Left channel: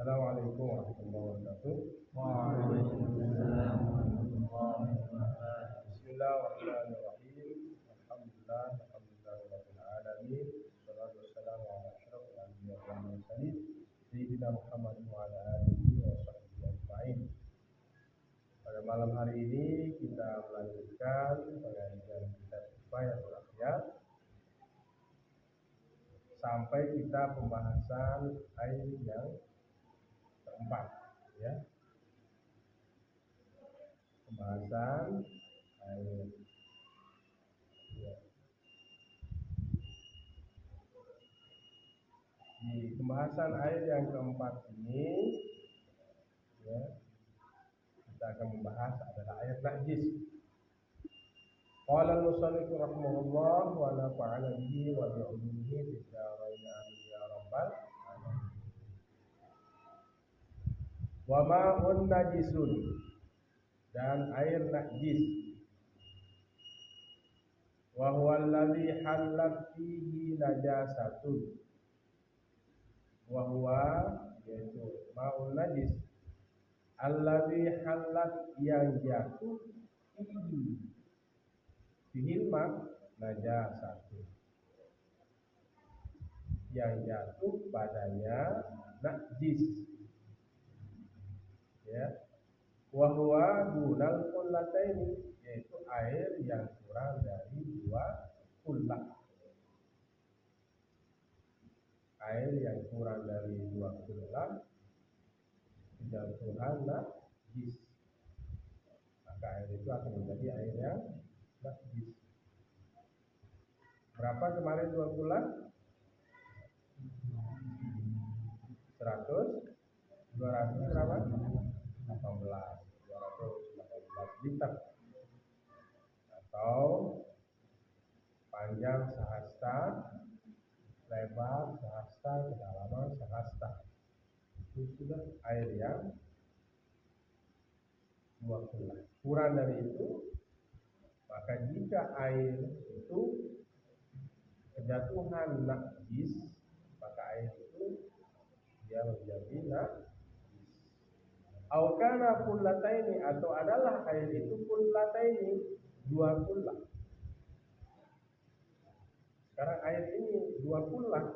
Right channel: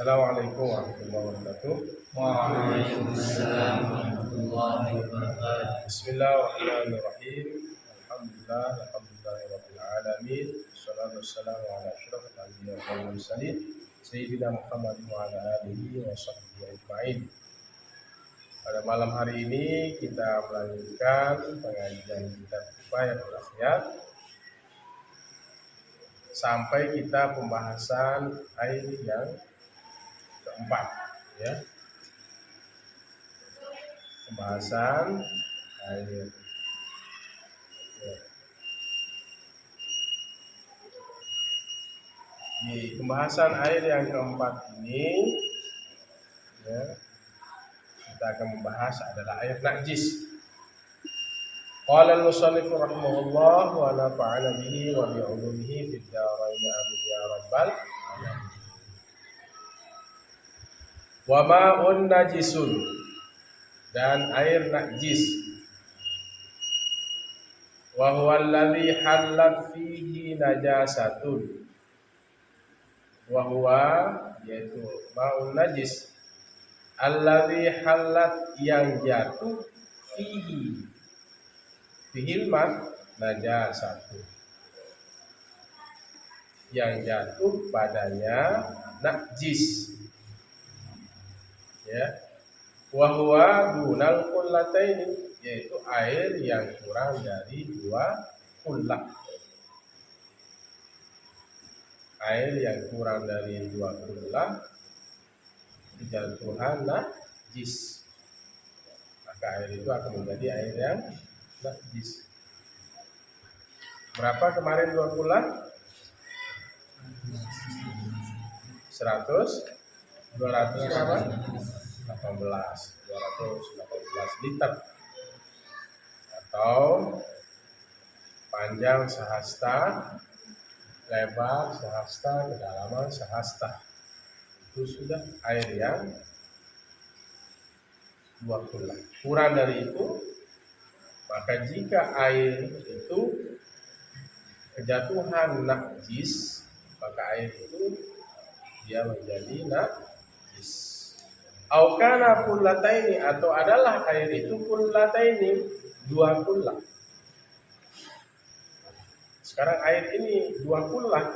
Assalamualaikum warahmatullahi wabarakatuh. Waalaikumsalam warahmatullahi wabarakatuh. Bismillahirrahmanirrahim. Alhamdulillahirabbil alamin. Wassalatu wassalamu ala asyrofil anbiya'i wal mursalin sayyidina Muhammad wa ala alihi wa sahbihi ajma'in. Pada malam hari ini kita melanjutkan pengajian kitab Kifayatul Akhyar sampai kita pembahasan air yang keempat, ya. Pembahasan air. Ya. Di pembahasan air yang keempat ini, ya, kita akan membahas adalah air najis. Qala al-musannif rahimahullah wa nafa'ana bihi wa bi 'ulumihi fid dharain amin ya rabbal alamin. Wa ma'un najisun, dan air najis. Wa huwa alladhi halat fihi najasatun. Wa huwa, yaitu ma'un najis, alladhi halat, yang jatuh, fihi, fihil ma najasatun, yang jatuh padanya najis, ya. Wa huwa dunal qullataini, yaitu air yang kurang dari 2 kullah. Air yang kurang dari 2 kullah kejatuhan najis, maka air itu akan menjadi air yang najis. Berapa kemarin 2 kullah? 218 liter, atau panjang sehasta, lebar sehasta, kedalaman sehasta. Itu sudah air yang 2 kullah. Kurang dari itu, maka jika air itu kejatuhan najis, maka air itu dia menjadi najis. Au kana kullataini, atau adalah air itu kullataini, 2 kullah. Sekarang air ini 2 kullah,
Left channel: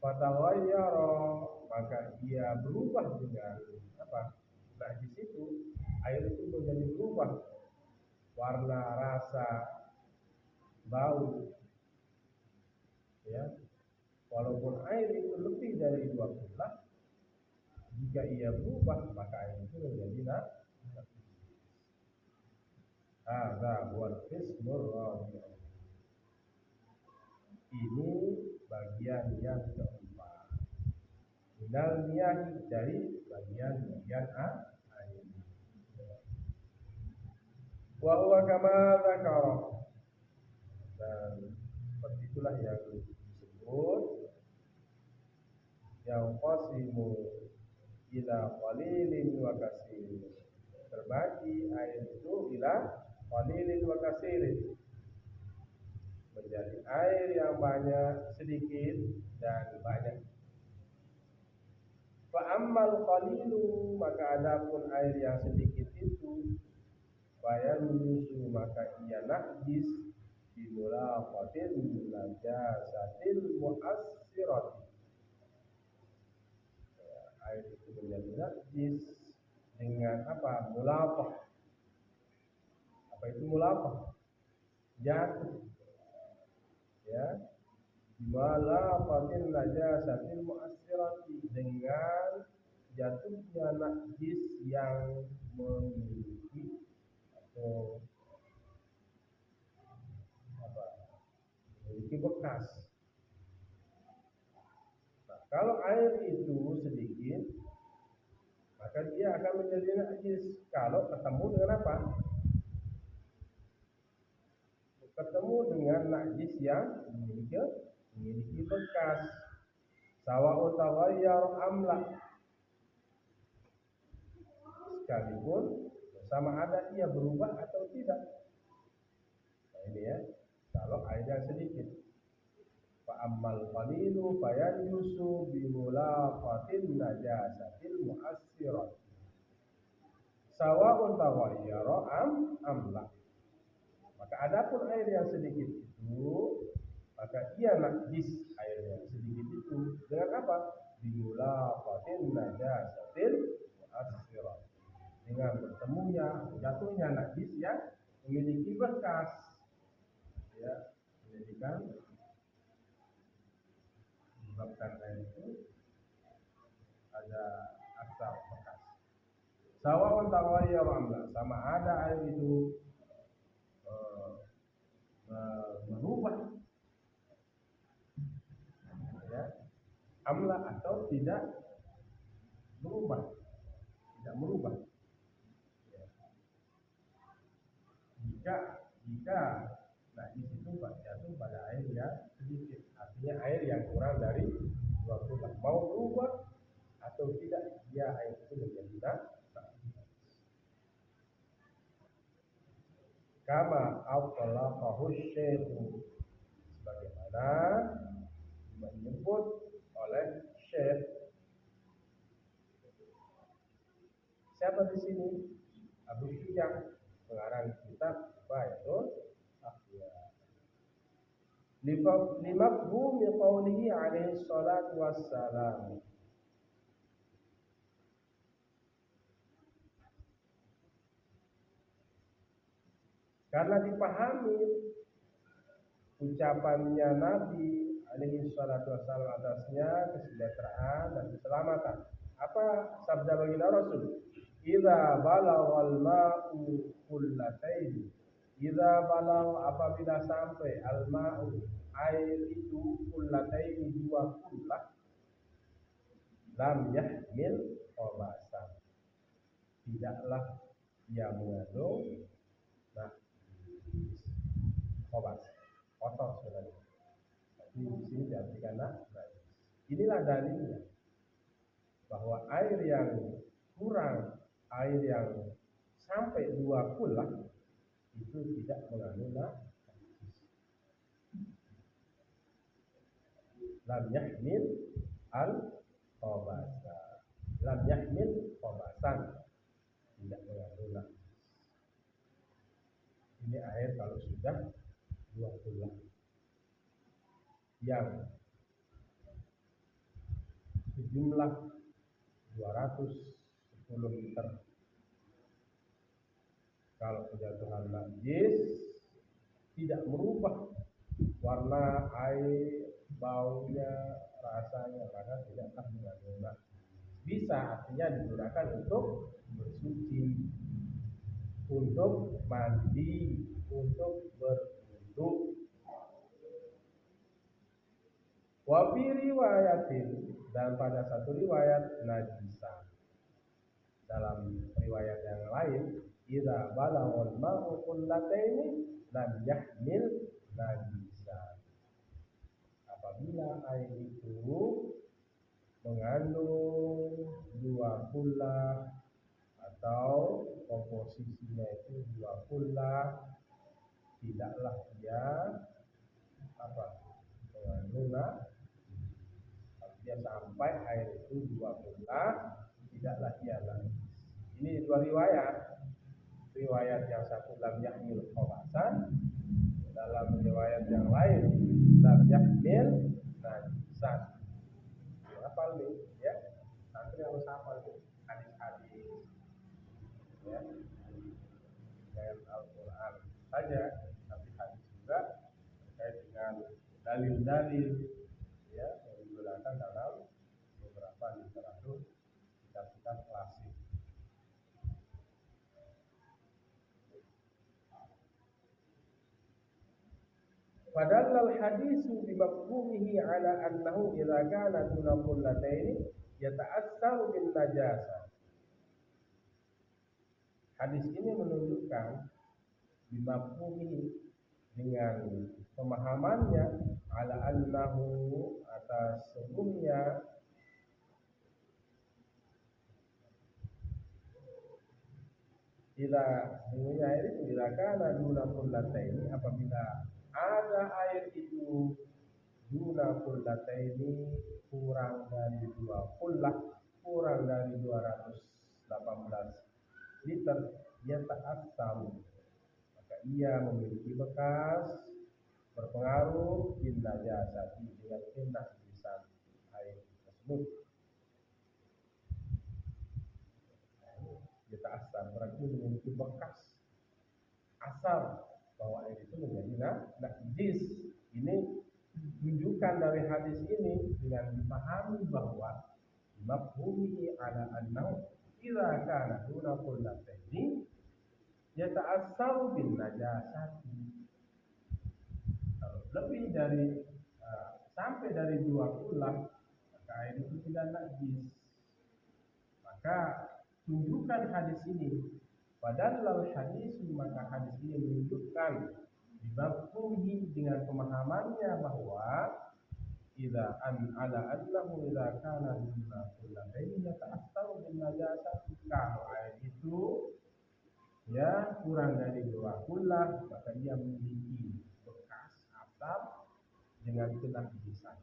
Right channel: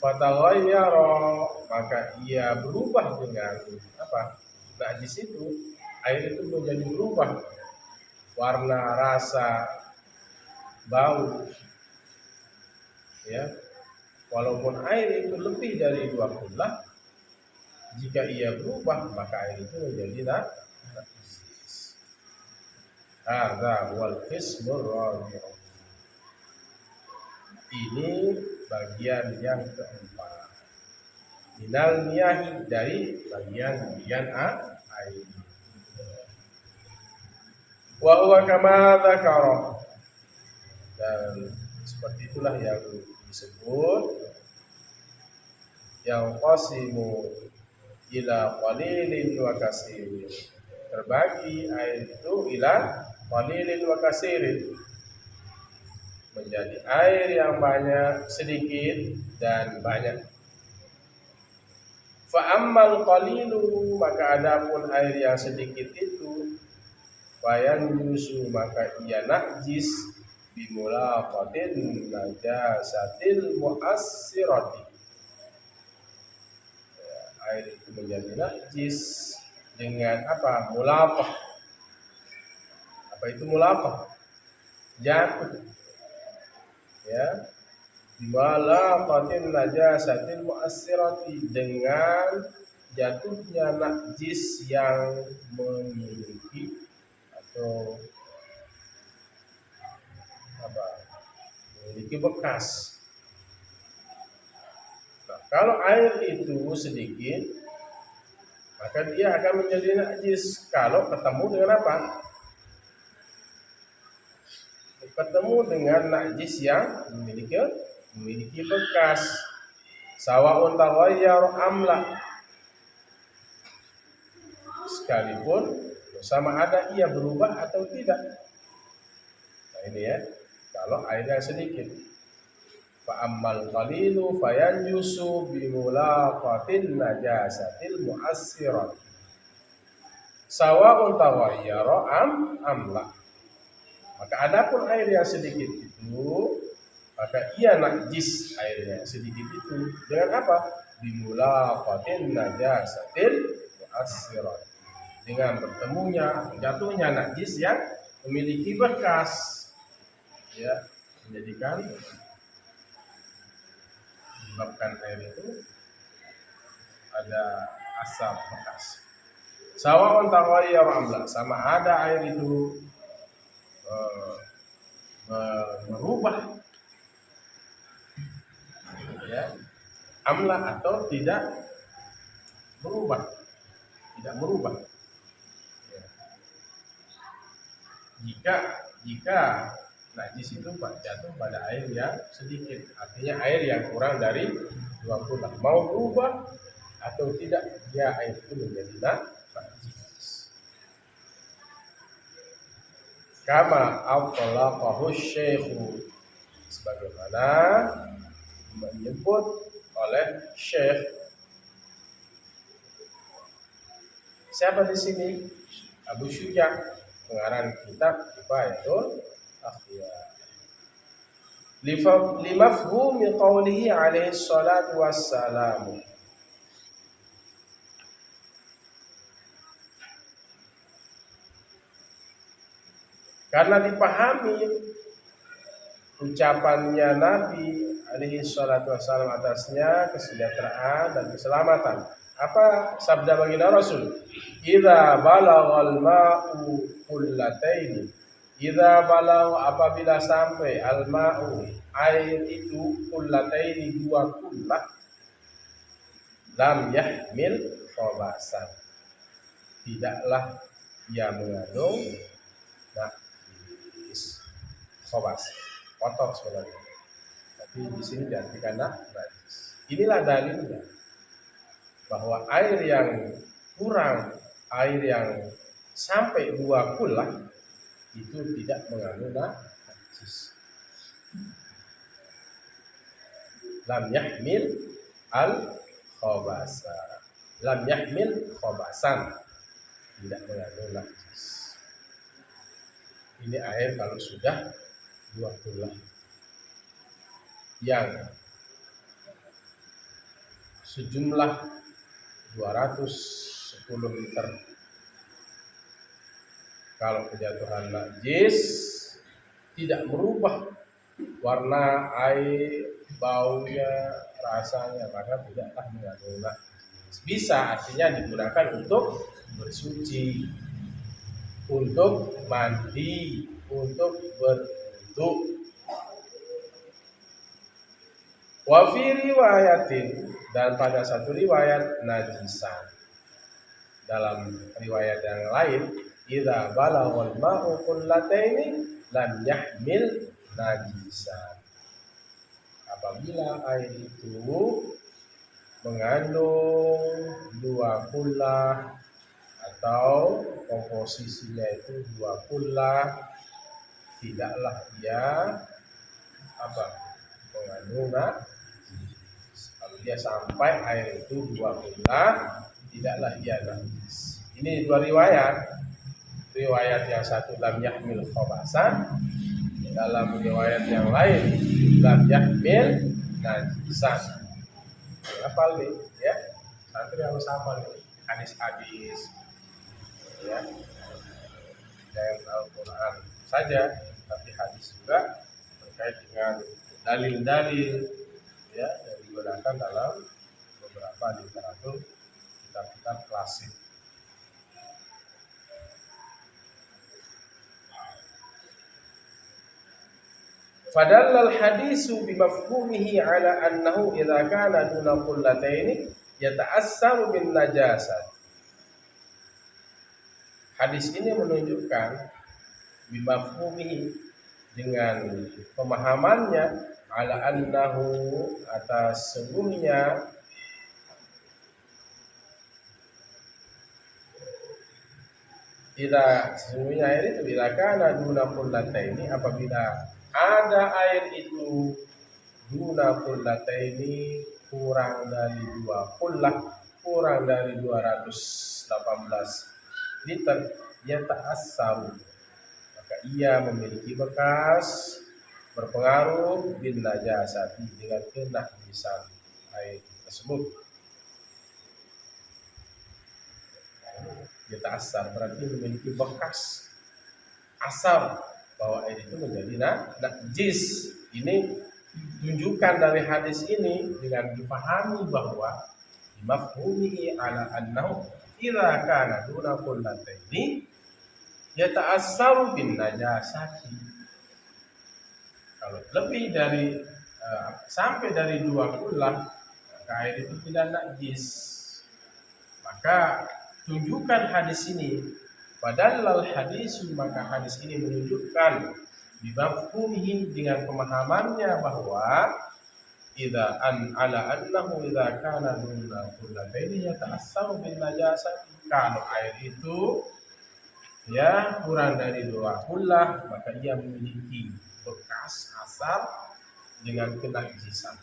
fataghayyara, maka ia berubah dengan apa? Najis itu, air itu menjadi berubah warna, rasa, bau, ya. Walaupun air itu lebih dari 2 kullah, jika ia berubah maka air itu menjadi najis. Hadza wal qismur rabi'u. Ini bagian yang keempat. Minal miyahi, dari bagian air. Wa huwa kama dzakara, dan seperti itulah yang disebut, yang qasimu ila qalilin wa kasirin, terbagi air itu ila qalilin wa kasirin, menjadi air yang banyak, sedikit, dan banyak. Fa ammal qalilu, maka adapun air yang sedikit itu, fayanjusu, maka ia najis, bimulaqatin najasatil mu'assirati, air itu menjadi najis dengan apa? Mulaqah. Apa itu mulaqah? Jatuh, ya. Bimulaqatin najasatil mu'assirati, dengan jatuhnya najis yang memiliki atau apa? Memiliki bekas. Kalau air itu sedikit, maka dia akan menjadi najis kalau ketemu dengan apa? Ketemu dengan najis yang memiliki bekas. Sawa'un taghayyar amla, sekalipun sama ada ia berubah atau tidak. Nah ini ya, kalau air yang sedikit. Fa ammal qalilu fayanjusu bimulaqatin najasatil mu'assirat sawa'un taghayyara amla. Maka adapun air yang sedikit itu, maka ia najis airnya sedikit itu dengan apa? Bimulaqatin najasatil mu'assirat, dengan bertemunya, jatuhnya najis yang memiliki bekas, ya, menjadikan menyebabkan air itu ada asap bekas. Sawa'un taghayyara amla, sama ada air itu merubah, ya, amla atau tidak berubah, ya. Jika najis itu jatuh pada air yang sedikit, artinya air yang kurang dari 20, mau berubah atau tidak, dia air itu menjadi najis. Kama awqalaqahu syekhu, sebagaimana menyebut oleh Syekh. Siapa di sini? Abu Syuja, pengarang kitab Kifayatul Akhyar. Limafhumi qawlihi alaihi salatu wassalamu, karena dipahami ucapannya Nabi alaihi salatu wassalam atasnya kesejahteraan dan keselamatan. Apa sabda baginda Rasul? Idza balaghal ma'u qullataini, idza balagh, apabila sampai al ma'u, air itu, qullataini, 2 kullah, lam yahmil khabasan, tidaklah ia mengandung najis. Khabas, kotor sebenarnya, tapi di sini diartikan najis. Inilah dalilnya bahwa air yang kurang, air yang sampai 2 kullah itu tidak mengandung najis. Lam yahmil al khabasa, lam yahmil khabasan, tidak mengandung najis. Ini air kalau sudah 2 kullah yang sejumlah 210 liter. Kalau kejatuhan najis tidak merubah warna air, baunya, rasanya, maka tidaklah mengandung najis. Bisa, artinya digunakan untuk bersuci, untuk mandi, untuk berwudu. Wa fi riwayatin, dan pada satu riwayat najisan. Dalam riwayat yang lain, idza balaghal ma'u qullataini lam yahmil najisan. Apabila air itu mengandung 2 kullah atau komposisinya itu 2 kullah, tidaklah ia mengandung najis. Kalau dia sampai air itu 2 kullah, tidaklah ia najis. Ini 2 riwayat. Riwayat yang satu lam yahmil khabasan, dalam riwayat yang lain lam yahmil najisan. Hafal nih, ya. Santri harus hafal nih hadis-hadis, ya. Jangan Al-Quran saja, tapi hadis juga terkait dengan dalil-dalil, ya, yang digunakan dalam beberapa literatur kitab-kitab klasik. Fadallal hadisu bimafhumihi ala annahu idza kana duna qullataini yata'assaru bin najasat. Hadis ini menunjukkan bimafhumihi, dengan pemahamannya, ala annahu, atas sungguhnya, sesungguhnya air itu bila kana duna qullataini, apabila ada air itu duna kullataini kurang dari 2 kullah, kurang dari 218 liter, ya ta'assaru, maka ia memiliki bekas berpengaruh bin najasati dengan kenajisan air tersebut. Ya ta'assar berarti memiliki bekas asar bahwa air itu menjadi najis. Ini tunjukkan dari hadis ini dengan dipahami bahwa mafhumihi ala annahu idza kana duna kullataini yata'assaru bin najasati. Kalau lebih dari sampai dari 2 kullah, maka air itu tidak najis. Maka tunjukkan hadis ini, padahal hadis, maka hadis ini menunjukkan bimafhumihi dengan pemahamannya bahwa idza an ala annahu idza kana duna kullataini yata'assaru bin najasati, kalau air itu ya kurang dari 2 kullah, maka ia memiliki bekas asar dengan kenajisan.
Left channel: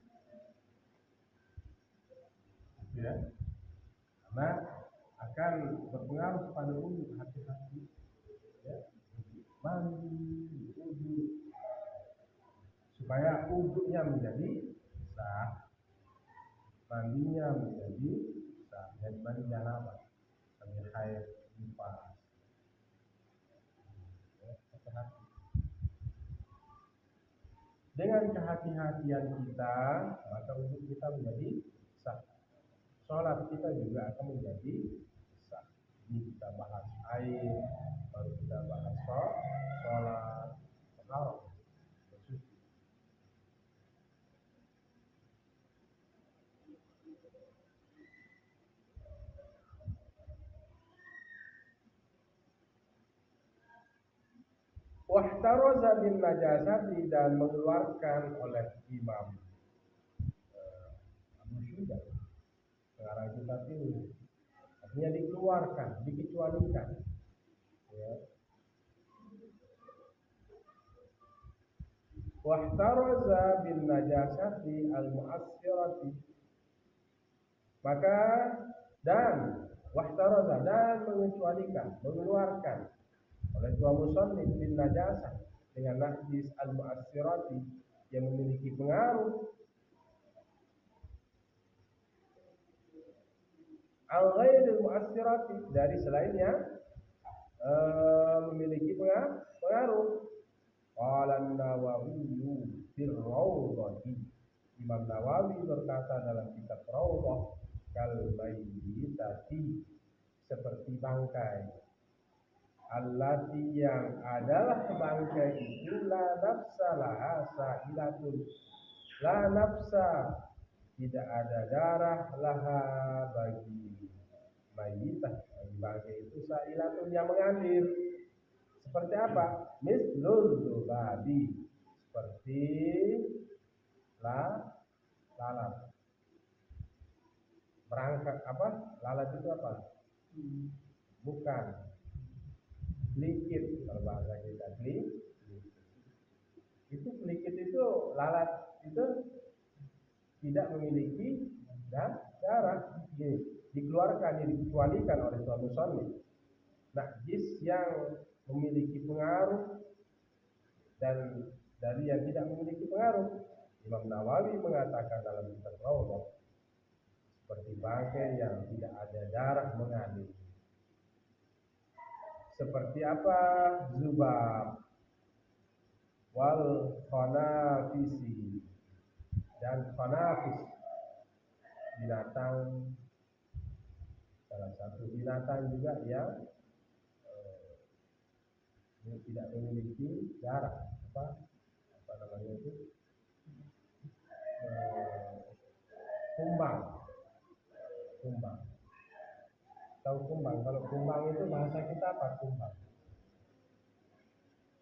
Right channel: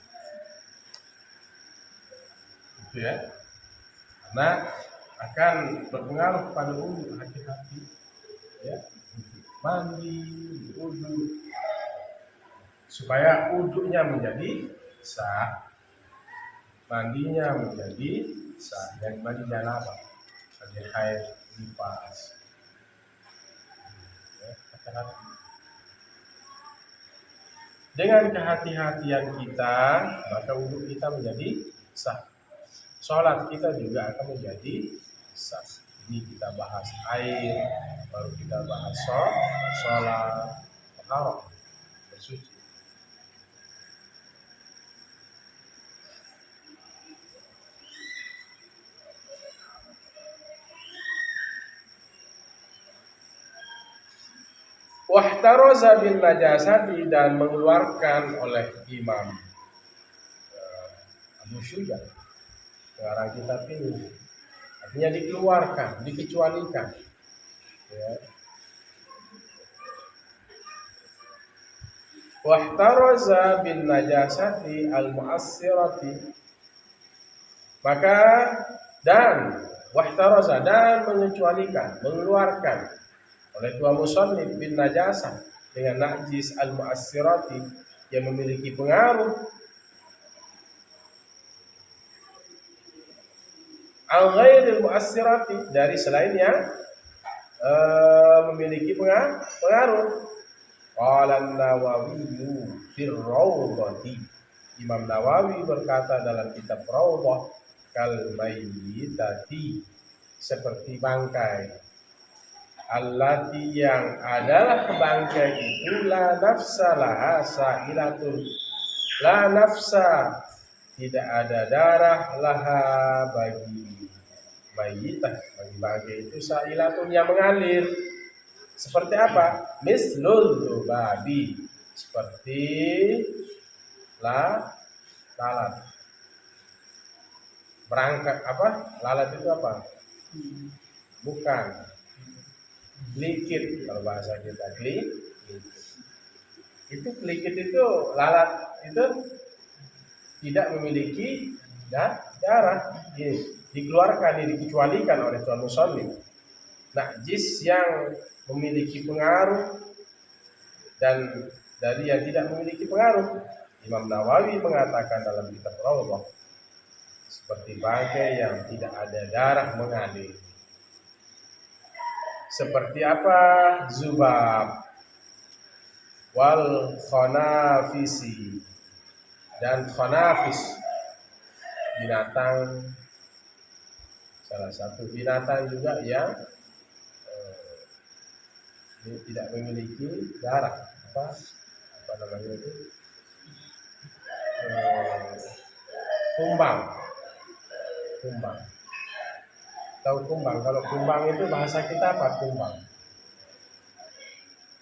Itu ya. Karena akan berpengaruh pada wudu, hati-hati ya, untuk mandi, wudu, supaya wudunya menjadi sah, mandinya menjadi sah, dan mandi janabah, mandi haid, nifas. Ya, hati-hati. Dengan kehati-hatian kita, maka wudu kita menjadi sah. Sholat kita juga akan menjadi sah. Ini kita bahas air, baru kita bahas sholat, taharah, bersuci. Wahtaroza bin najasati, dan mengeluarkan oleh Imam Abu Syuja pengarang kitab ini, artinya dikeluarkan, dikecualikan ya. Wahtaroza bin najasati al-mu'assirati, maka dan wahtaroza, dan mengecualikan, mengeluarkan oleh tua musannif bin najasah dengan najis al-mu'assirati yang memiliki pengaruh al-ghairil mu'assirati, dari selain yang memiliki pengaruh. Qala an-Nawawi fir Rawdhati, Imam Nawawi berkata dalam kitab Rawdah, kal mayyitati, seperti bangkai, allati, yang adalah bangkai itu la nafsa laha sa'ilatun, la nafsa, tidak ada darah, laha, bagi mayyitah, bagi bangkai itu, sa'ilatun, yang mengalir. Seperti apa? Mislul dubabi, seperti lalat. Berangkat apa? Lalat itu apa? Bukan. Likit, kalau bahasa kita itu likit itu, lalat itu tidak memiliki darah. Ini dikeluarkan, ini dikecualikan oleh tuan musannif. Najis yang memiliki pengaruh dan dari yang tidak memiliki pengaruh. Imam Nawawi mengatakan dalam kitab Rawdah, seperti bangkai yang tidak ada darah mengalir. Seperti apa? Zubab wal khanafisi, dan khanafis, binatang, salah satu binatang juga yang tidak memiliki darah, apa namanya itu, kumbang. Tahu kumbang? Kalau kumbang itu bahasa kita apa? Kumbang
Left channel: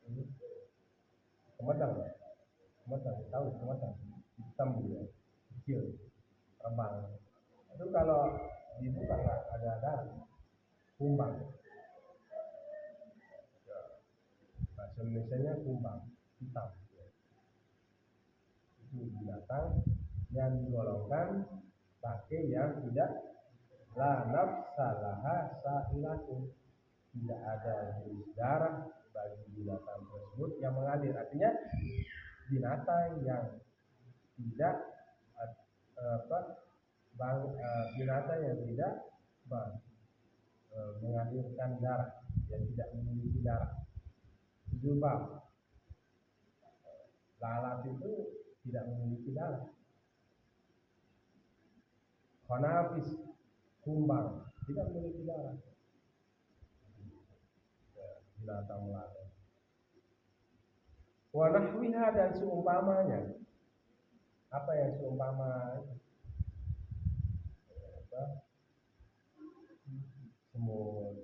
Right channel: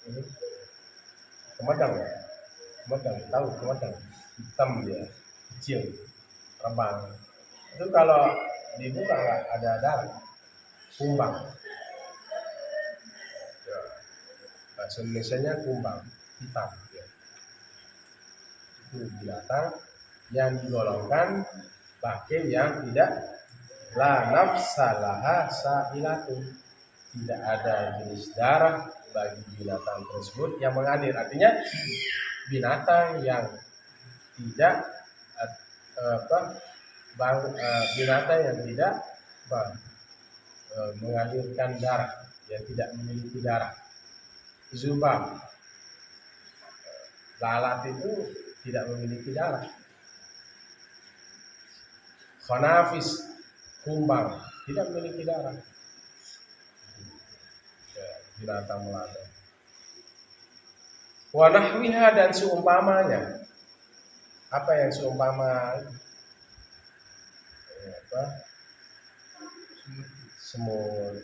ini kemedang ya? Kemedang, tahu kemedang? Hitam dia, kecil, terbang. Itu kalau dibuka nggak ada darah, kumbang. Bahasa Indonesianya kumbang, hitam ya. itu binatang yang digolongkan pakai yang tidak la nafsalaha sa'ilatun, tidak ada jenis darah bagi binatang tersebut yang mengalir. Artinya binatang yang tidak binatang yang tidak mengalirkan darah, yang tidak memiliki darah. Zubab, lalat itu tidak memiliki darah. Khanafis, kumbang, tidak memiliki darah. Binatang melata. Wa nahwiha, dan seumpamanya. Apa yang seumpama? Semut,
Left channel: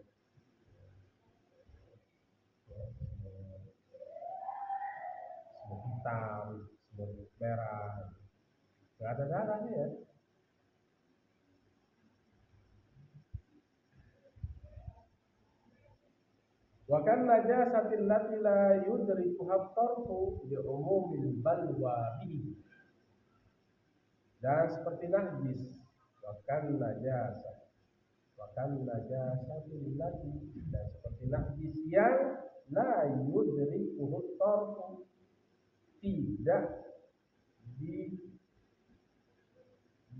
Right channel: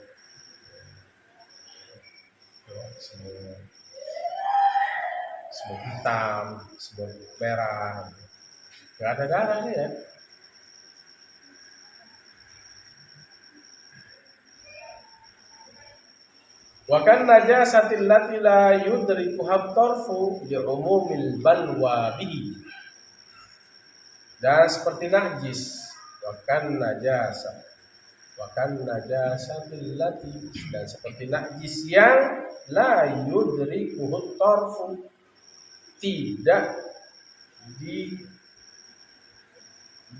semut hitam, semut merah, nggak ada darahnya ya. Wa kan najasatil lati la yudrikuha tarfu li umumil balwa bihi, dan seperti najis. Wa kan najasatil lati, dan seperti najis yang la yudrikuha tarfu, tidak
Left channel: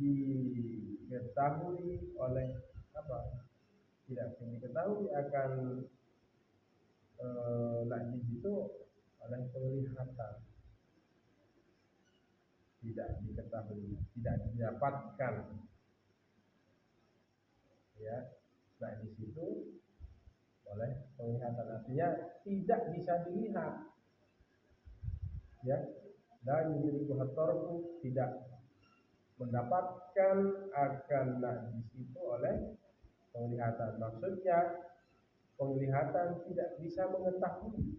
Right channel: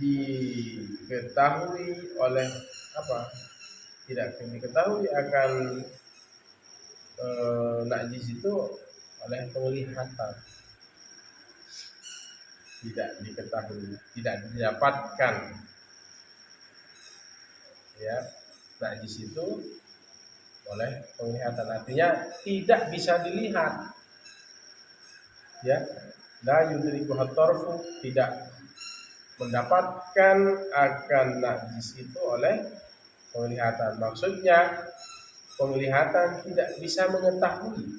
diketahui oleh apa? Tidak diketahui akan najis itu oleh penglihatan, tidak diketahui, tidak didapatkan ya najis itu oleh penglihatan, artinya tidak bisa dilihat ya. La yudrikuha tarfu, tidak mendapatkan akan najis itu oleh penglihatan. Maksudnya penglihatan tidak bisa mengetahui,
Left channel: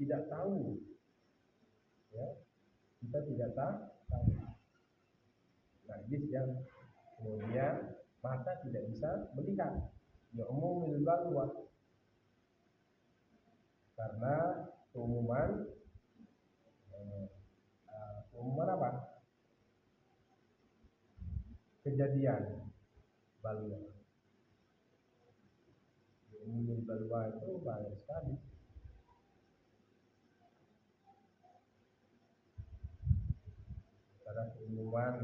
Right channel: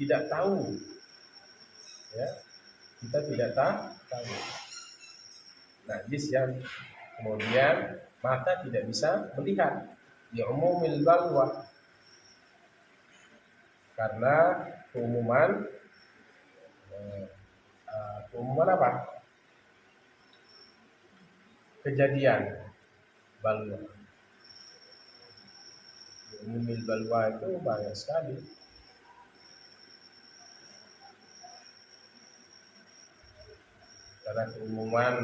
tidak tahu ya, kita tidak tahu najis yang kemudian mata tidak bisa melihat ya umumil balwa, karena keumuman apa? Kejadian balwa. Umumil balwa itu banyak sekali. Karena keumuman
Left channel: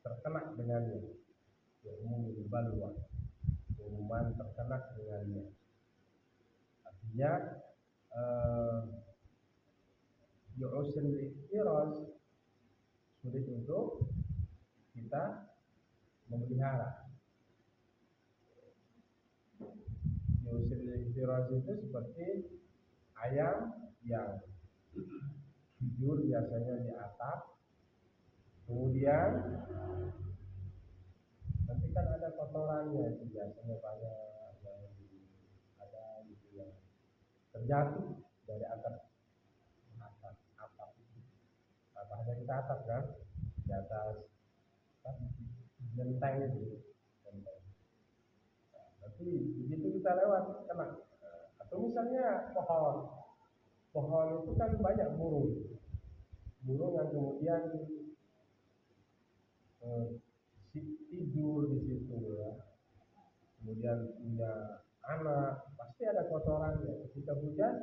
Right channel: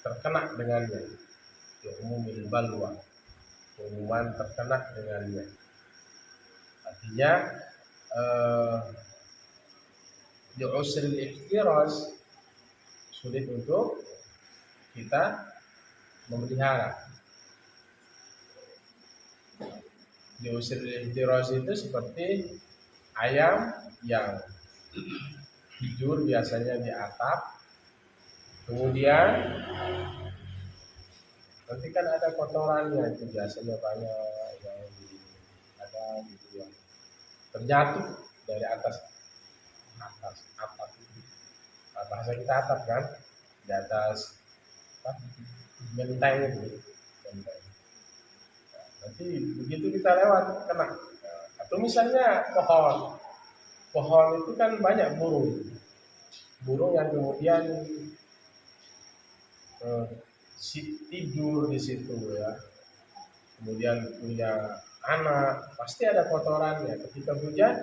terkena dengannya. Umumil balwa, keumuman terkena dengannya. Artinya usril ihtiraz, sulit untuk kita memelihara. Usril ihtiraz itu seperti ayam yang tidur biasanya di atap, kemudian nanti kan ada kotorannya, itu biasanya banyak yang ada gitu yang terjatuh dari atas atap itu. Bahasa kita atap kan, di atas benteng itu, benteng. Nanti begitu kita lewat kena. Atau misalnya pohon itu kan banyak burung yang kemudian tidur di situ ya, kemudian punya anak, pasti ada kotorannya. Ketika hujan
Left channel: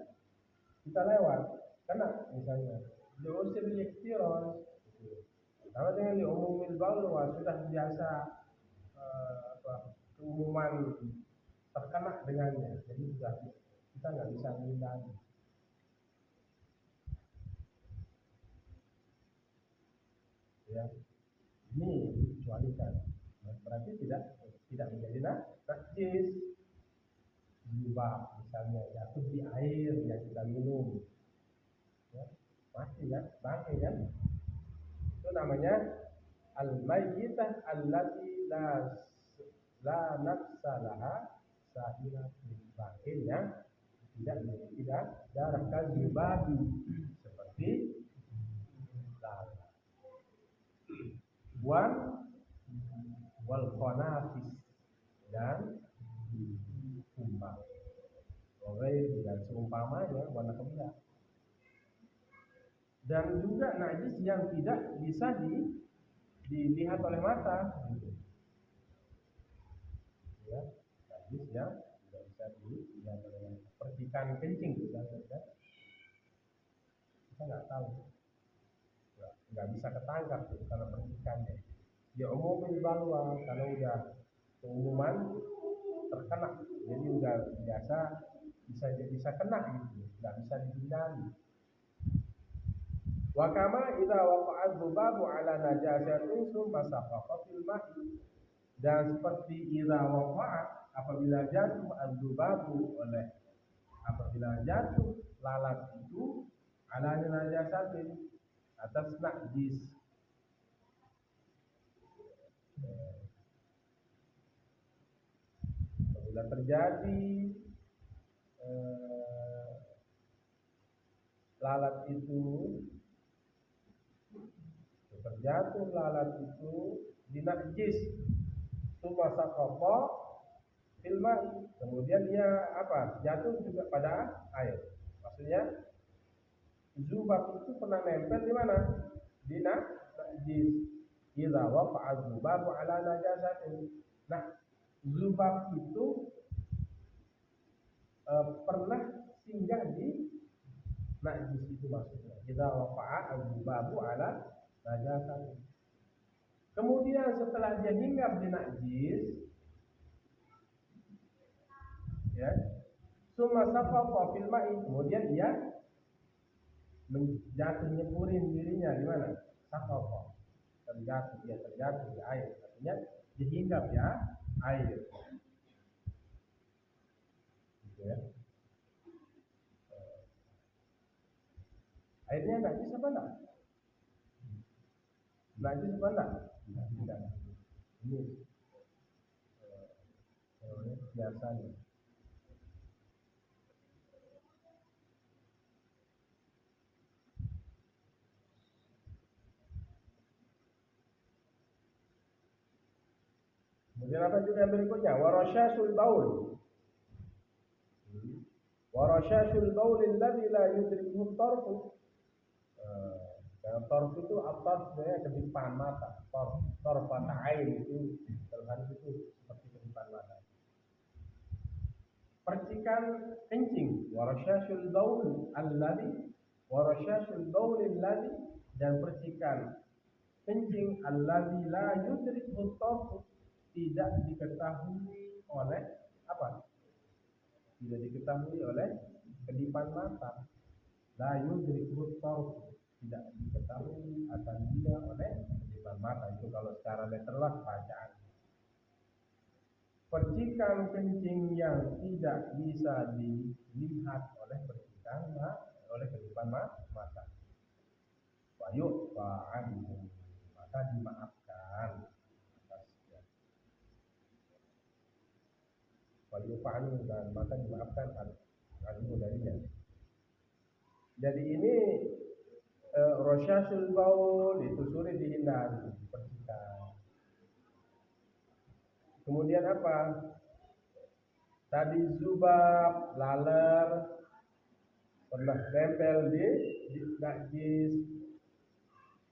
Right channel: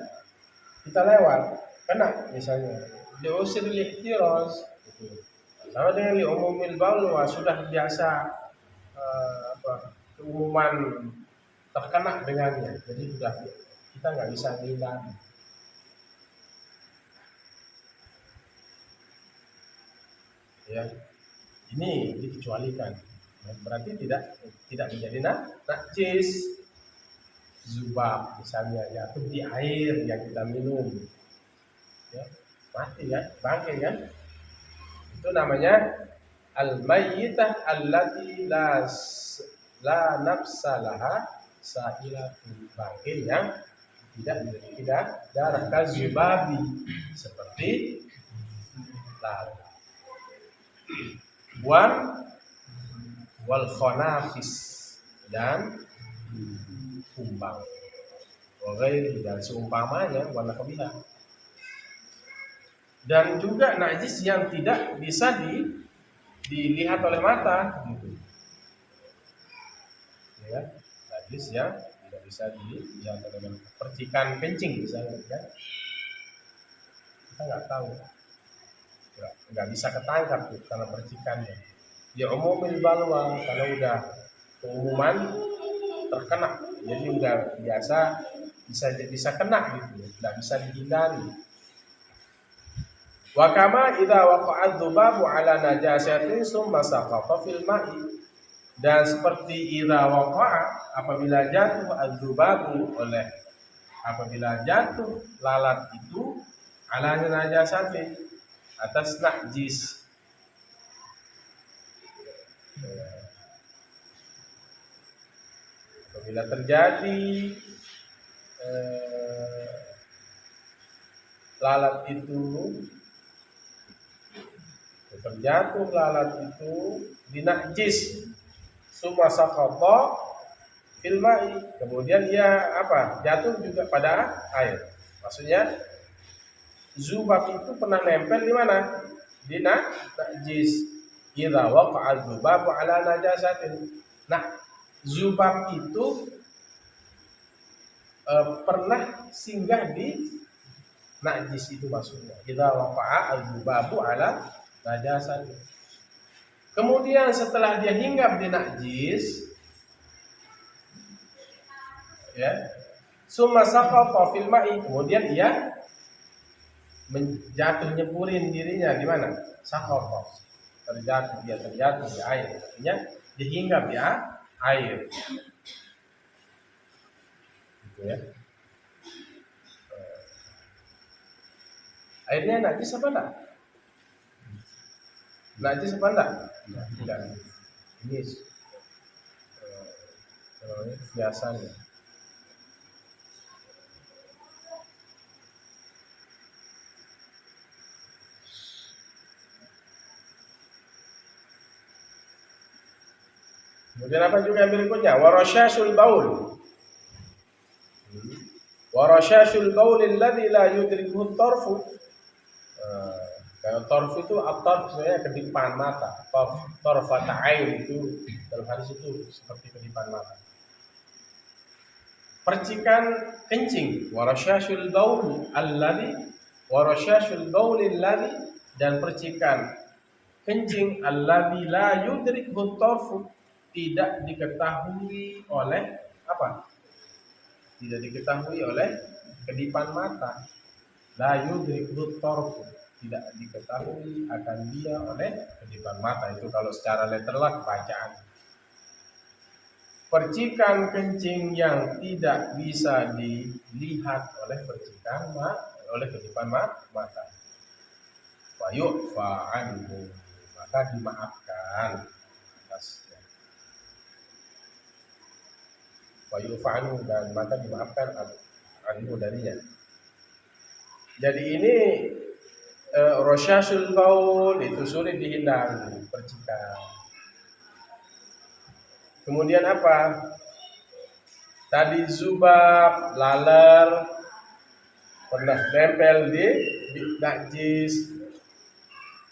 kita lewat kena, misalnya diusir ihtiraz gitu. Sama dengan li umumil balwa, sudah biasa keumuman terkena dengannya, jadi sudah kita nggak bisa hindari ya. Ini dikecualikan, berarti tidak menjadi najis. Zubab misalnya jatuh di air yang kita minum ya, mati kan, bangkai kan, itu namanya al-mayyitah allati la nafsalaha sa'ilatu, bangkai yang tidak memiliki darah. Kazubabi, seperti lalat. Wal khonafis, dan kumbang. Wa ghairi, dan seumpamanya, wa nahwiha. dan juga najis yang tidak bisa dilihat oleh mata gitu. Ya, najis yang tidak bisa dilihat oleh mata. Percikan kencing misalnya kan, kita nggak tahu, nggak bisa ketangkap gitu, karena percikannya. Ya umumil balwa, kalau udah keumuman terkena, jadi udah biasa, bisa kena gitu, nggak bisa dihindari. Wa kama idza waqa'a dzubabu ala najasatin summa saqata fil ma'i, dan seperti idza waqa'a, apabila jatuh adzubabu apabila jatuh lalat itu ala najasatin, atas najis. Apabila terjadi lalat itu, terjatuh lalat itu di najis, summa saqata fil ma'i, kemudian ia jatuh juga pada air. Maksudnya zubab itu pernah nempel di mana? Di najis. Idza waqa'a dzubabu ala najasatin. Nah, zubab itu pernah singgah di najis itu maksudnya. Idza waqa'a dzubabu ala najasatin. Kemudian setelah dia hinggap di najis, ya, summa saqata fil ma'i, kemudian ia menjatuh nyeburin dirinya di mana? Saqata. Terjatuh di air, artinya dihinggap ya air. Gitu ya. Airnya najis apa enggak? Najis apa enggak? Enggak. Ini biasanya. Kemudian apa juga yang berikutnya? Warasyasul baul. Warasyasul baul alladzi la yudrikuhu tarfu. Kalau tarf itu at-tarf sebenarnya kedipan mata. Tarfat ain itu dalam hadis itu seperti kedipan mata. Percikan kencing, warasyasul baul alladzi, dan percikan kencing alladzi la yudrikuhu tarfu, tidak diketahui oleh apa? Tidak diketahui oleh kedipan mata. La yudrikuhu tarfu, tidak diketahui akan dia oleh kedipan mata. Itu kalau secara letterlock bacaan. Percikan kencing yang tidak bisa dilihat oleh kedipan mata. Wa yu'fa anhu, maka dimaafkan atasnya. Wa yu'fa anhu, dan maka dimaafkan anhu darinya. Jadi ini rasyasul baul itu sulit dihindari, percikan. Kemudian apa? Tadi zubab, laler, pernah tempel di najis.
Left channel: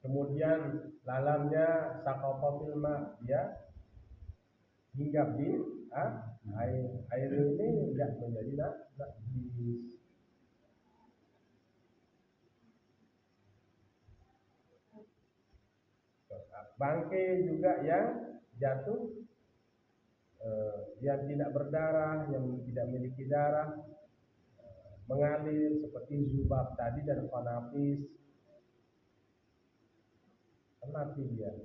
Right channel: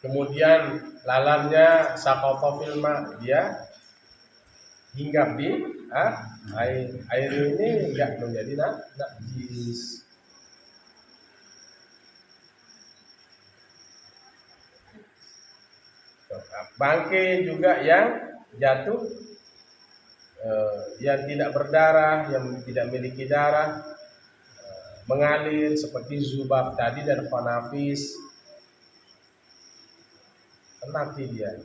Kemudian lalarnya saqata fil ma, dia hinggap di air. Air ini enggak menjadi najis. Bangkai juga yang jatuh, yang tidak berdarah, yang tidak memiliki darah, mengalir seperti zubab tadi dan khanafis. Mati dia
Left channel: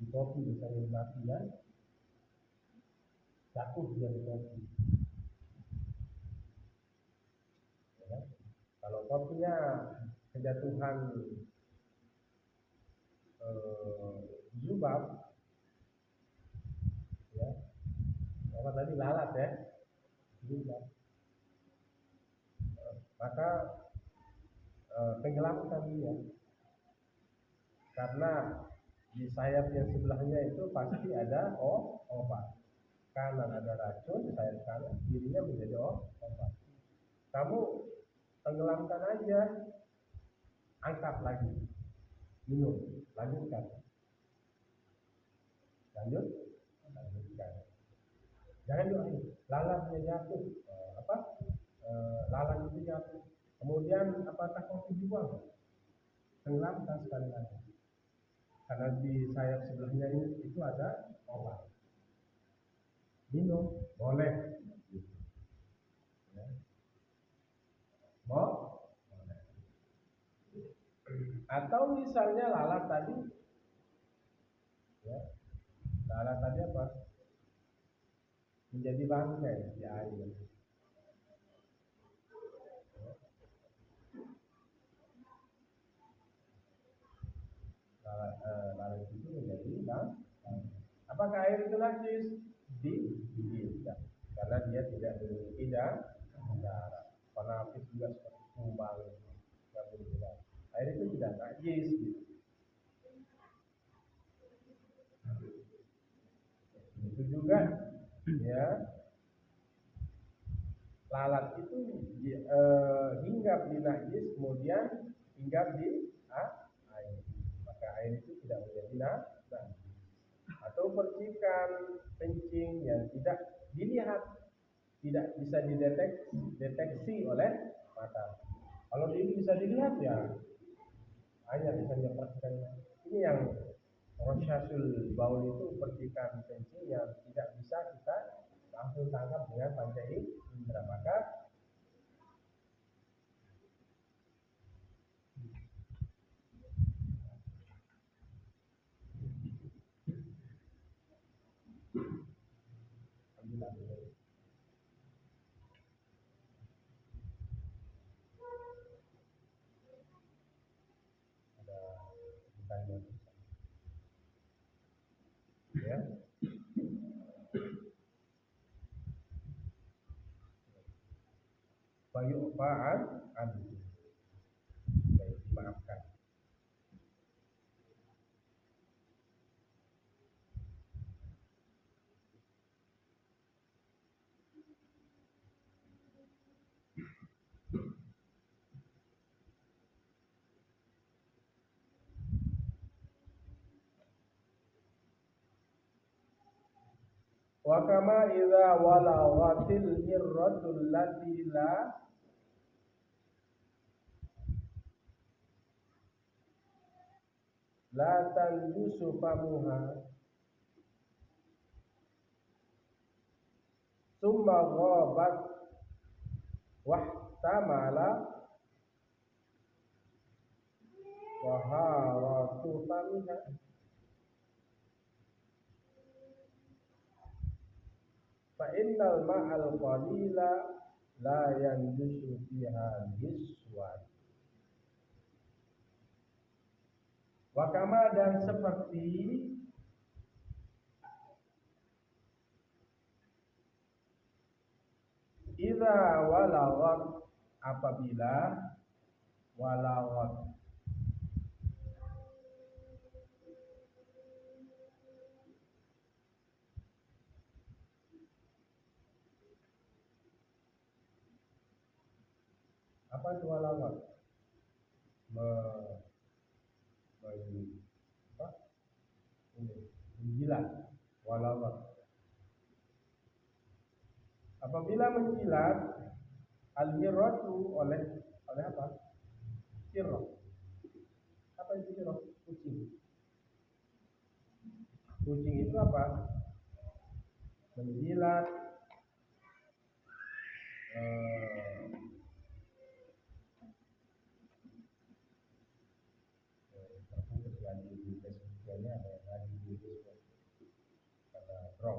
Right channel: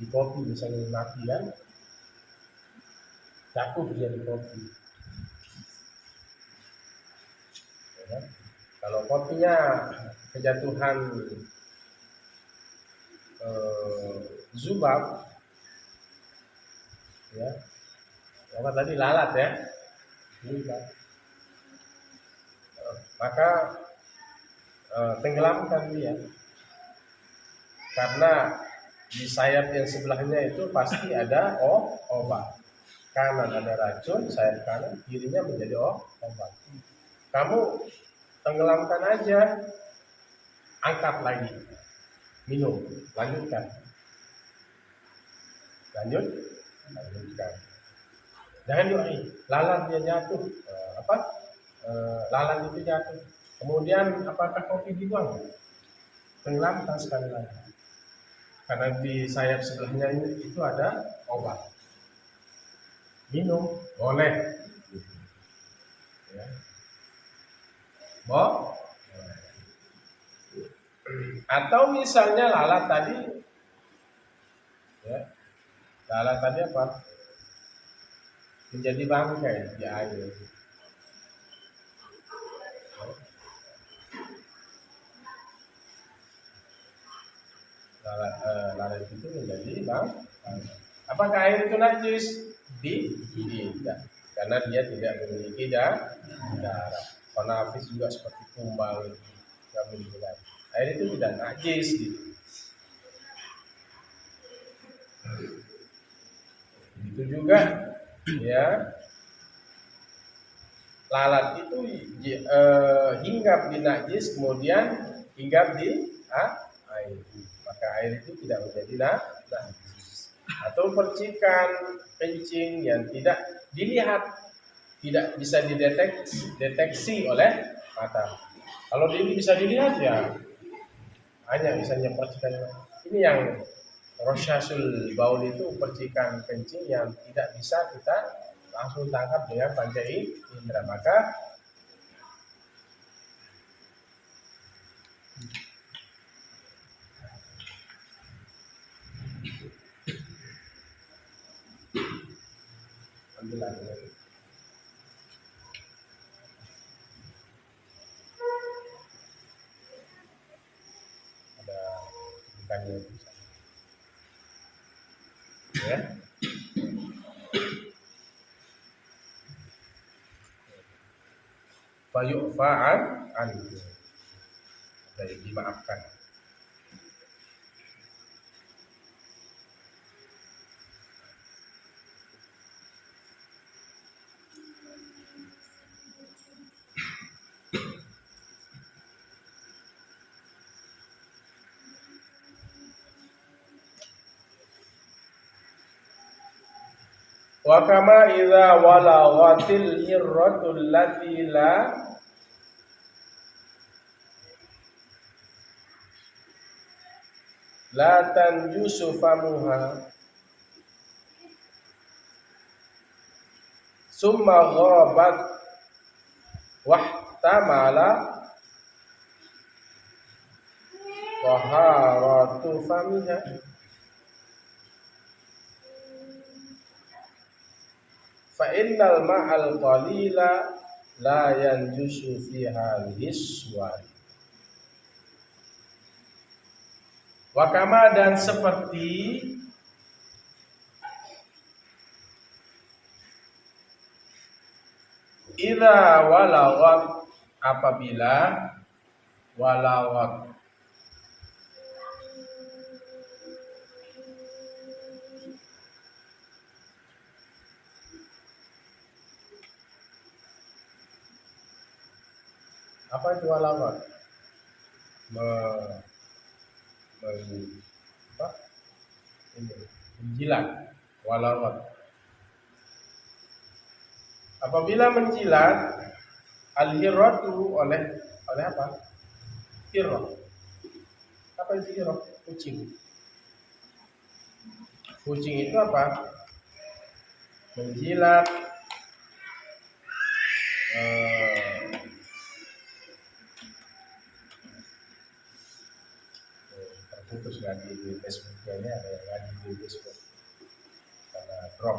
di kopi, misalnya mati kan, jatuh dia di kopi. Ya, kalau kopinya kejatuhan zubab, ya, apa tadi lalat ya, zubab, maka tenggelamkan dia, karena di sayap yang sebelahnya itu pasti ada obat. Kanan ada racun, sayap kanan, kirinya menjadi obat. Kamu tenggelamkan aja. angkat lagi, minum, lanjutkan, lanjutkan. Jangan doain, lalat dia jatuh, lalat itu jatuh. Kemudian apakah kopi dibuang? Tenggelamkan sekali lagi. Karena di sayap sebelahnya itu ada obat. Minum boleh. Ya. Atau misalnya lalat tadi, ya, lalat tadi apa? Menjadi bangkai di air. Lalat itu menjadi bangkai. Apakah air itu najis? Tidak, karena dia tidak memiliki darah. Konafis juga seperti kumbang, tidak memiliki darah. Air itu tidak najis gitu. Itu juga ya, lalat itu hinggap di najis kemudian hinggap di air, maka air itu tidak menjadi najis. Atau percikan kencing yang tidak dilihat, tidak bisa dideteksi oleh mata. Kalau ini bisa dilihat ya hanya misalnya percikan ini yang rosyasul baul itu percikan kencing yang tidak bisa kita langsung tangkap dengan panca indera, maka ambil ada bukannya ya. Fayu'fa'an anhu, dari dimaafkan. Wa kama idza walaghatil hirratul lati la tanjusu famuha summa ghabat wahtamala taharatu famiha fa innal ma'al qalila la yanjusu fi hadhihi suwar. Wakama, dan seperti idza walaghat, apabila walaghat apa itu walaghat? Menjilat, walaghat. Apabila menjilat al-hirratu oleh apa? Hirrah. Apa itu hirrah? Kucing. Kucing itu apa? Menjilat terputus lagi di Facebook-nya, ada yang lagi di Facebook karena drop.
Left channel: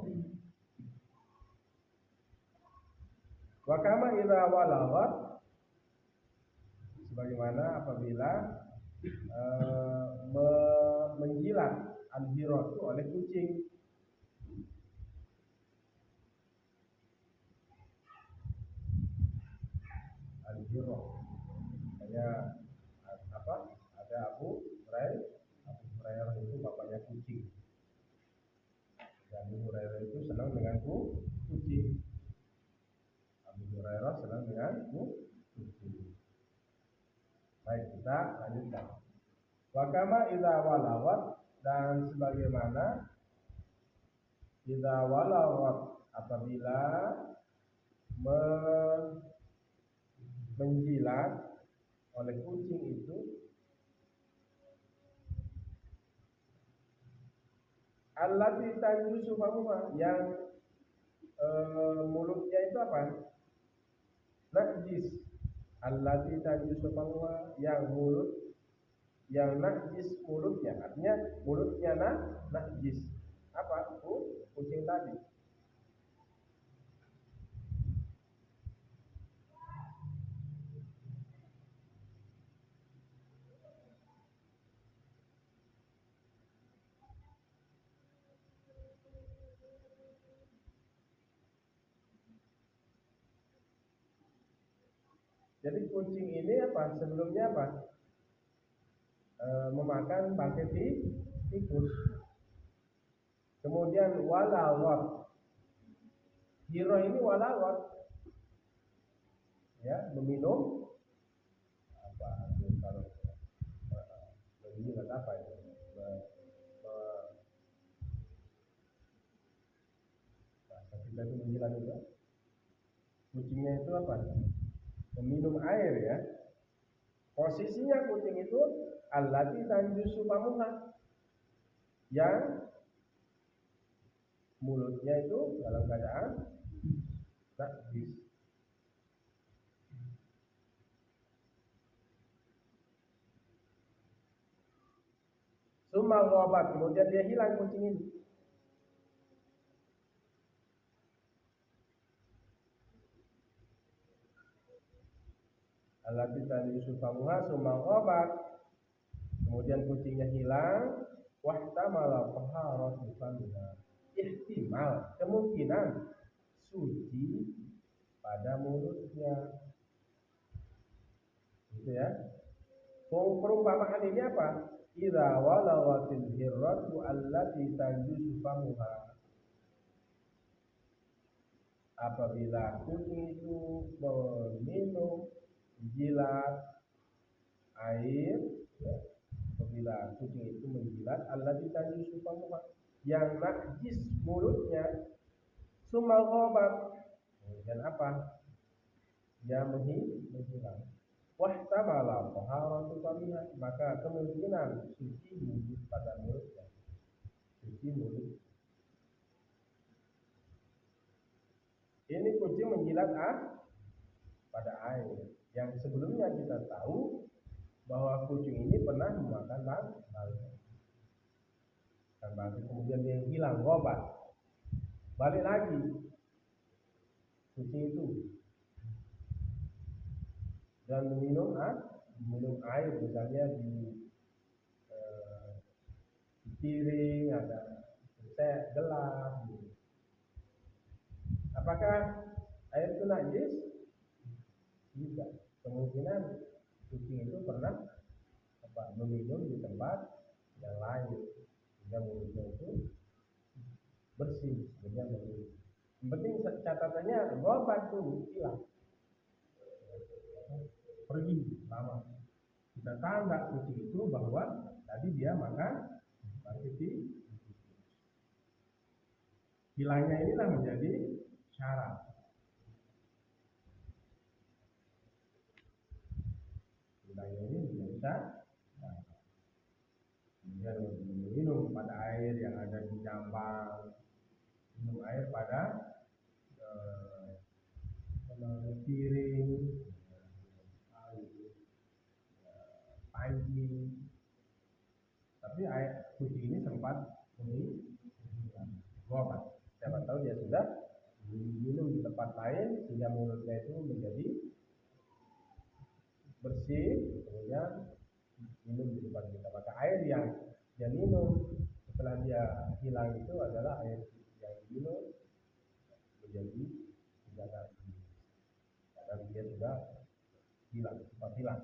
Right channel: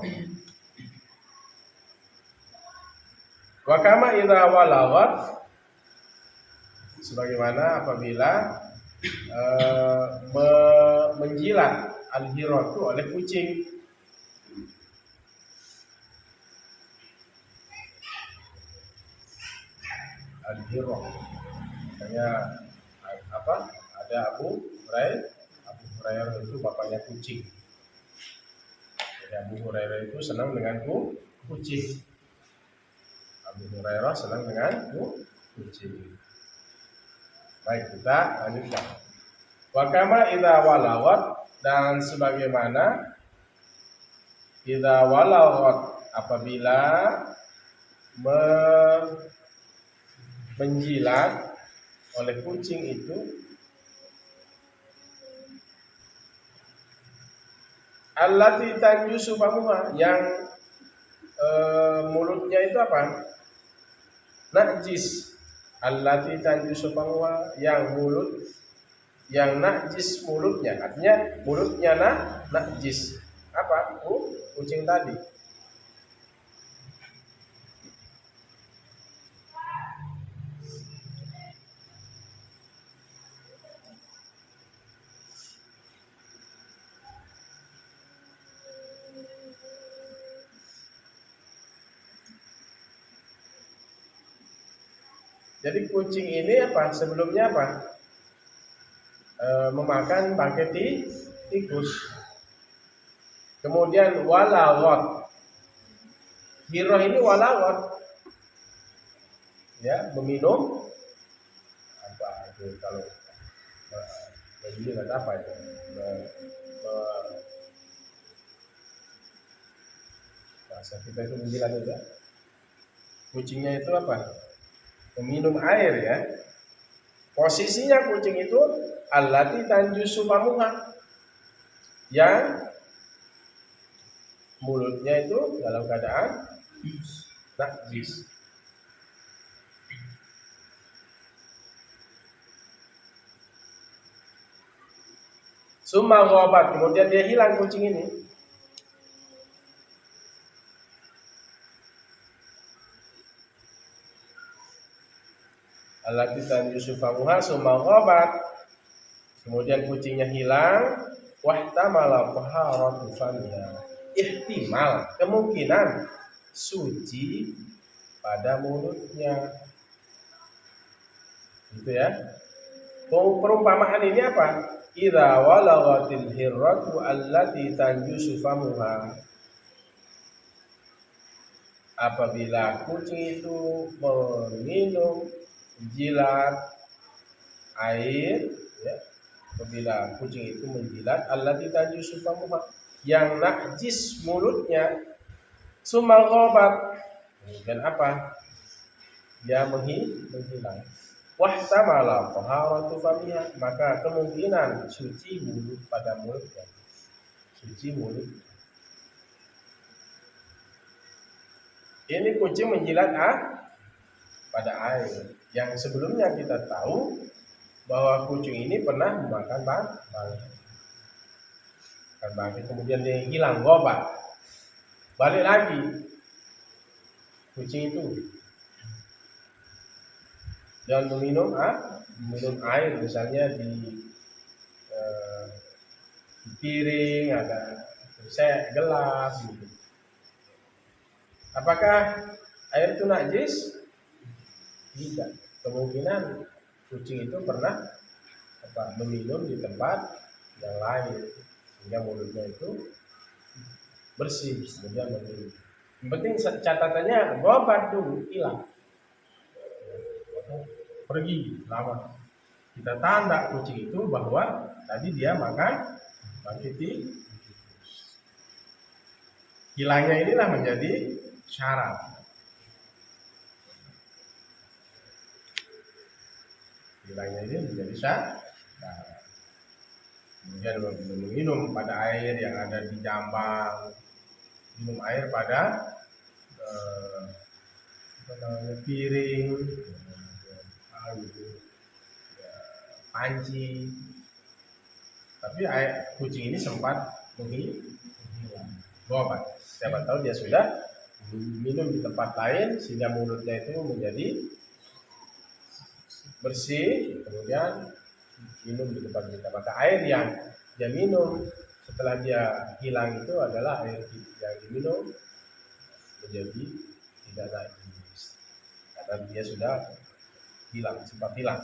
Wa kama idza walaghat, sebagaimana apabila menjilat al-hiratu oleh kucing. Al-hirah, makanya apa? Ada Abu Hurairah itu bapaknya kucing. Jadi Abu Hurairah itu senang dengan kucing. Abu Hurairah senang dengan kucing. Baik, kita lanjutkan. Wa kama idza walawat, dan sebagaimana idza walawat apabila menjilat oleh kucing itu allati tanjusu famuha, yang mulutnya itu apa? Najis. Allati tanjusu famuha, yang najis mulutnya, artinya mulutnya najis. Apa? Kucing tadi. Jadi kucing ini apa? Sebelumnya apa? Memakan bangkai tikus. Kemudian walawat. Hiroh ini walawat. Ya, meminum apa itu kalau menjilat apa itu? Bahasa kita itu menjilat itu ya. Kucingnya itu apa? Meminum air ya. Posisinya kucing itu allati tanjusu famuha, yang mulutnya itu dalam keadaan najis. Summa ghabat, kemudian dia hilang kucing ini. Allati tanjusu famuha summa ghabat, kemudian kucingnya hilang. Wahtamala taharatu famiha, ihtimal, kemungkinan suci pada mulutnya. Gitu ya. Perumpamaan ini apa? Idza walaghatil hirratu allati tanjusu famuha, apabila kucing itu meminum jilat air ya, apabila kucing itu menjilat allati tanjusu famuha, yang najis mulutnya, summa ghabat, dan apa? Dia menghilang. Wahtamala taharatu famiha, maka kemungkinan suci mulut pada mulutnya. Suci mulut. Ini kucing menjilat pada air. Yang sebelumnya kita tahu bahwa kucing ini pernah memakan bangkai. Kemudian dia hilang, gobat. Balik lagi kucing itu dan minum air, misalnya di piring ada gelas gitu. Apakah air itu najis? Tidak. Kemungkinan kucing itu pernah meminum di tempat yang lain sehingga mulutnya itu bersih, kemudian meminum. Yang penting catatannya gobat dulu, hilang, pergi lama. Kita tanda kucing itu bahwa tadi dia makan bangkai. Hilangnya inilah menjadi syarat. Hilangnya ini menjadi syarat. Kemudian minum pada air yang ada di jambang, minum air pada piring, panci. Tapi kucing ini sempat menghilang. Gobat. Siapa tahu dia sudah minum di tempat lain sehingga mulutnya itu menjadi bersih, kemudian minum di tempat kita. Maka air yang dia minum setelah dia hilang itu adalah air yang diminum menjadi tidak najis karena dia sudah sempat hilang.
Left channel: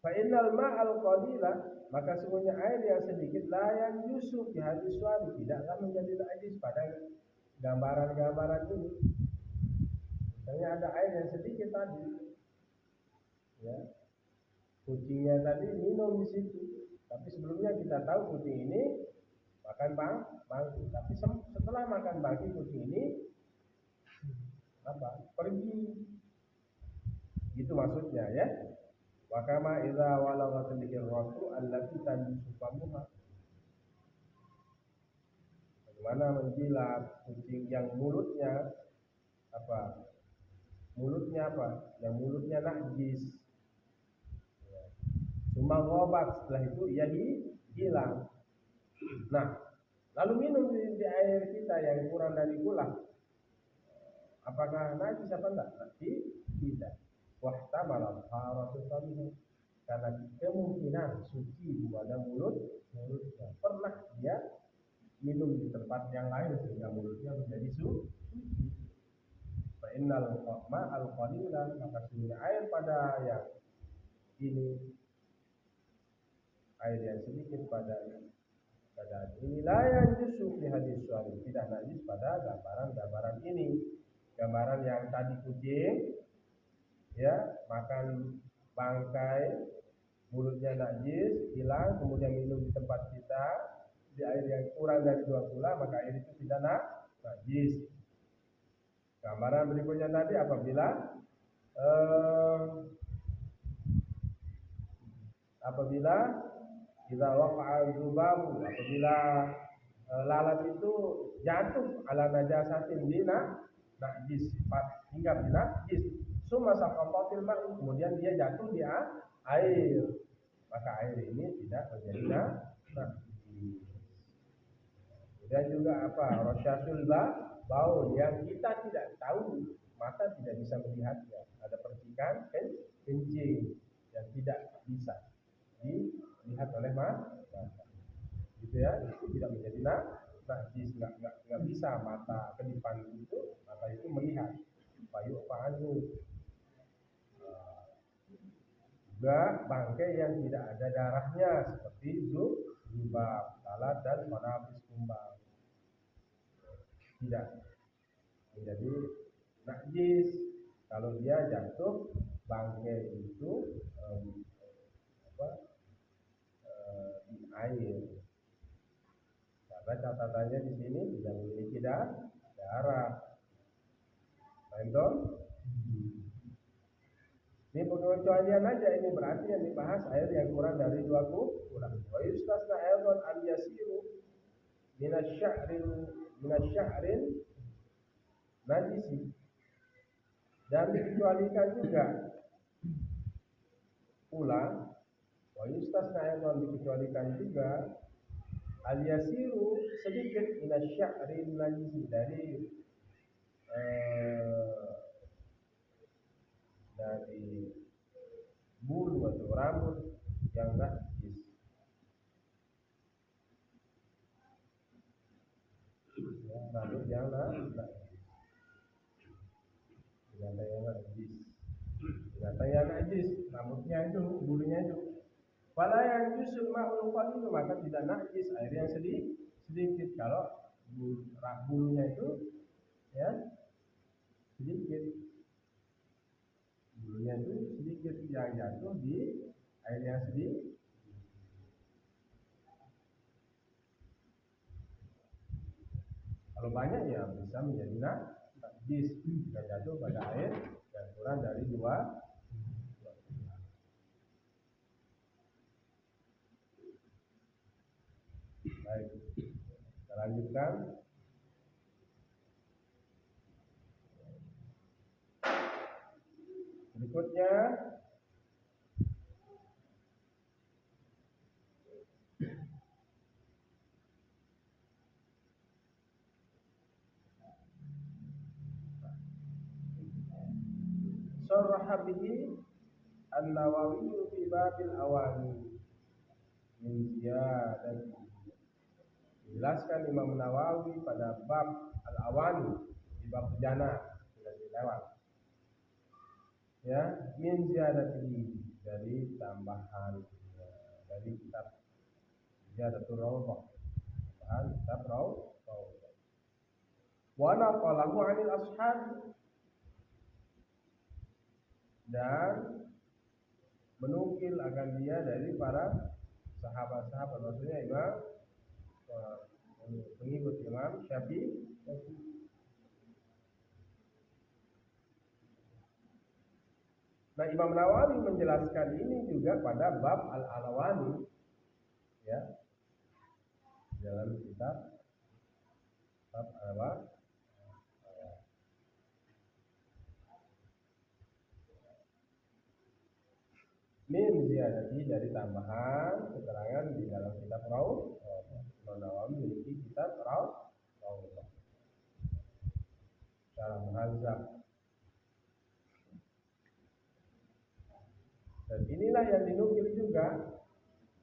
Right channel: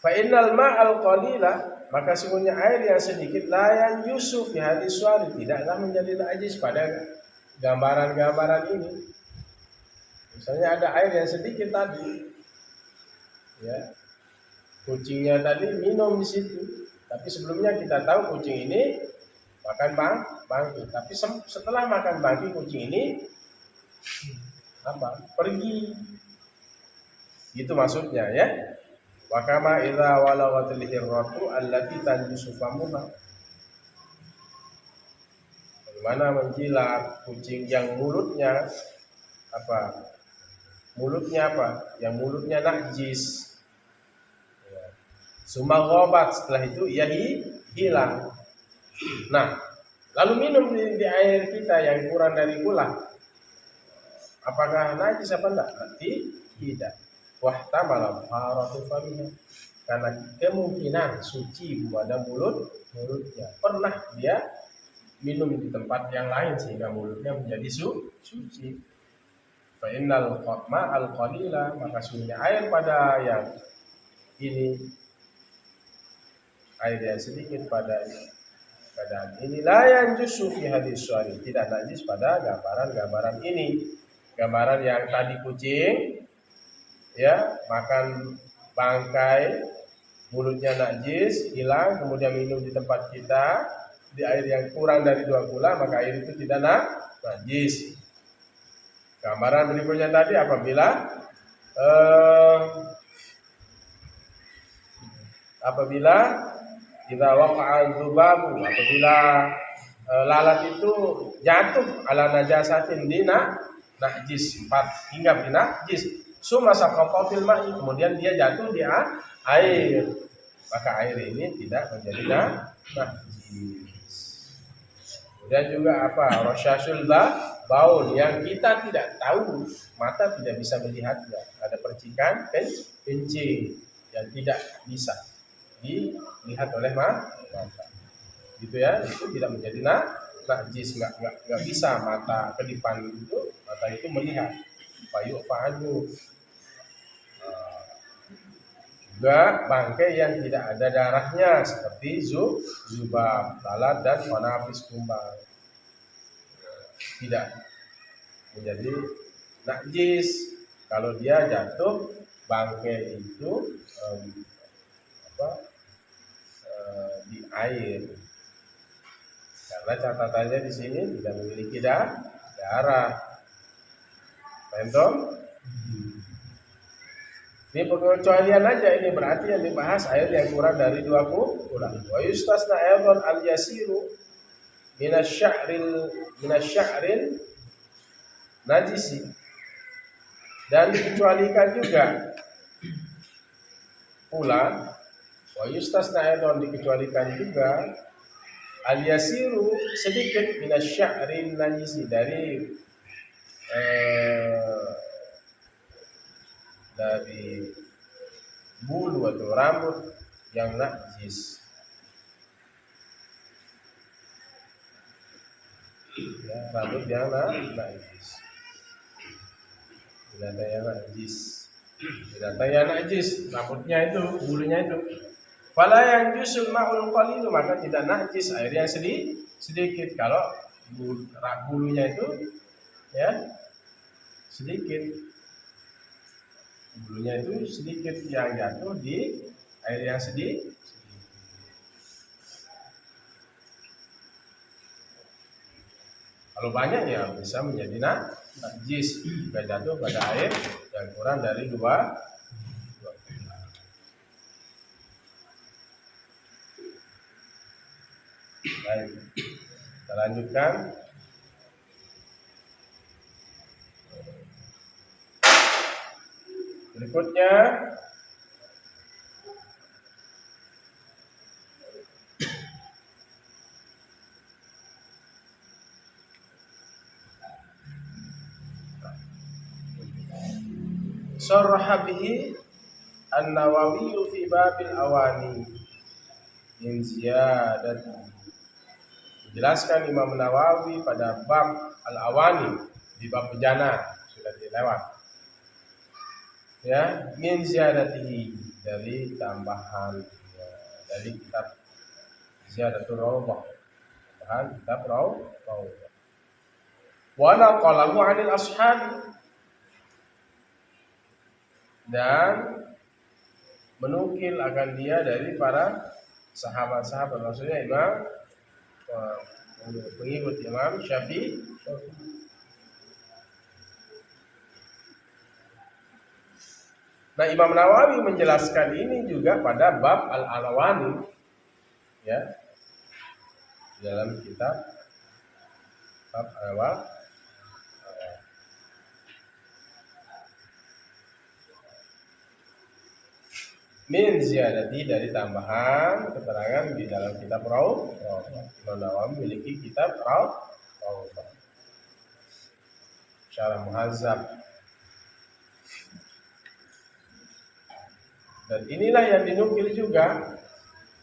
Fa innal ma'al qalila, maka sungguhnya air yang sedikit layan yusuf fi hadis tidaklah menjadi najis pada gambaran-gambaran ini. Misalnya ada air yang sedikit tadi, ya, kucingnya tadi minum di situ, tapi sebelumnya kita tahu kucing ini makan bangkai, tapi setelah makan bangkai kucing ini apa? Pergi. Itu maksudnya ya. Wa kama idza walaghatil hirratu allati tanjisu famuha. Bagaimana menjilat kucing yang mulutnya apa? Mulutnya apa? Yang mulutnya najis. Sumaghabat, setelah itu ia hilang. Nah, lalu minum di air kita yang kurang dari gula. Apakah najis apa enggak? Tidak. Wahtamala haratu famiha. Karena kemungkinan suci pada mulutnya. Pernah dia minum di tempat yang lain sehingga mulutnya menjadi suci. Fa innal ma'al qalila, maka sungguhnya air pada yang ini, air yang sedikit pada keadaan ini la yanjusu fi hadis syari, tidak najis pada gambaran-gambaran ini. Gambaran yang tadi kucing ya makan bangkai, mulutnya najis, hilang, kemudian minum di tempat kita di air yang kurang dari 2 gula, maka air itu tidak najis. Gambaran berikutnya tadi apabila kita waqa'a dzubabu, apabila lalat itu jatuh ala najasatin dina najis, hingga binajis, summa saqata fil ma'i, kemudian dia jatuh di air, maka air ini tidak menjadi najis. Dan juga rasyasul baul yang kita tidak tahu, mata tidak bisa melihatnya, ada percikan kencing yang tidak bisa dilihat oleh mata, gitu ya, itu tidak menjadi najis, nggak bisa mata kedipan itu, mata itu melihat. Bayu fa'anu. Juga bangkai yang tidak ada darahnya seperti zubab, lalat dan manafis kumbang tidak menjadi najis kalau dia jatuh bangkai itu di air, karena catatannya di sini tidak memiliki darah. Paham? Ini pengecualian aja, ini berarti yang dibahas air yang kurang dari 20 gula. Wa yustasna aidan al yasiru minasya'ril najisi, dan dikecualikan juga pula, wa yustasna aidan dikecualikan juga al yasiru sedikit minasya'ril najisi, dari bulu atau rambut yang najis, ya, rambut yang najis, binatang yang najis, rambutnya itu, bulunya itu. Fala yang jusul ma'ul qalilu, maka tidak najis air yang sedikit kalau bulunya itu ya sedikit, bulunya itu sedikit yang jatuh di air yang sedikit. Kalau banyak ya bisa menjadi najis jika jatuh pada air yang kurang dari 2 gula. Baik, kita lanjutkan. Berikutnya sarraha bihi an-Nawawi fi babil awani min ziyadati. Menjelaskan Imam Nawawi pada bab al-awani, di bab bejana sudah dilewat. Ya, min ziyadatihi, dari tambahan dari kitab Ziyadatul Rawdah, tambahan kitab Rawdah. Wa naqalahu 'anil ashabi, dan menukil akan dia dari para sahabat-sahabat, maksudnya pengikut Imam Syafi'i. Nah, Imam Nawawi menjelaskan ini juga pada bab Al-Alawani, ya, dalam kitab bab awal min ziyadati, dari tambahan keterangan di dalam kitab Raud. Imam Nawawi memiliki kitab Raud, Syarah Muhazzab. Dan inilah yang dinukil juga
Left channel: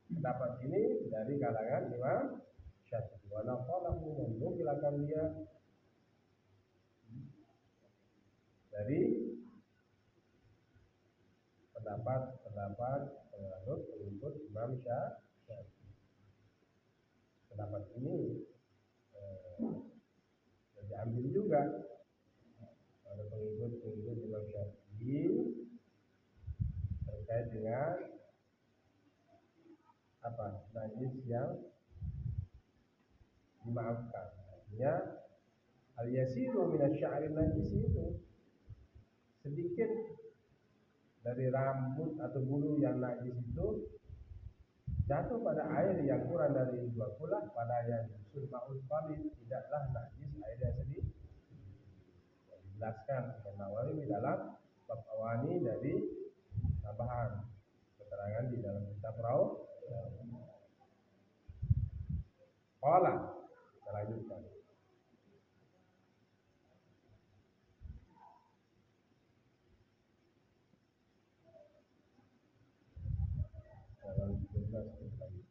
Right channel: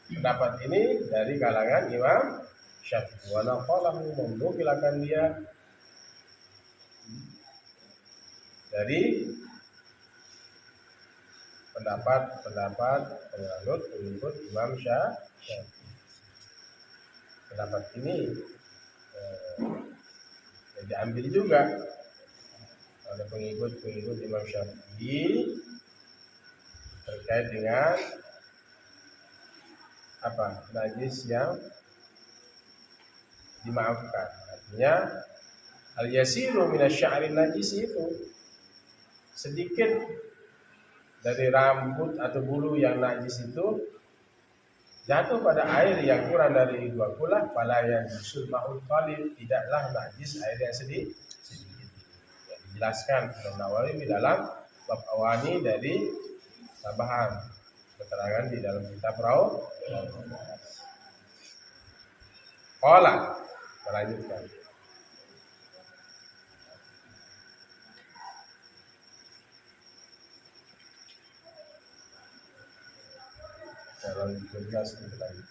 pendapat ini dari kalangan Imam Syafi'i. Wa naqalahu, menukilakan dia dari pendapat pengikut Imam Syafi'i. Pendapat ini diambil juga oleh pengikut Imam Syafi'i terkait dengan najis yang dimaafkan. Artinya al-yasiru minasy'ari najis, itu sedikit dari rambut atau bulu yang najis itu jatuh pada air yang kurang dari 2 kulah, fala yanjusul ma'ul qalil, tidaklah najis air yang sedikit. Yang dijelaskan Imam Nawawi di dalam bab awani dari tambahan keterangan di dalam kitab Raud. Qala, melanjutkan. Dalam 13 lagi.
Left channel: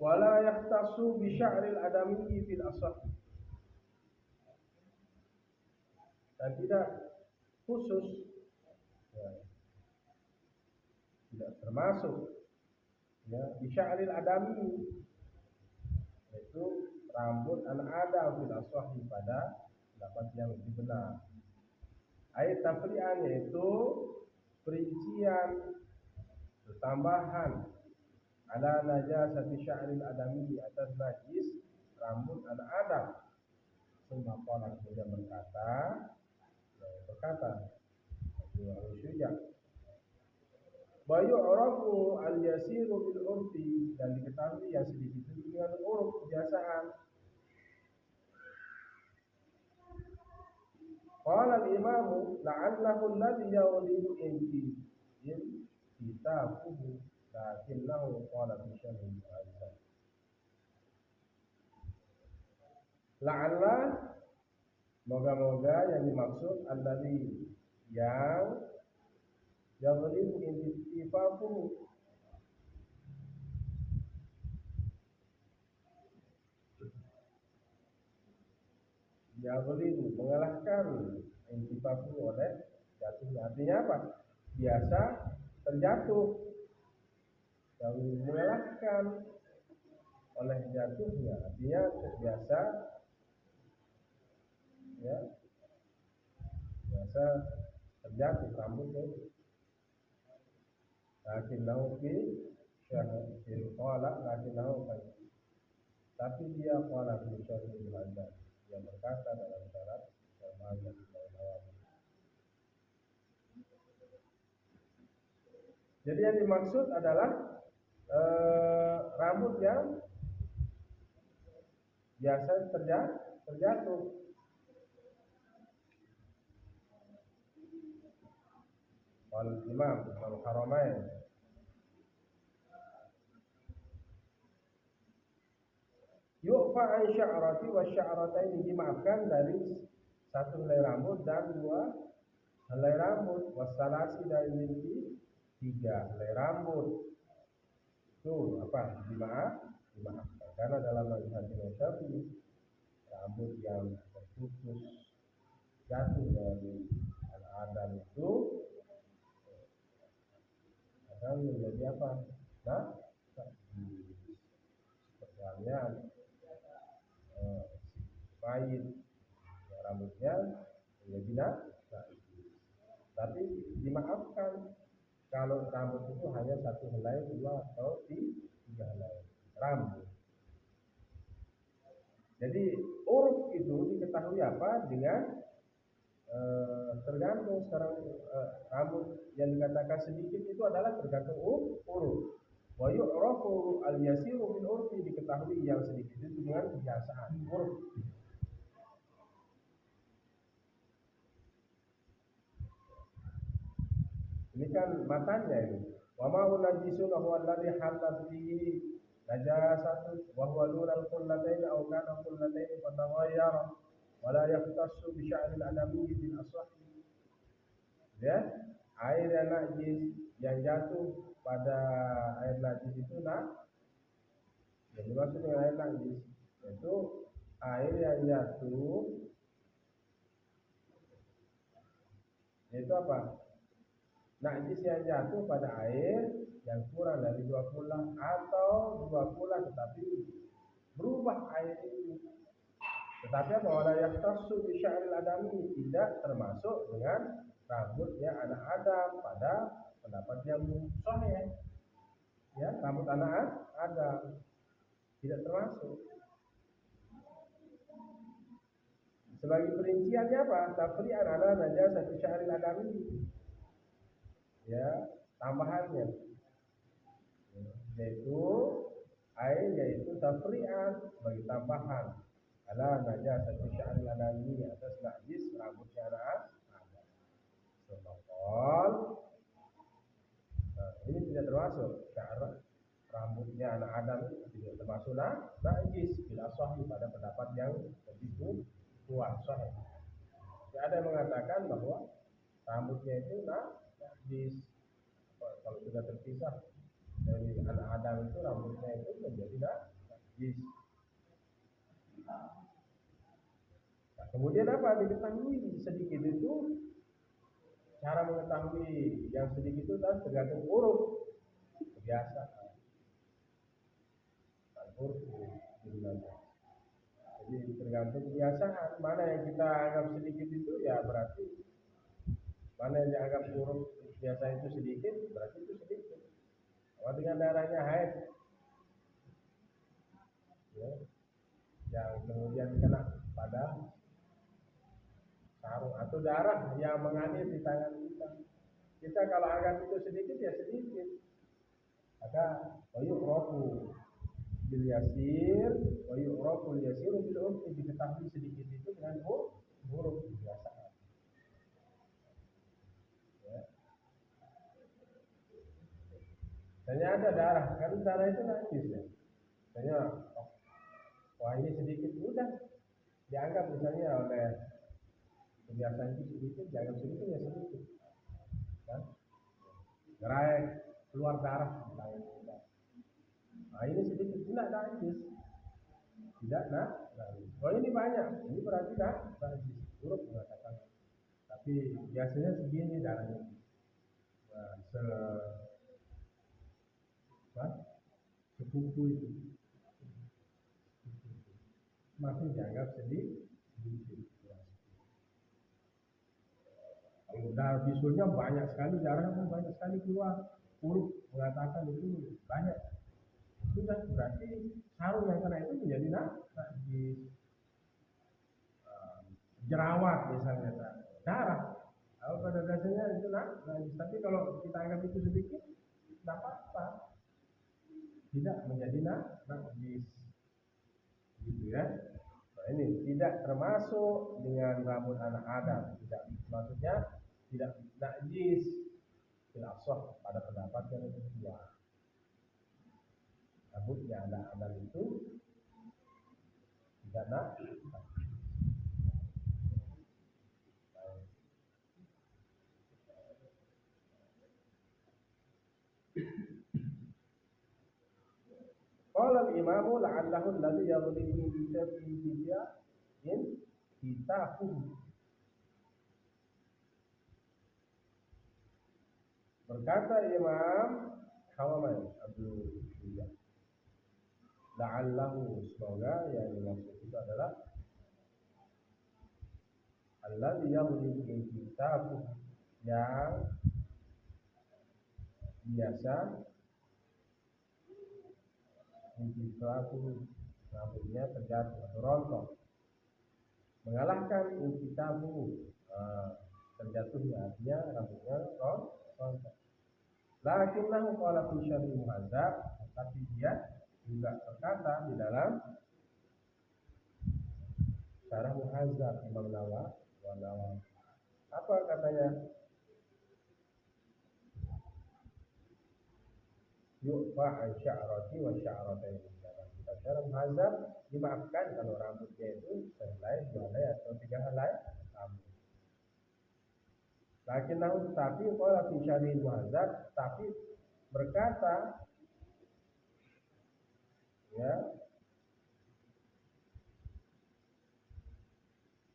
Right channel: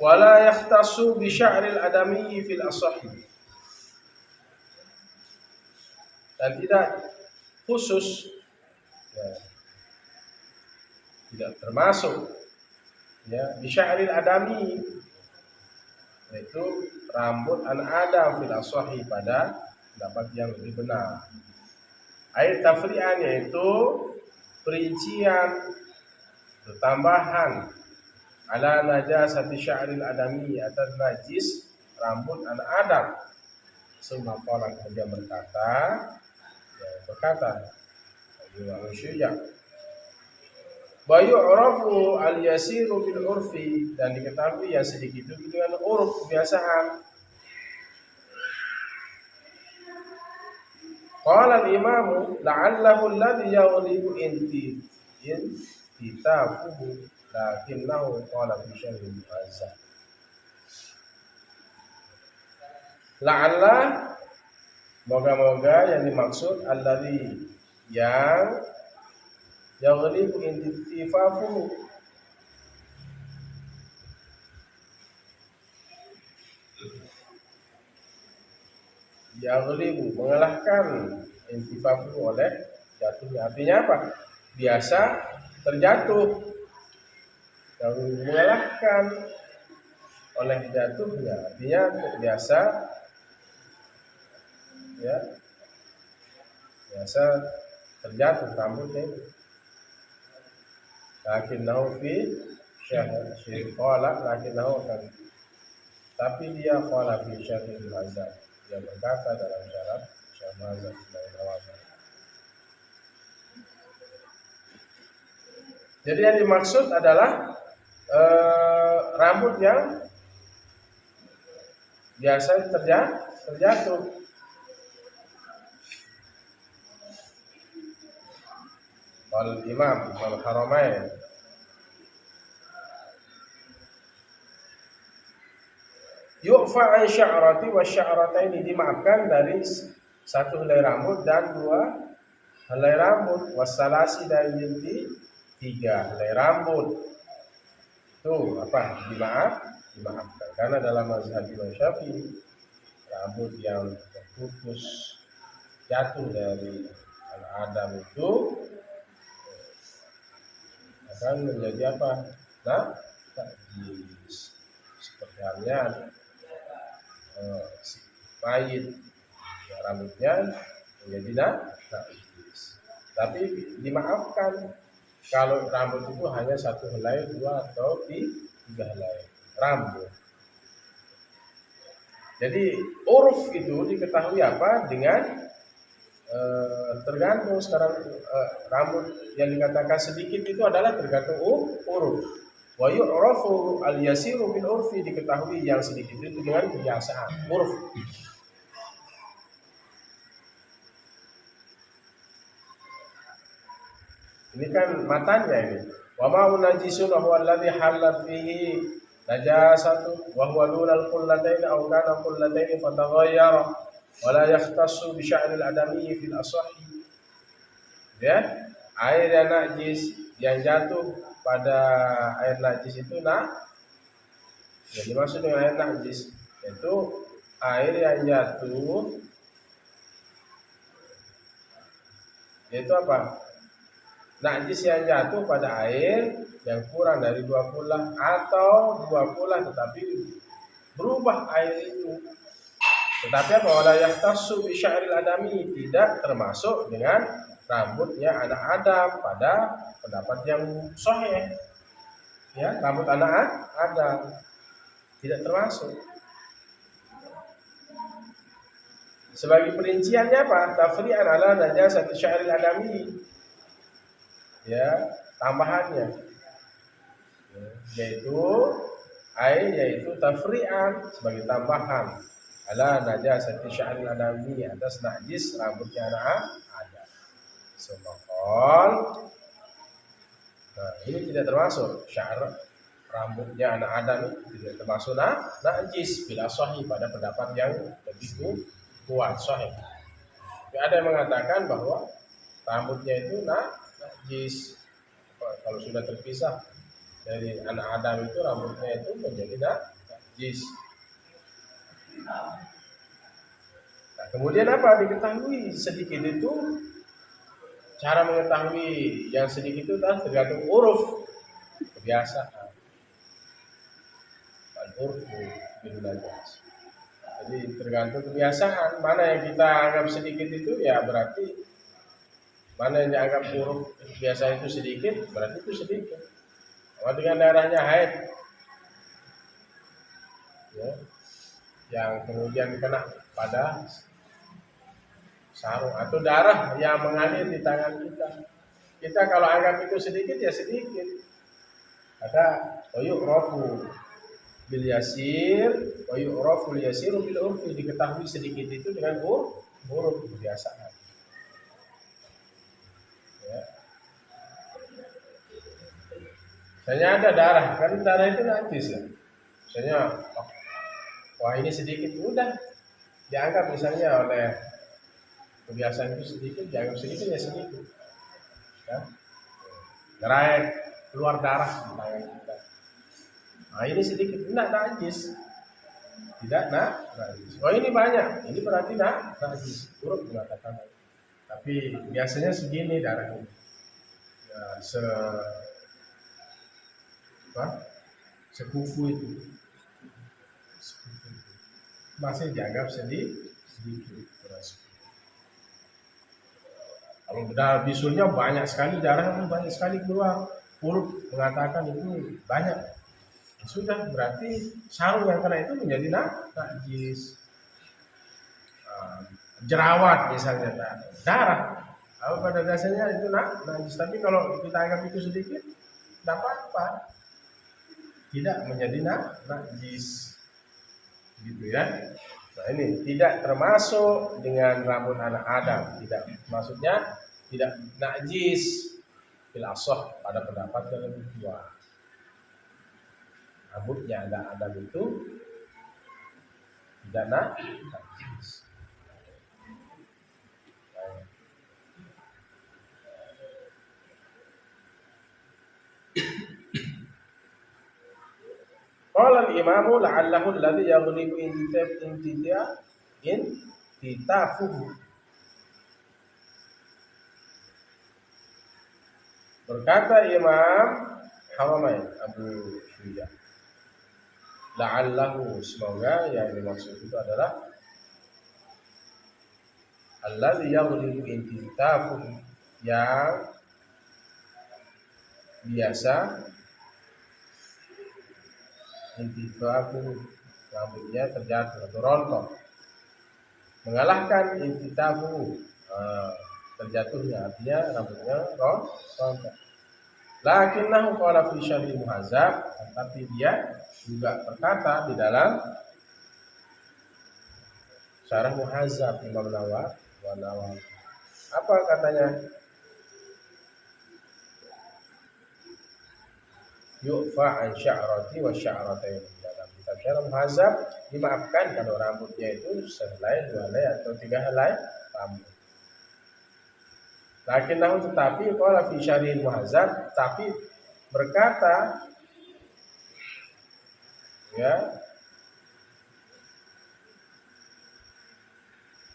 Wala yakhtassu bi sya'ril adami fil asahhi, dan tidak khusus, ya, tidak termasuk, ya, bi sya'ril adami, yaitu rambut anak Adam, fil asahhi, pada pendapat yang lebih benar. Ayat tafri'an, yaitu perincian, tambahan, ala najasati sya'ril adami, atas najis rambut anak Adam. Summa qala, kemudian berkata Imam Syuja, wa yu'rafu al-yasiru bil urfi, dan diketahui yang sedikit itu dengan uruf, kebiasaan. Qala al-imamu la'allahu alladhi yaghlibu intitafuhu, lakinnahu qala fi syarhi Muhazzab. La'alla, moga-moga yang dimaksud alladhi, yang yaghlibu intitafuhu, yaghlibu, mengalahkan, intifafuhu, oleh jatuhnya. Artinya apa? Biasa terjatuh, yang mengalahkan oleh jatuhnya, artinya biasa, ya, biasa terjatuh rambutnya itu. Lakinnahu fi syarhi qala, lakinnahu kan, tapi dia qala fi syarhi Muhazzab, dia berkata dalam syarat Syarh Muhazzab dari Nawawi. Jadi yang dimaksud adalah rambut yang biasa terjatuh. Wal Imam Al-Haramain, yu'fa an sya'rati wa sya'rataini, dimaafkan dari satu helai rambut dan 2 helai rambut, wasalasi dan binti 3 helai rambut. Itu apa? Dimaafkan. Karena dalam mazhab Imam Syafi'i rambut yang terputus jatuh dari Adam itu akan menjadi apa? Nah, najis. Seperti halnya si mayit ya, rambutnya menjadi najis. Tapi dimaafkan kalau rambut itu hanya 1 helai, 2 atau 3 helai rambut. Jadi uruf itu diketahui apa dengan tergantung sekarang rambut yang dikatakan sedikit itu adalah tergantung uruf. Wa yu'rafu al-yasiru bil urfi, diketahui yang sedikit itu dengan kebiasaan uruf. Ini kan matanya ini. Wa ma najisun huwa alladhi halat fihi najasatu wa huwa dunal qullatayn aw kana qullatayn fataghayyara wa la yahtassu bi sya'ril adami fil asahhi. Ya, air yang najis yang jatuh pada air najis itu yang dimaksud dengan air najis itu air yang jatuh yaitu apa? Najis yang jatuh pada air yang kurang dari 2 kula atau 2 kula tetapi berubah air itu. Tetapi apa? Wala yahtassu bi sya'ril adami, tidak termasuk dengan rambutnya anak Adam pada pendapat yang sahih. Ya, rambut anak Adam tidak termasuk. Sebagai perinciannya apa? Tafri'an ala najasati sya'ril adami. Ya, tambahannya yaitu tafri'an sebagai tambahan ala najasati sya'ril adami, atas najis rambutnya anak Adam. Sebab ini tidak termasuk sya'ar rambutnya anak Adam, tidak termasuk najis bila sahih pada pendapat yang lebih kuat sahih. Tapi ada yang mengatakan bahwa rambutnya itu najis kalau sudah terpisah dari anak Adam itu rambutnya itu menjadi najis. Nah, kemudian apa? Diketahui sedikit itu, cara mengetahui yang sedikit itu tergantung uruf, kebiasaan. Al-urfu bil najas. Jadi tergantung kebiasaan, mana yang kita anggap sedikit itu ya berarti, mana yang dianggap uruf biasa itu sedikit berarti itu sedikit. Sama dengan darahnya haid, ya, yang kemudian kena pada sarung atau darah yang mengalir di tangan kita. Kita kalau anggap itu sedikit ya sedikit. Ada yu'rafu bil yasir wa yu'rafu al yasiru bil urfi, diketahui sedikit itu dengan uruf kebiasaan. Ya. Misalnya ada darah, kan darah itu najis ya. Misalnya wah ini sedikit, udah dianggap misalnya oleh kebiasaan itu sedikit, dianggap sedikit ya sedikit. Ya. Gerai keluar darah di tangan kita. Nah ini sedikit, tidak najis, tidak najis. Oh ini banyak, ini berarti najis. Urut mengatakan. Tapi biasanya segini darahnya, ya, sekuku itu, masih dianggap sedikit. Kalau darah bisulnya banyak sekali, darah banyak sekali keluar, urut mengatakan itu banyak. Sudah berarti sarung yang kena itu menjadi najis. Jerawat misalnya darah, pada dasarnya itu najis. Tapi kalau kita anggap itu sedikit, tidak apa-apa, tidak menjadi najis, gitu ya. Nah ini tidak termasuk dengan rambut anak Adam, tidak, maksudnya tidak najis bil ashah pada pendapat yang lebih kuat. Rambutnya anak Adam itu tidak najis. Qala al-imamu la'allahu alladhi yaghlibu intitafuhu. Berkata Imam Haramain Abu Syuja, la'allahu, semoga yang dimaksud itu adalah alladhi yaghlibu intitafuhu, yang biasa intitafuhu, rambutnya terjatuh atau rontok, mengalahkan intitafuhu, terjatuhnya, artinya rambutnya rontok. Lakinnahu qala fi syarhil muhazzab, tapi dia juga berkata di dalam syarah muhazzab Imam Nawawi. Apa katanya? Yu'fa an sya'rati wa sya'ratain. Dalam kitab syarah muhazzab, dimaafkan kalau rambutnya itu sehelai, 2 helai atau 3 helai rambut. Lakinnahu, tetapi qala fi syarhil muhazzab, tapi berkata ya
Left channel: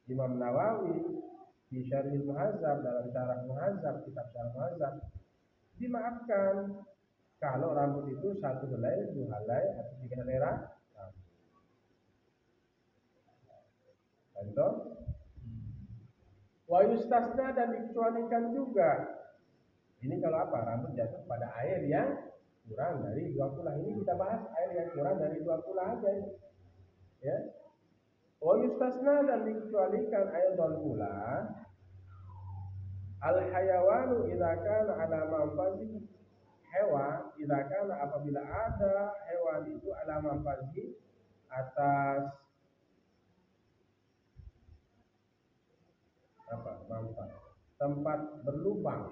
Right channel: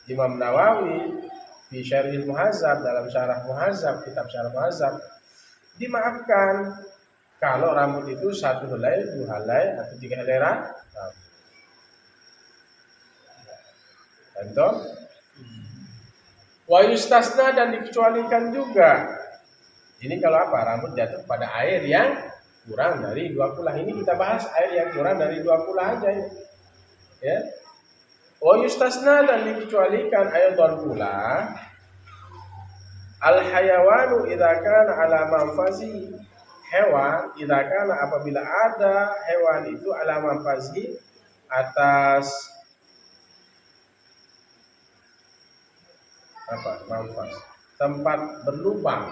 Imam Nawawi fi syarhil muhazzab, dalam syarah muhazzab, kitab syarah muhazzab, dimaafkan kalau rambut itu 1 helai, 2 helai atau 3 helai rambut. Contoh, wa yustasna, dan dikecualikan juga. Ini kalau apa? Rambut jatuh pada air yang kurang dari 2 kulah. Ini kita bahas air yang kurang dari 2 kulah aja ini. Ya. Wa yustasna, dan dikecualikan ayatan pula al hayawanu idza kana ala manfazi, hewan idza kana, apabila ada hewan itu ala manfazi, atas apa? Manfaz, tempat berlubang.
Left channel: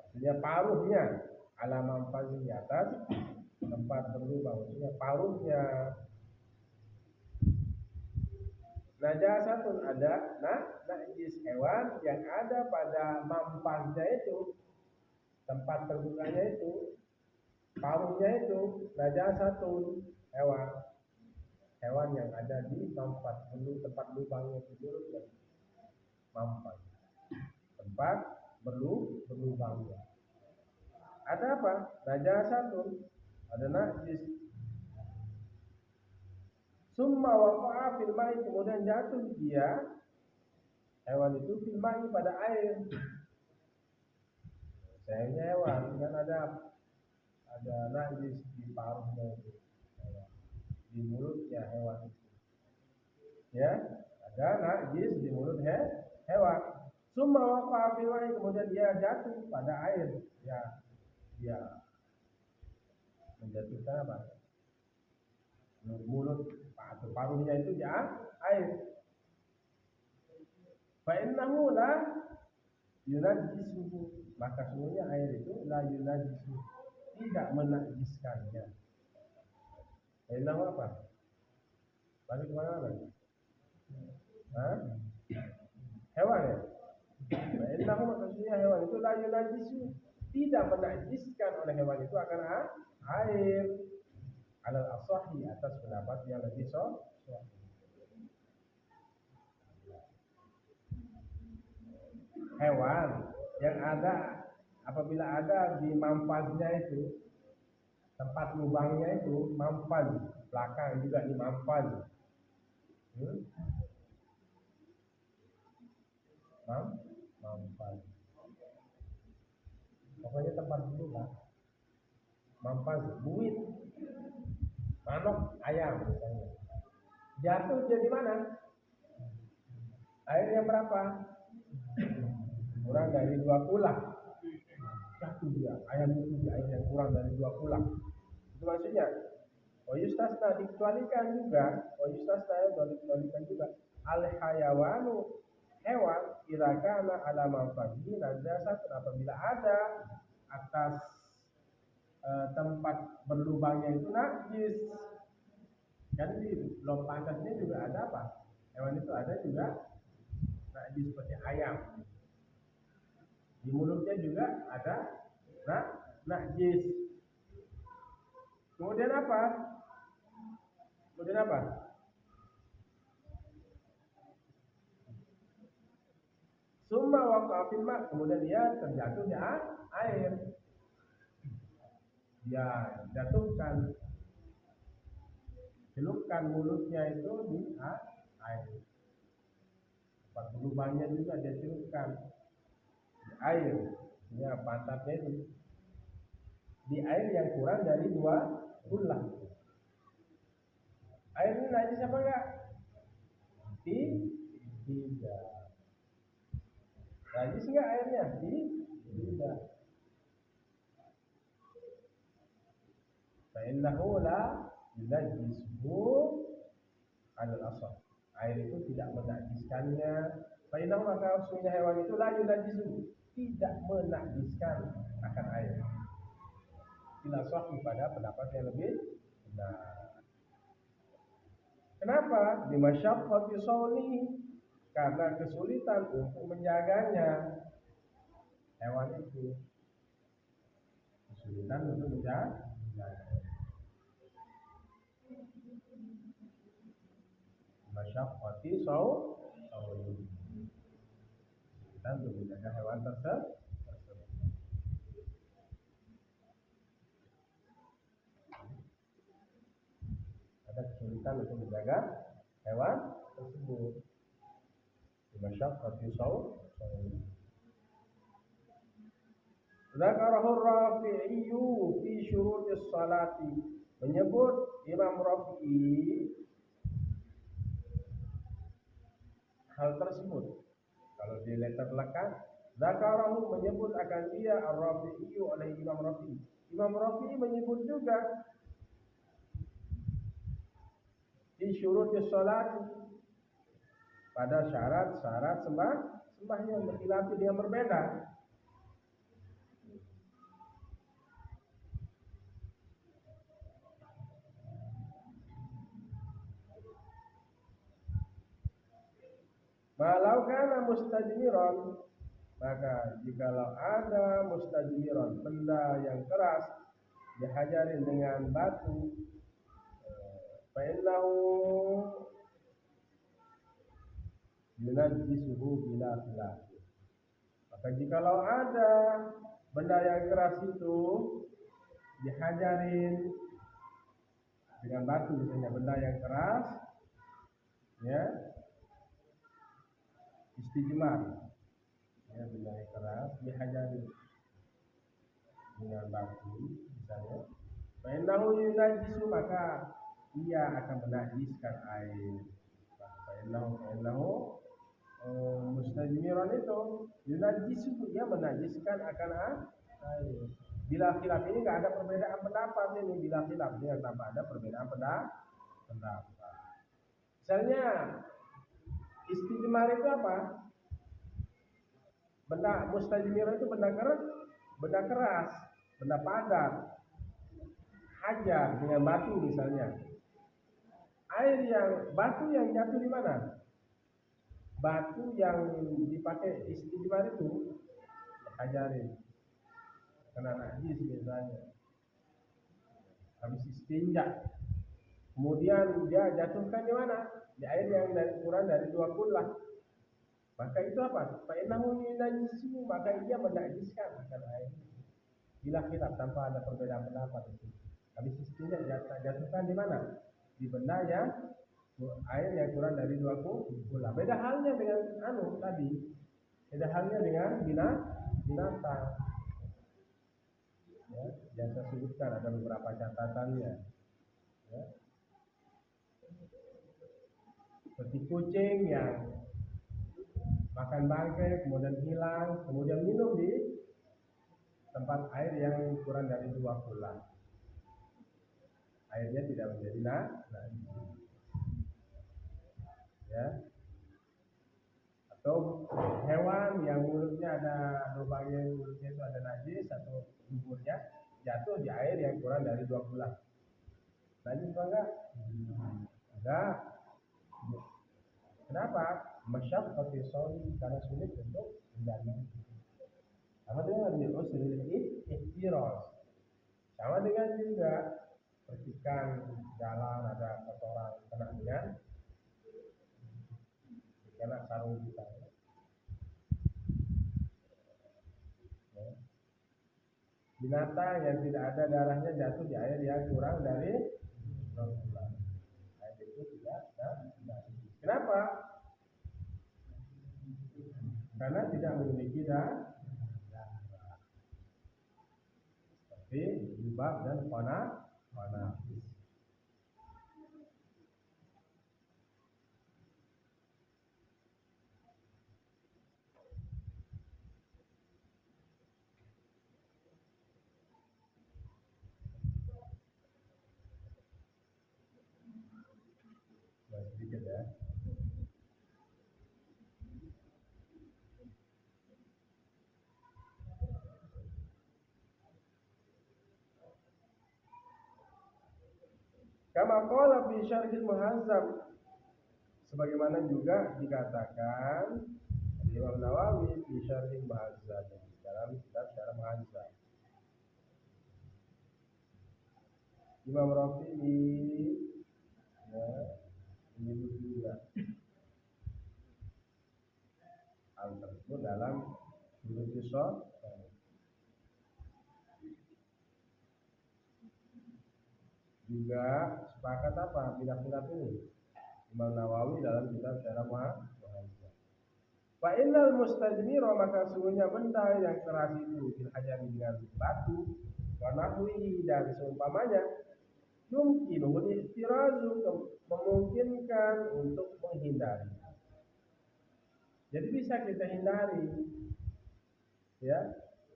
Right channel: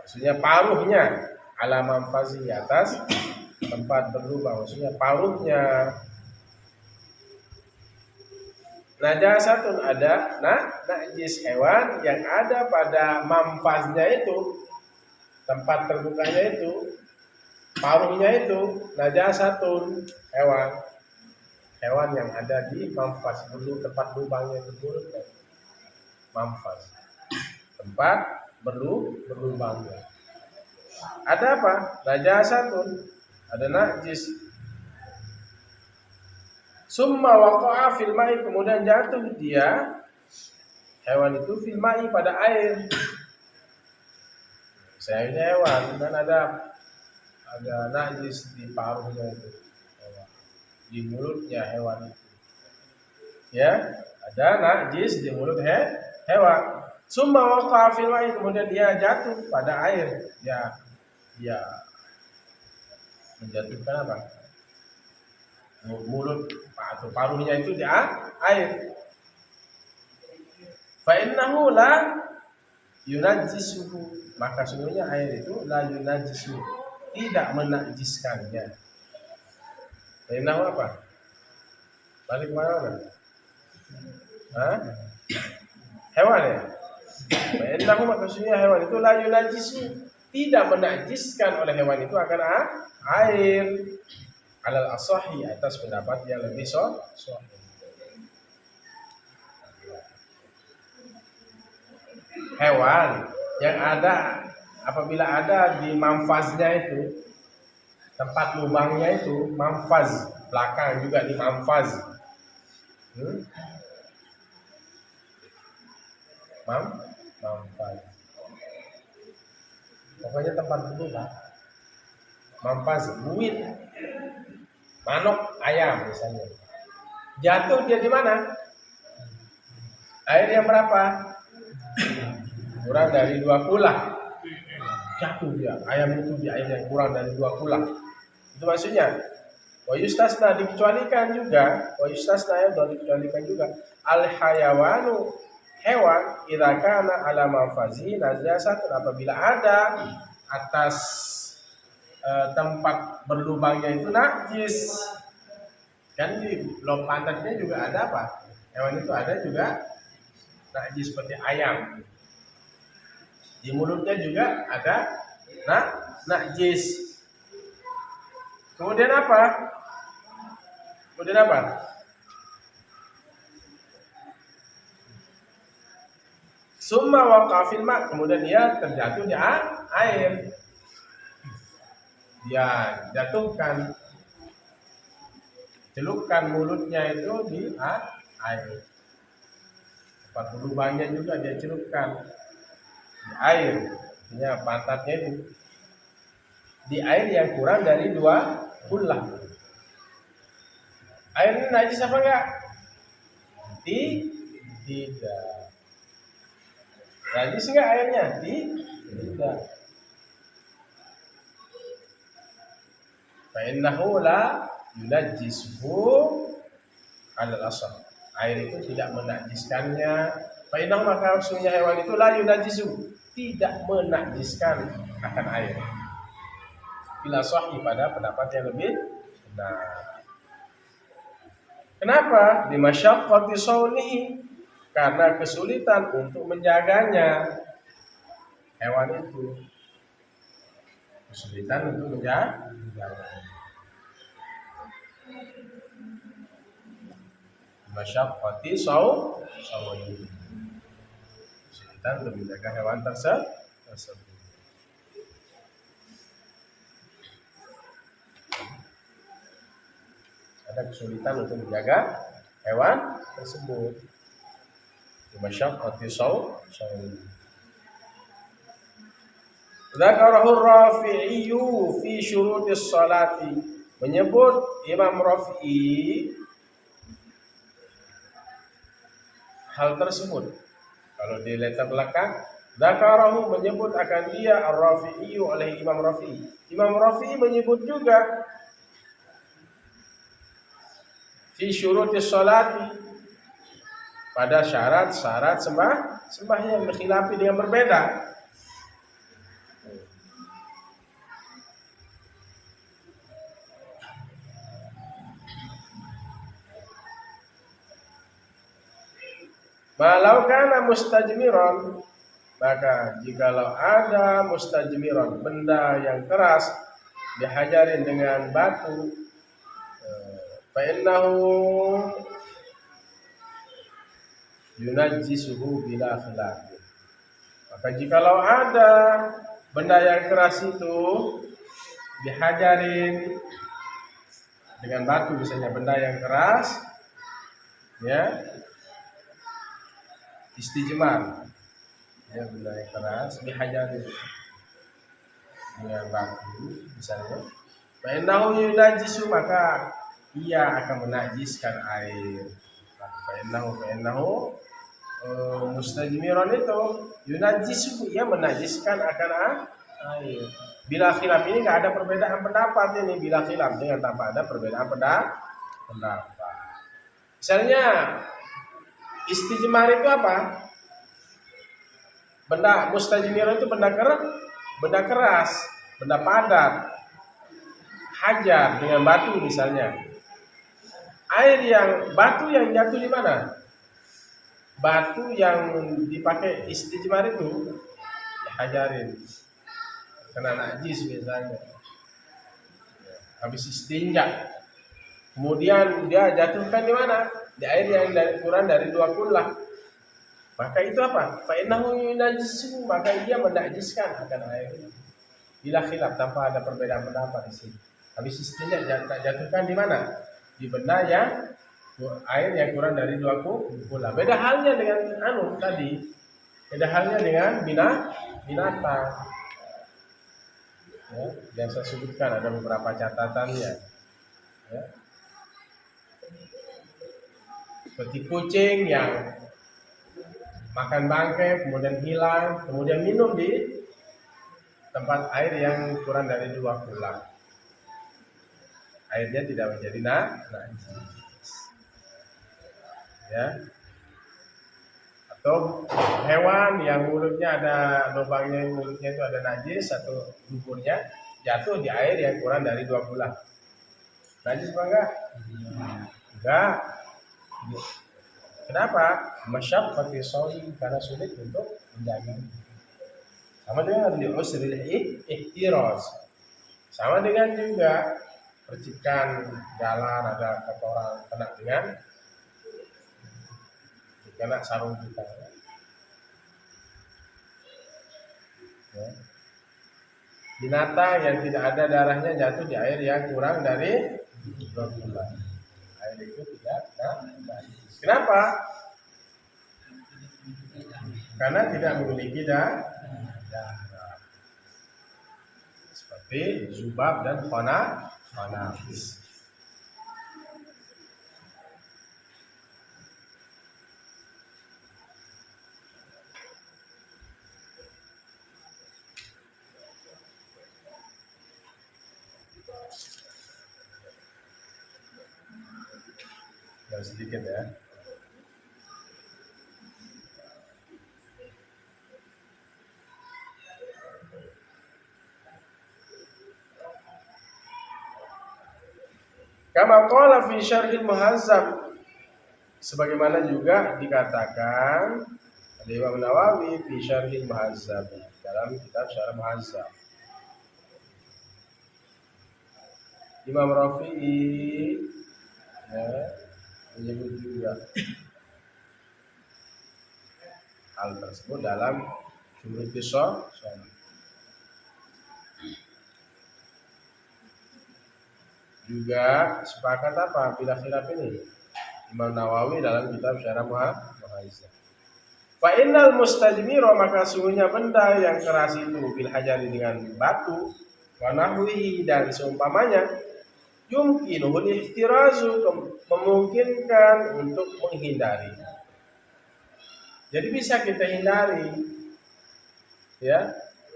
Maksudnya paruhnya, ala manfazi, atas tempat berlubang, maksudnya paruhnya. Najasatun, ada najis, hewan yang ada pada manfaznya itu, tempat terbukanya itu, paruhnya itu, najasatun, hewan yang ada di manfaz, tempat lubangnya itu, manfaz, tempat berlubangnya. Ada apa? Najasatun, ada najis. Summa waqa'a fil ma'i, kemudian jatuh dia, hewan itu, fil ma'i, pada air. Misalnya hewan kan ada najis di paruhnya itu, di mulutnya hewan itu. Ya, ada najis di mulut hewan. Summa waqa'a fil ma'i, kemudian dia jatuh pada air. Dia menjatuhkan apa? Mulut atau paruhnya itu di air. Fa innahu la yunajjisuhu, maka sungguhnya air itu la yunajjisuhu, tidak menajiskannya. Fa innahu apa? Balik mana? Hewan ya? Fa innahu, maka sungguhnya hewan itu la yunajjisuhu, tidak menajiskan oleh hewan itu akan air. Alal asahi, atas pendapat yang lebih sahih. Hewan yang ada, apabila ada di manfaznya itu, tempat lubangnya itu, manfaz, belakang juga di manfaz. Manfaz. Pokoknya tempat berlubang. Manfaz, buit, manuk, ayam misalnya. Jatuh dia di mana? Air yang berapa? Kurang dari 2 kulah. Jatuh dia, ayam itu di air yang kurang dari 2 kulah. Itu maksudnya. Wa yustasna, dikecualikan juga. Wa yustasna, dikecualikan juga. Al hayawanu, hewan, idza kana ala manfazi najasatun, apabila ada atas tempat berlubangnya itu najis. Kan di lop pantatnya juga ada apa? Hewan itu ada juga najis, seperti ayam. Di mulutnya juga ada najis. Kemudian apa? Kemudian apa? Summa waqa fil ma, kemudian dia terjatuh di air. Dia jatuhkan, celupkan mulutnya itu di air. Tempat lubangnya juga dia celupkan di air. Artinya pantatnya itu di air yang kurang dari 2 kullah. Air ini najis apa enggak? Tidak. Najis enggak airnya? Tidak. Fa innahu la yunajjisuhu 'ala al-asl. Air itu tidak menajiskannya. Fa innahu, maka sesungguhnya hewan itu la yunajjisu, tidak menajiskan akan air. Bila sahih, pada pendapat yang lebih benar. Kenapa? Di masyaqqati saunihi, karena kesulitan untuk menjaganya. Hewan itu kesulitan untuk menjaga. Masyaqqati saunihi, kesulitan untuk menjaga hewan tersebut. Ada kesulitan untuk menjaga hewan tersebut. Masyaqqati saunihi. Dzakarahu Rafi'i fi syurutis salati, menyebut Imam Rafi'i hal tersebut. Kalau di letter belakang, dzakarahu, menyebut akan dia, Ar-Rafi'i oleh Imam Rafi'i. Imam Rafi'i menyebut juga fi syurutis salati, pada syarat-syarat sembahyang, berkhilafi dengan berbeda. Malau kana mustajmiran, maka jikalau ada mustajmiran, benda yang keras, dihajarin dengan batu, fa innahu yunajjisuhu bila khilaf. Maka jikalau ada benda yang keras itu dihajarin dengan batu, misalnya benda yang keras, ya, istijmar, ya, benda yang keras dihajarin dengan batu, misalnya, fa innahu yunajjisu, maka ia akan menajiskan air. Fa innahu mustajmiran itu yunajjisu, ia menajiskan akan air. Bila khilaf, ini enggak ada perbedaan pendapat ini, bila khilaf, dengan tanpa ada perbedaan pendapat. Misalnya istijmar itu apa? Benda mustajmir itu benda keras, benda padat, hajar dengan batu misalnya. Batu yang jatuh di mana? Batu yang dipakai istijmar itu dihajarin, kena najis misalnya. Habis istinja, kemudian dia jatuhkan di mana? Di air yang kurang dari 2 kullah. Maka itu apa? Fa innahu yunajjisu, maka dia menajiskan akan air. Bila khilaf, tanpa ada perbedaan pendapat di sini. Habis istinja jatuhkan di mana? Di benda yang air yang kurang dari 2 kullah. Beda halnya dengan tadi. Beda halnya dengan binatang. Ya, yang saya sebutkan ada beberapa catatannya. Ya. Seperti kucing yang makan bangkai, kemudian hilang, kemudian minum di tempat air yang kurang dari 2 kullah. Airnya tidak menjadi najis. Ya. Atau hewan yang mulutnya ada lubangnya, mulutnya itu ada najis atau duburnya, jatuh di air yang kurang dari 2 kullah. Najis apa enggak? Enggak. Kenapa? Masyaqqati shaum, karena sulit untuk menjaga. Sama dengan li usril ihtiraz. Sama dengan juga percikan jalan ada kotoran kena sarung kita. Ya. Binatang yang tidak ada darahnya jatuh di air yang kurang dari 2 bulan. Air itu tidak najis. Kenapa? Karena tidak memiliki darah. Seperti zubab dan khanafis. Sedikit ya. Kama qala fi syarhil muhazzab, sebagaimana juga dikatakan oleh Imam Nawawi fi syarhil muhazzab, dalam kitab Syarah Muhazzab. Imam Rafi'i ya, menyebut juga hal tersebut dalam Syurut Qisah. Juga sepakat apa bila khilaf ini Imam Nawawi dalam kitab Syarah Muhazzab. Fa innal mustajmira, maka sungguhnya benda yang keras itu bil hajari dengan batu wa nahwihi dan seumpamanya yumkinuhul ihtirazu, memungkinkan untuk menghindari. Jadi bisa kita hindari. Ya.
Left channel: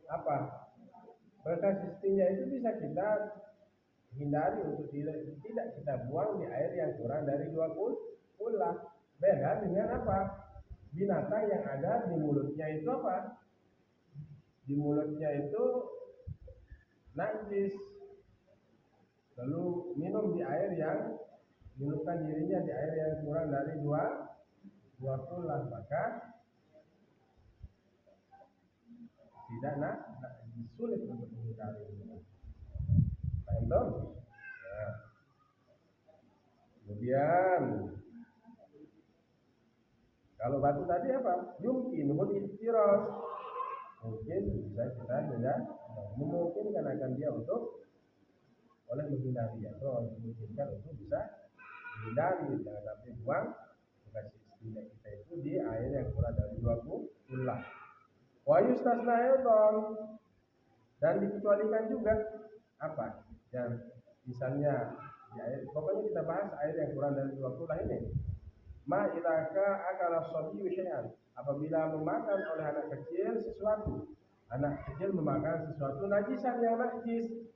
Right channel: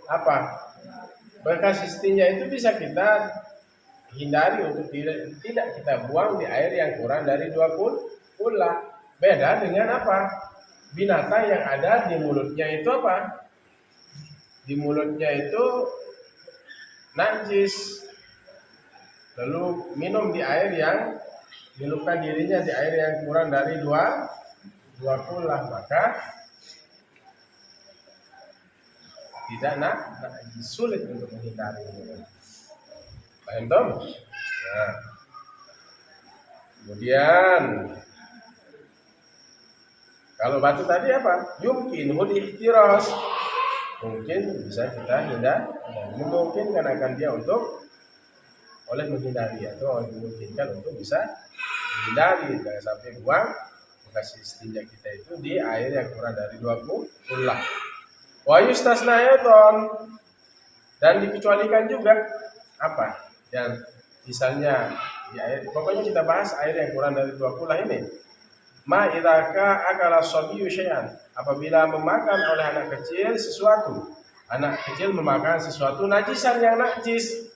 Apa? Bekas istinja itu bisa kita hindari untuk tidak kita buang di air yang kurang dari 2 kula. Beda dengan apa? Binatang yang ada di mulutnya itu apa? Di mulutnya itu najis. Lalu minum di air yang minumkan dirinya di air yang kurang dari 2 kula, maka tidak sulit untuk menghindari. Paham dong? Nah. Kemudian kalau batu tadi apa? Yumkinul ihtiraz, mungkin bisa kita hindari, memungkinkan akan dia untuk oleh menghindari atau memungkinkan untuk bisa menghindari, jangan sampai buang bekas istinja kita itu di air yang kurang dari 2 kula. Wa yustasna ayatan, dan dikecualikan juga apa? Yang misalnya di air, pokoknya kita bahas air yang kurang dari 2 kula ini. Ma idaka akala sabiyyu syai'an, apabila memakan oleh anak kecil sesuatu. Anak kecil memakan sesuatu najisan yang najis.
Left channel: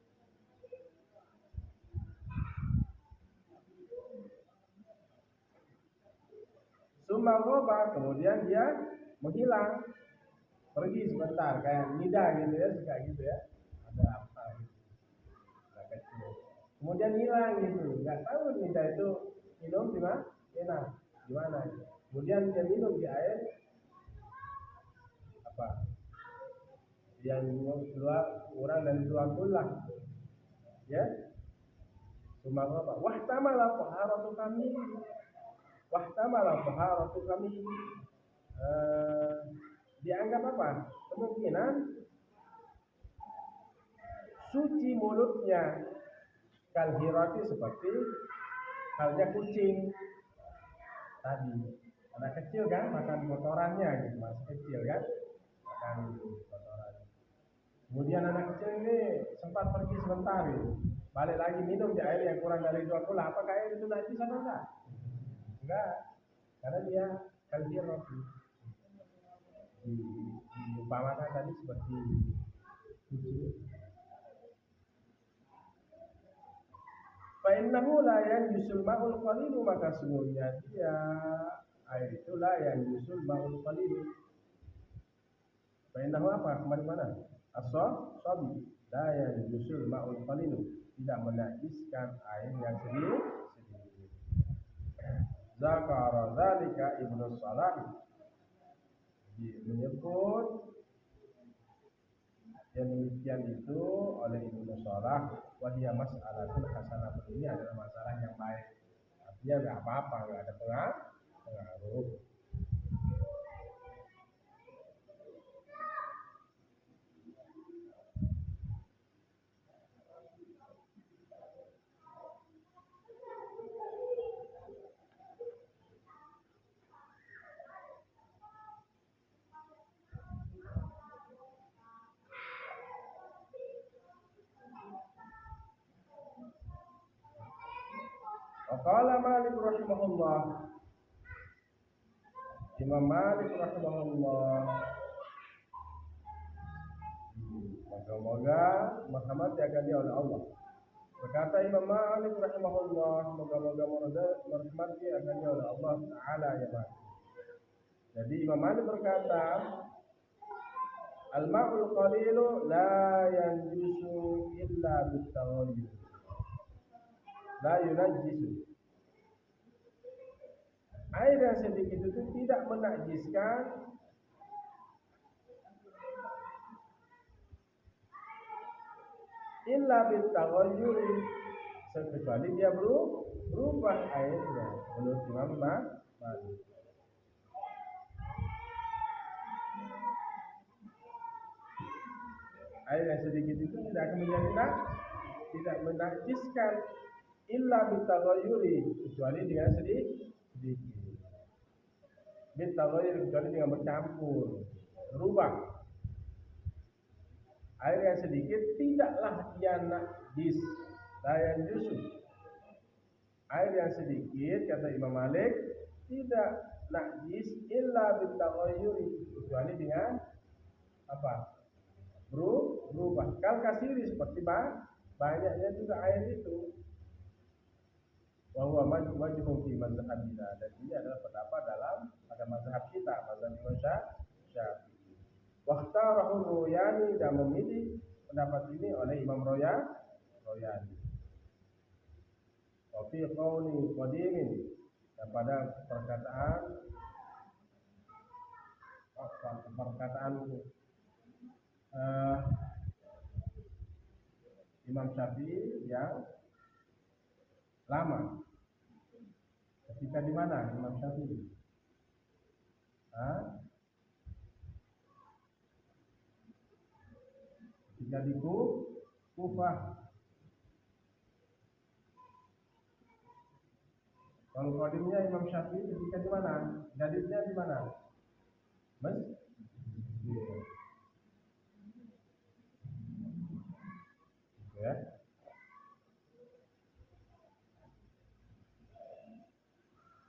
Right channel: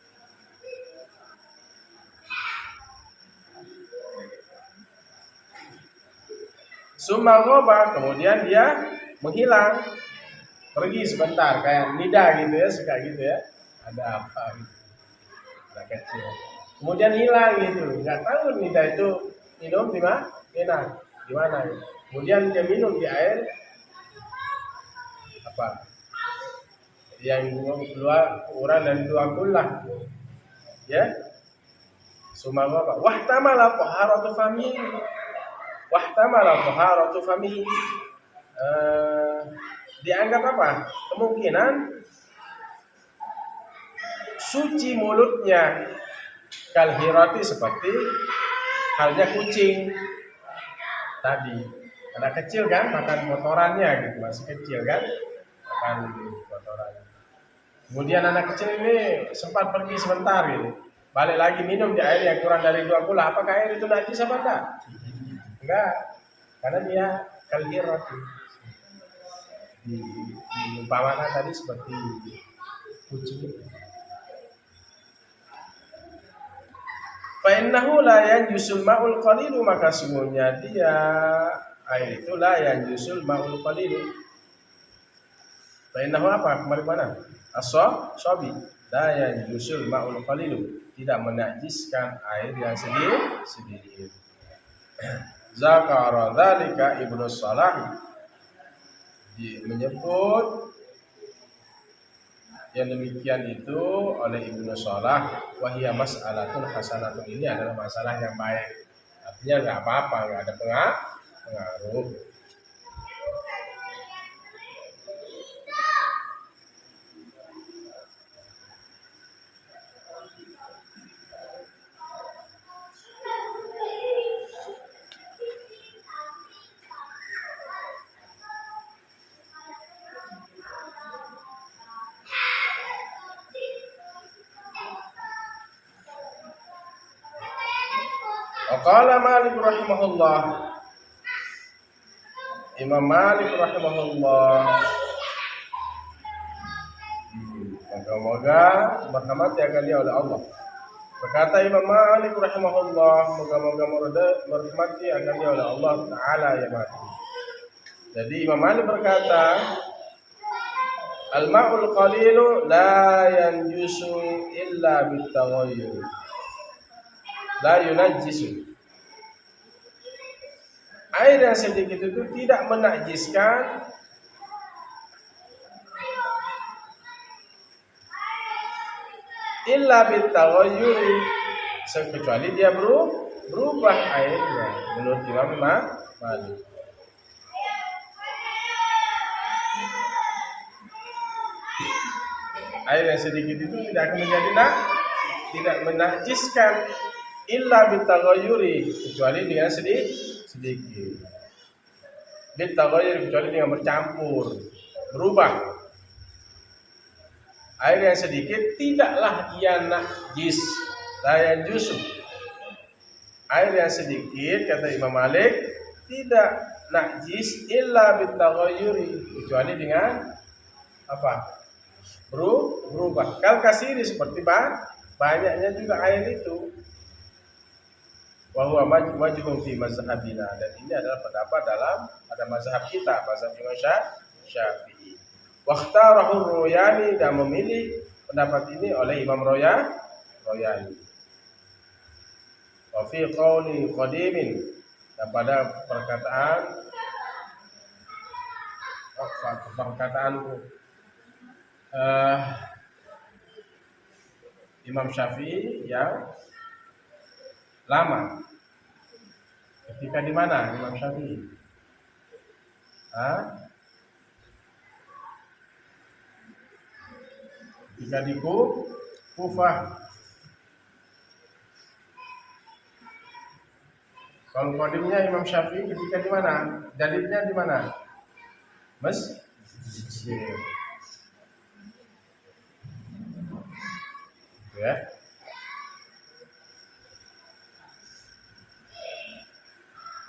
Summa ghaba, kemudian dia menghilang, pergi sebentar, kayak nida gitu ya, suka gitu ya. Ada apa gitu. Anak kecil. Kemudian hilang gitu, nggak tahu nida itu minum di mana, gimana? Kemudian dia minum di air apa? Yang keluar kurang dari 2 kula, ya. Summa ghaba wahtamala taharatu fami, dianggap apa? Kemungkinan suci mulutnya, kalhirati, seperti halnya kucing tadi. Anak kecil kan makan kotorannya gitu, masih kecil kan makan kotorannya. Kemudian anak kecil ini sempat pergi sebentar gitu, balik lagi minum di air yang kurang dari 2 kula. Apakah air itu najis apa enggak? Enggak, karena dia kalhirati. Diumpamakan tadi seperti kucing. Fa innahu la yanjusul ma'ul qalilu, maka sungguhnya dia air itu la yanjusul ma'ul qalilu. Fa innahu apa? Kemarin mana? As-sabi la yanjusul ma'ul qalilu, tidak menajiskan air yang sedikit. Zakara dzalika Ibnu Salah, menyebut yang demikian itu oleh Ibnu Shalah, wahia mas'alatun hasanatun, ini adalah masalah yang baik. Artinya nggak apa-apa, nggak ada pengaruh. Qala Malik rahimahullah, Imam Malik rahimahullah, moga-moga merhamati akan dia oleh Allah. Berkata Imam Malik rahimahullah, moga-moga merhamati akan dia oleh Allah Ta'ala ya mati. Jadi Imam Malik berkata, al-ma'ul qalilu la yanjusu illa bitaghayyur, la yunajjisu. Air yang sedikit itu tidak menajiskan illa bitaghayyuri, kecuali dia berubah airnya, menurut Imam Malik. Air yang sedikit itu tidak akan menjadi tidak menajiskan illa bitaghayyuri, kecuali dengan sedikit. Bitaghayyur, kecuali dengan bercampur, berubah. Air yang sedikit tidaklah ia najis, la yanjusu. Air yang sedikit, kata Imam Malik, tidak najis illa bitaghayyuri, kecuali dengan apa? Berubah. Kal kasiri, seperti banyaknya juga air itu. Wa huwa majhum fi mazhabina, dan ini adalah pendapat pada mazhab kita, mazhab Imam Syafi'i. Wakhtarahu Royani, dan memilih pendapat ini oleh Imam Royani. Wa fi qawli qadimin, dan pada perkataan Imam Syafi'i yang lama. Ketika di mana Imam Syafi'i? Ketika di Kufah. Kalau qadimnya Imam Syafi'i ketika di mana? Jadidnya di mana? Mesir. Ya.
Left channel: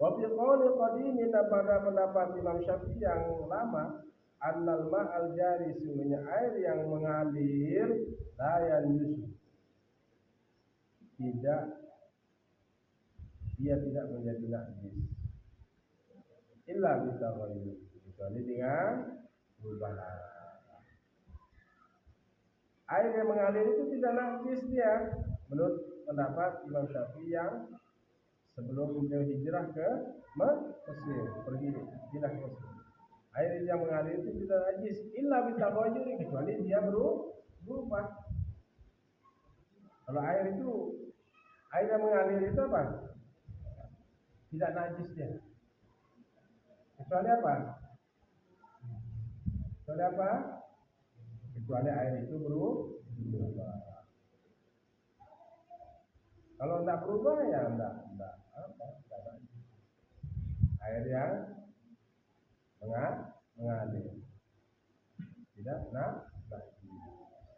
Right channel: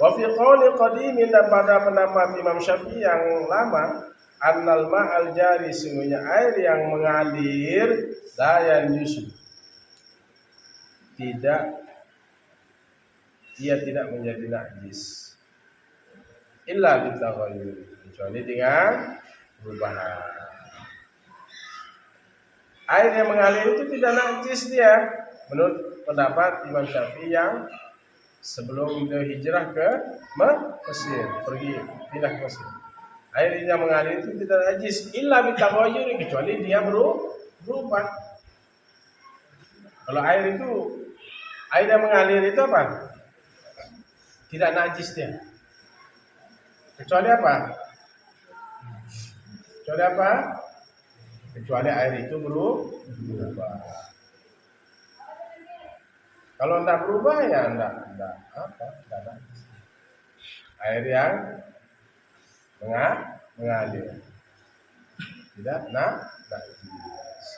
Wa fi qawli qadimin, dan pada pendapat Imam Syafi'i yang lama, annal ma'al jari, sungguhnya air yang mengalir, la yanjusu, dia tidak menjadi najis illa bitaghayyur, kecuali dengan perubahan. Air yang mengalir itu tidak najis dia, menurut pendapat Imam Syafi'i yang sebelum dia hijrah ke Mesir, pindah ke Mesir. Air yang mengalir itu tidak najis illa bitaghayyur, kecuali dia berubah. Kalau air yang mengalir itu apa? Tidak najis dia. Kecuali apa? Kecuali air itu berubah. Kalau tidak berubah ya tidak najis. Air yang mengalir tidak najis.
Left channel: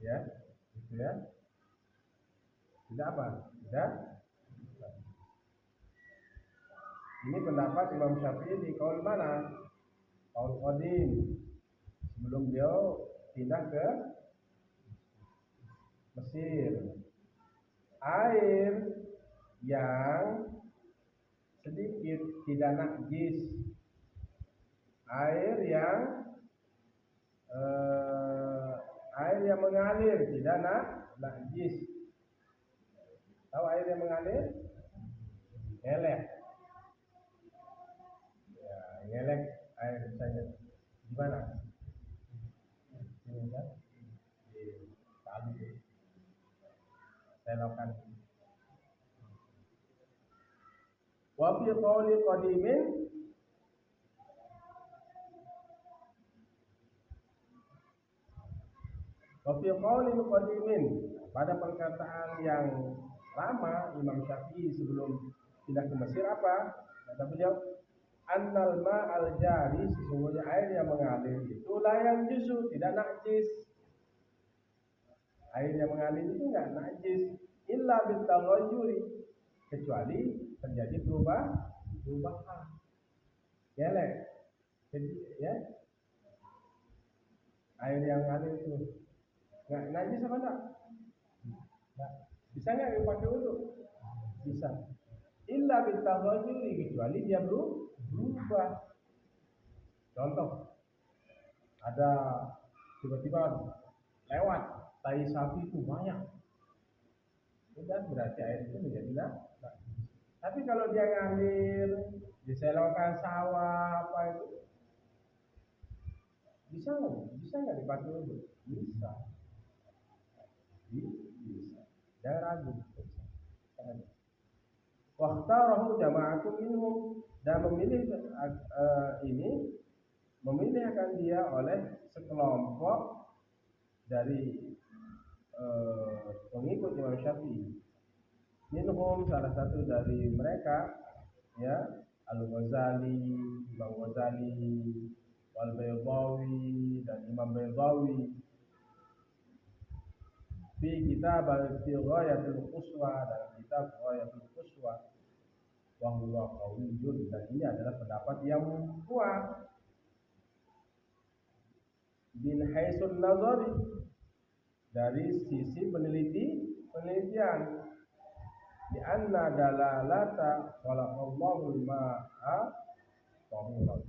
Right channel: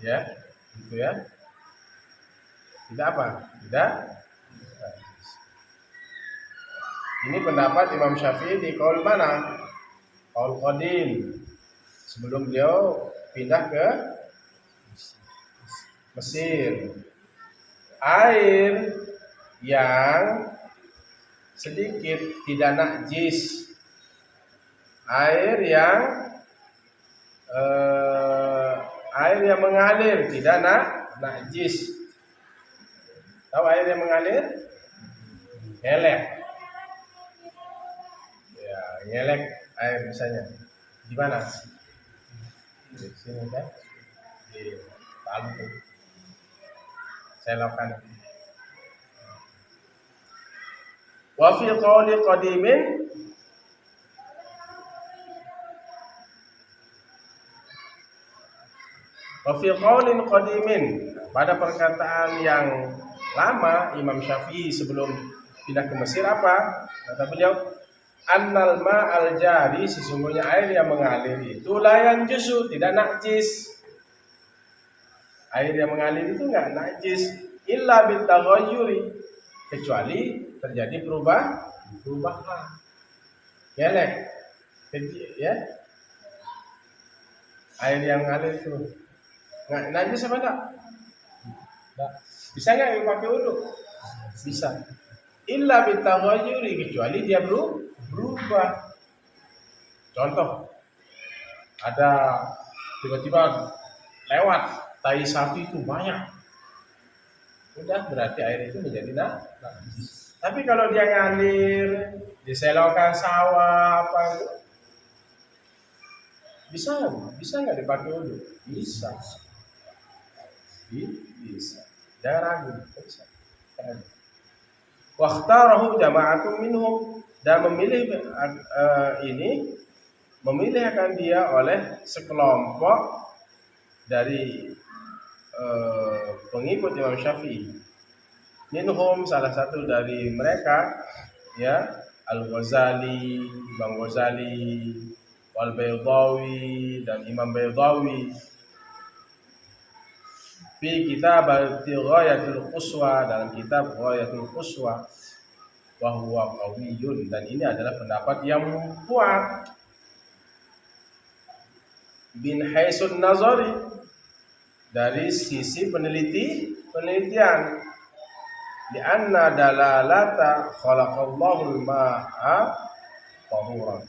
Ya, itu ya. Tidak apa? Tidak najis. Ini pendapat Imam Syafi'i di qaul mana? Qaul qadim. Sebelum beliau pindah ke Mesir. Air yang sedikit tidak najis. Air yang mengalir tidak najis. Tahu air yang mengalir? Ngelek. Ya, ngelek. air misalnya di mana? Di sini kan? Di Palu tuh. Selokan. Wa fi qawli qadimin wa fi qawlin qadimin, pada perkataan yang lama Imam Syafi'i sebelum pindah ke Mesir apa? Kata beliau, annal ma'al jari, sesungguhnya air yang mengalir itu layan jusu, tidak najis. Air yang mengalir itu enggak najis illa bitaghayyuri, kecuali terjadi perubahan. Gelek. Ya. Air yang mengalir itu enggak najis apa enggak? Enggak. Bisa enggak dipakai wudu? Bisa. Illa bitaghayyuri, kecuali dia berubah. Contoh, ada tiba-tiba lewat tai sapi itu banyak, udah berarti air itu menjadi najis. Tapi kalau dia ngalir di selokan sawah apa itu, bisa nggak dipakai wudu? Bisa. Jangan ragu, bisa. Wakhtarahu jama'atun minhum, dan memilih akan dia oleh sekelompok dari pengikut Imam Syafi'i. Minhum, salah satu dari mereka ya, Al-Ghazali, Imam Ghazali, Wal Baydawi, dan Imam Baydawi fi kitab Ghayatul Quswa, dalam kitab Ghayatul Quswa, wa huwa qawiyyun, dan ini adalah pendapat yang kuat bin haisun nazari, dari sisi penelitian, di anna dalalata khalaqallahu al-ma'a tahuran,